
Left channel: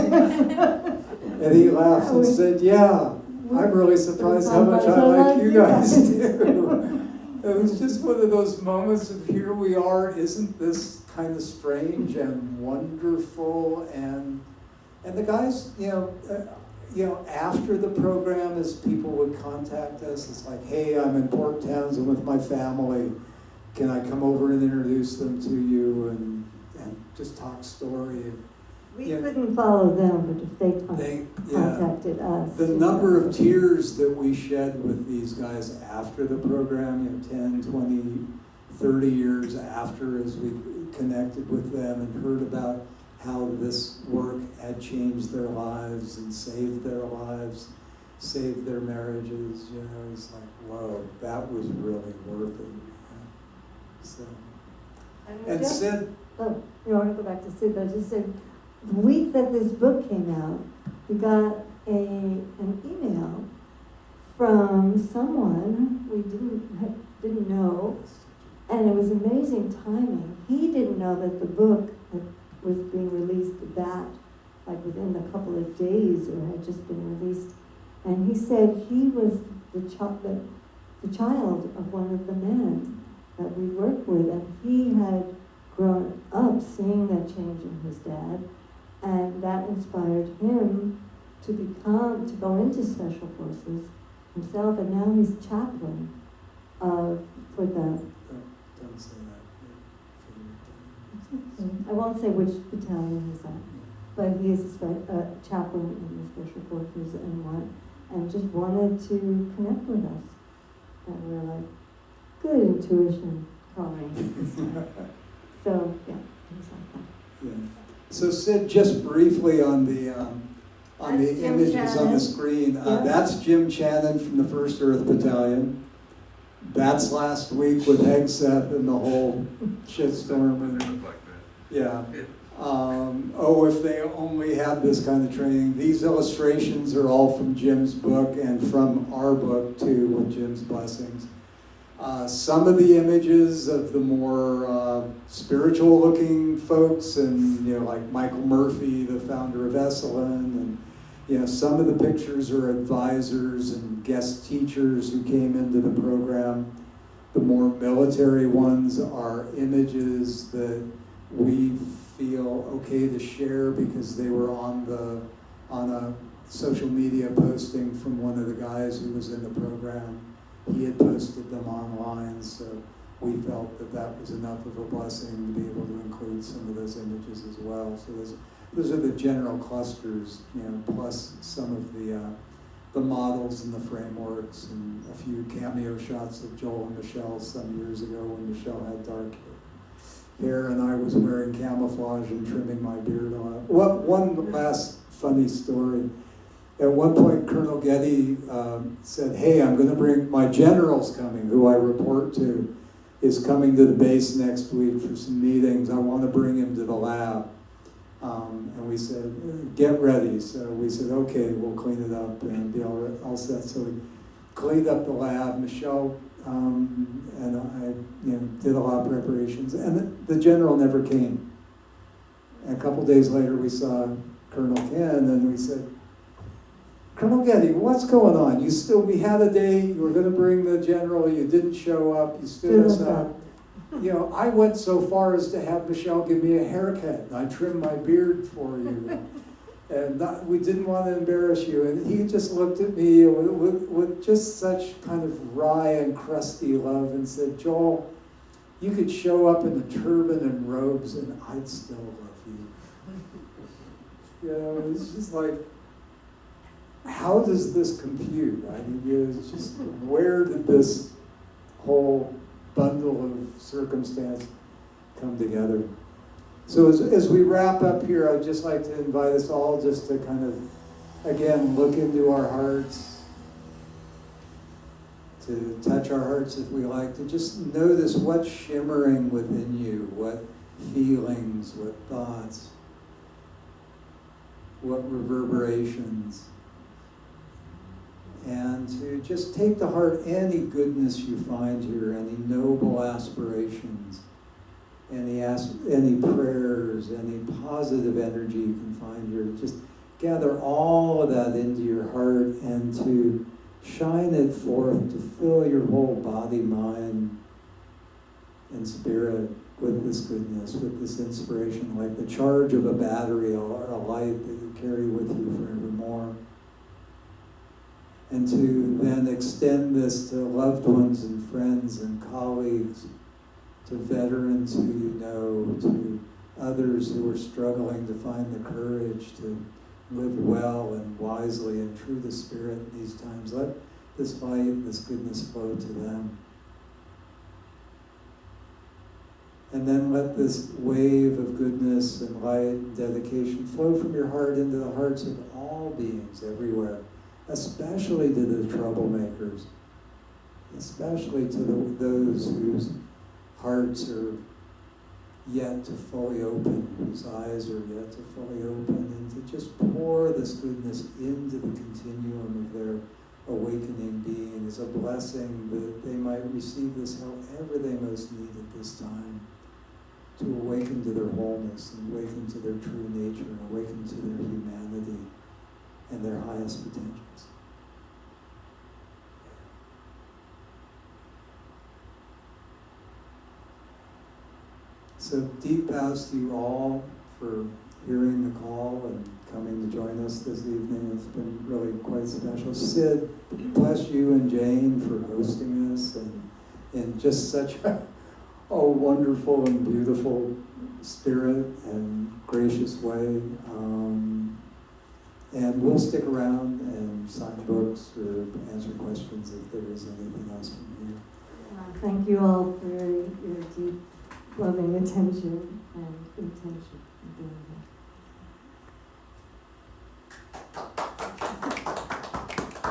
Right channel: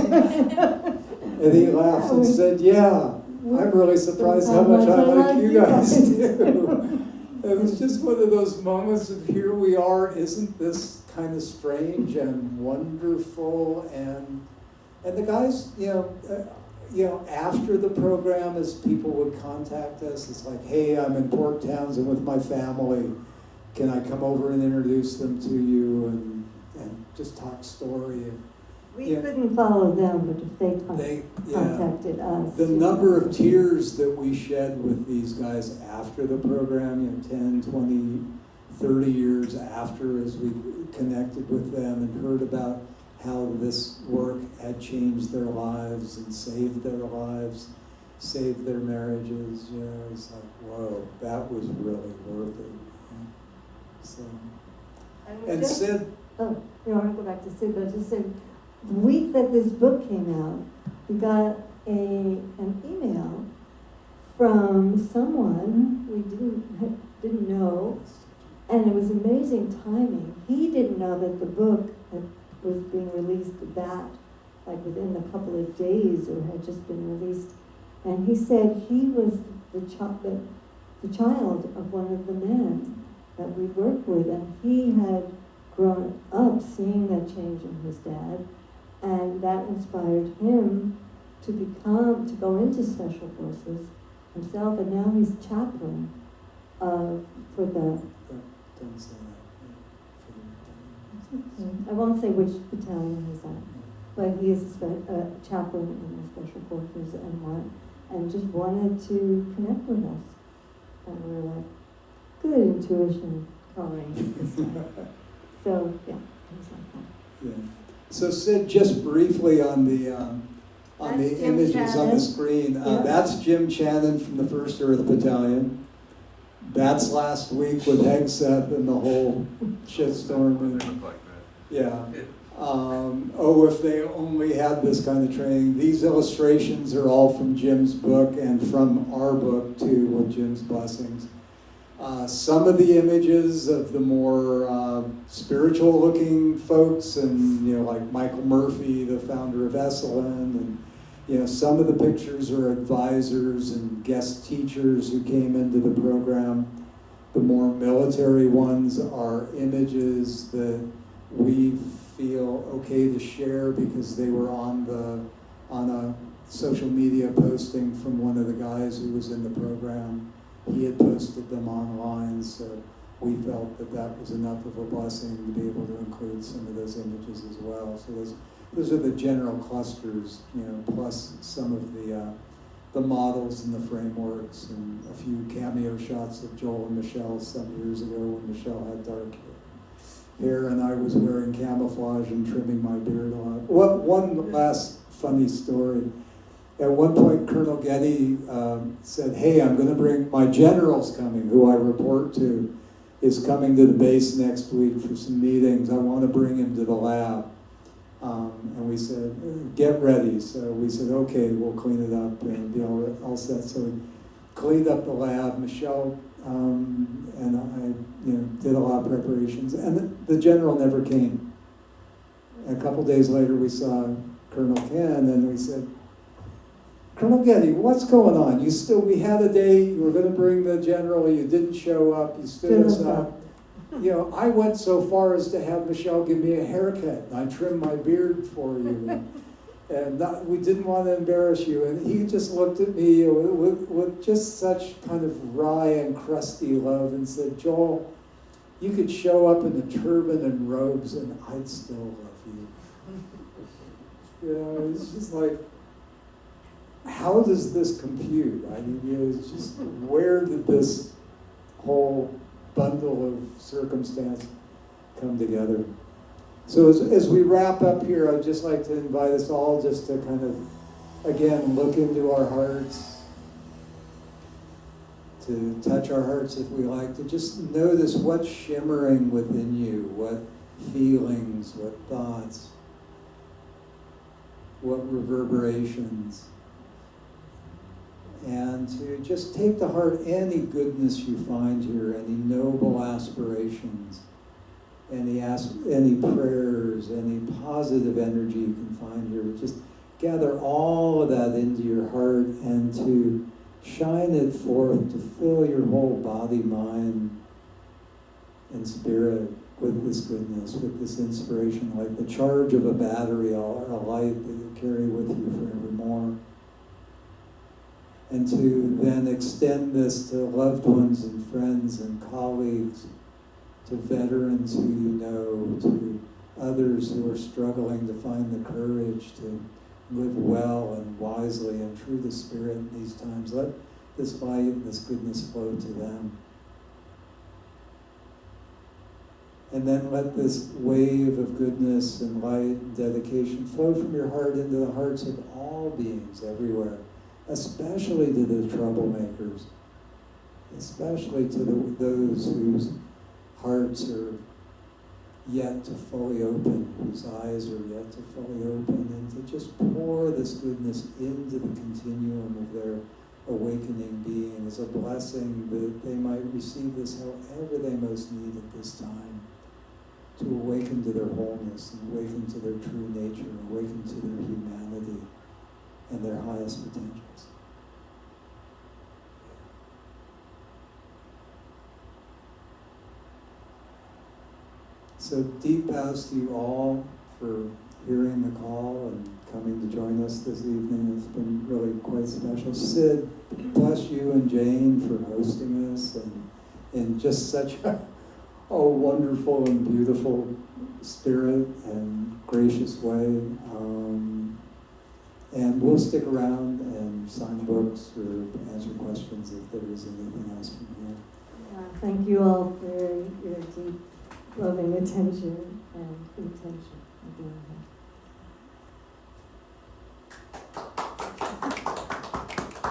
And he laughed and said, yeah, I'm really surprised how much I like you guys too. It was just one of those moments of, here we are, isn't this kind of strange and wonderful? And the guys, after the program, as people would contact us, it's like, hey, I'm in Port Townsend with my family. Can I come over and introduce them to you and just talk story? we couldn't follow them, but if they contacted us. The number of tears that we shed with these guys after the program, 10, 20, 30 years after, as we connected with them and heard about how this work had changed their lives and saved their lives, saved their marriages. It's like, whoa, that was really worth it. So, and Sid. Oh, I want to go back to Sid, but I just said, the week that this book came out, we got an email from someone we didn't know, and it was amazing timing. He didn't know that the book was being released like within a couple of days, or had just been released. And he said he was the child of one of the men that we worked with, and he had grown up seeing that change in his dad, and that inspired him to go into special forces himself, and now he's chaplain for the. I won't say which battalion he's at, but he is a chaplain in the special forces and just wanted to connect with us. And we were like, good intuition, calling. So yeah. So Sid, just briefly on the images Channon on the screen. That's Jim Channon from the 1st Earth Battalion. That's last week with Hegseth and the whole shitstorm. Yeah. If they only had this kind of training. These illustrations are all from Jim's book and from our book too, with Jim's blessings. Some of the images of the more spiritual looking folks, and like Michael Murphy, the founder of Esalen, and some of the pictures are advisors and guest teachers who came into the program. The more military ones are images that we feel okay to share because they were on a social media posting from one of the guys who was in the program. He had posted them online, so we felt that that was enough of a blessing to be able to include some of those images as well. So those are the general clusters, plus some of the models and the frameworks, and a few cameo shots of Joel and Michelle some years ago when Michelle had dark hair and I was wearing camouflage and trimming my beard a lot. One last funny story. At one point, Colonel Getty said, "Hey, I'm going to bring my general's coming, who I report to, is coming to the base next week for some meetings. I want to bring him to the lab." And we said, "Get ready." So we said, "Okay, we'll clean it up and be all set." So we cleaned up the lab. Michelle and I, did a lot of preparations, and the general never came. A couple days later, we saw Colonel Ken, and we said, "Colonel Getty, what's going on? We had a day, you were going to bring the general, you didn't show up, you stood us up. I went so far as to have Michelle give me a haircut, and I trimmed my beard for you. And we didn't want to embarrass you." And he just looked at me with just such kind of wry and crusty love and said, "Joel, you could show up in a turban and robes and I'd still love you." It's just like, how does this compute? I mean, it's just, where did this whole bundle of circumstance come together? So as we wrap up here, I'd just like to invite us all just to kind of, again, look into our hearts, to touch our hearts if we like, to just notice what's shimmering within you, what feelings, what thoughts, what reverberations. And to just take to heart any goodness you find here, any noble aspirations, any prayers, any positive energy you can find here. Just gather all of that into your heart and to shine it forth, to fill your whole body, mind, and spirit with this goodness, with this inspiration, like the charge of a battery or a light that you carry with you forevermore. And to then extend this to loved ones and friends and colleagues, to veterans who you know, to others who are struggling to find the courage to live well and wisely and true to spirit in these times. Let this light and this goodness flow to them. And then let this wave of goodness and light and dedication flow from your heart into the hearts of all beings everywhere, especially to the troublemakers, especially to those whose hearts are yet to fully open, whose eyes are yet to fully open, and to just pour this goodness into the continuum of their awakening being as a blessing that they might receive this however they most need at this time, to awaken to their wholeness, and awaken to their true nature, and awaken to their humanity and their highest potentials. So deep bows to you all for hearing the call and coming to join us this evening. It's been really quite special. Sid, bless you and Jane for hosting us and in just such a wonderful and beautiful spirit and gracious way. And we'll stick around and sign books or answer questions if there is anything else from here. Thank you all for your deep, loving attention and intention of being here.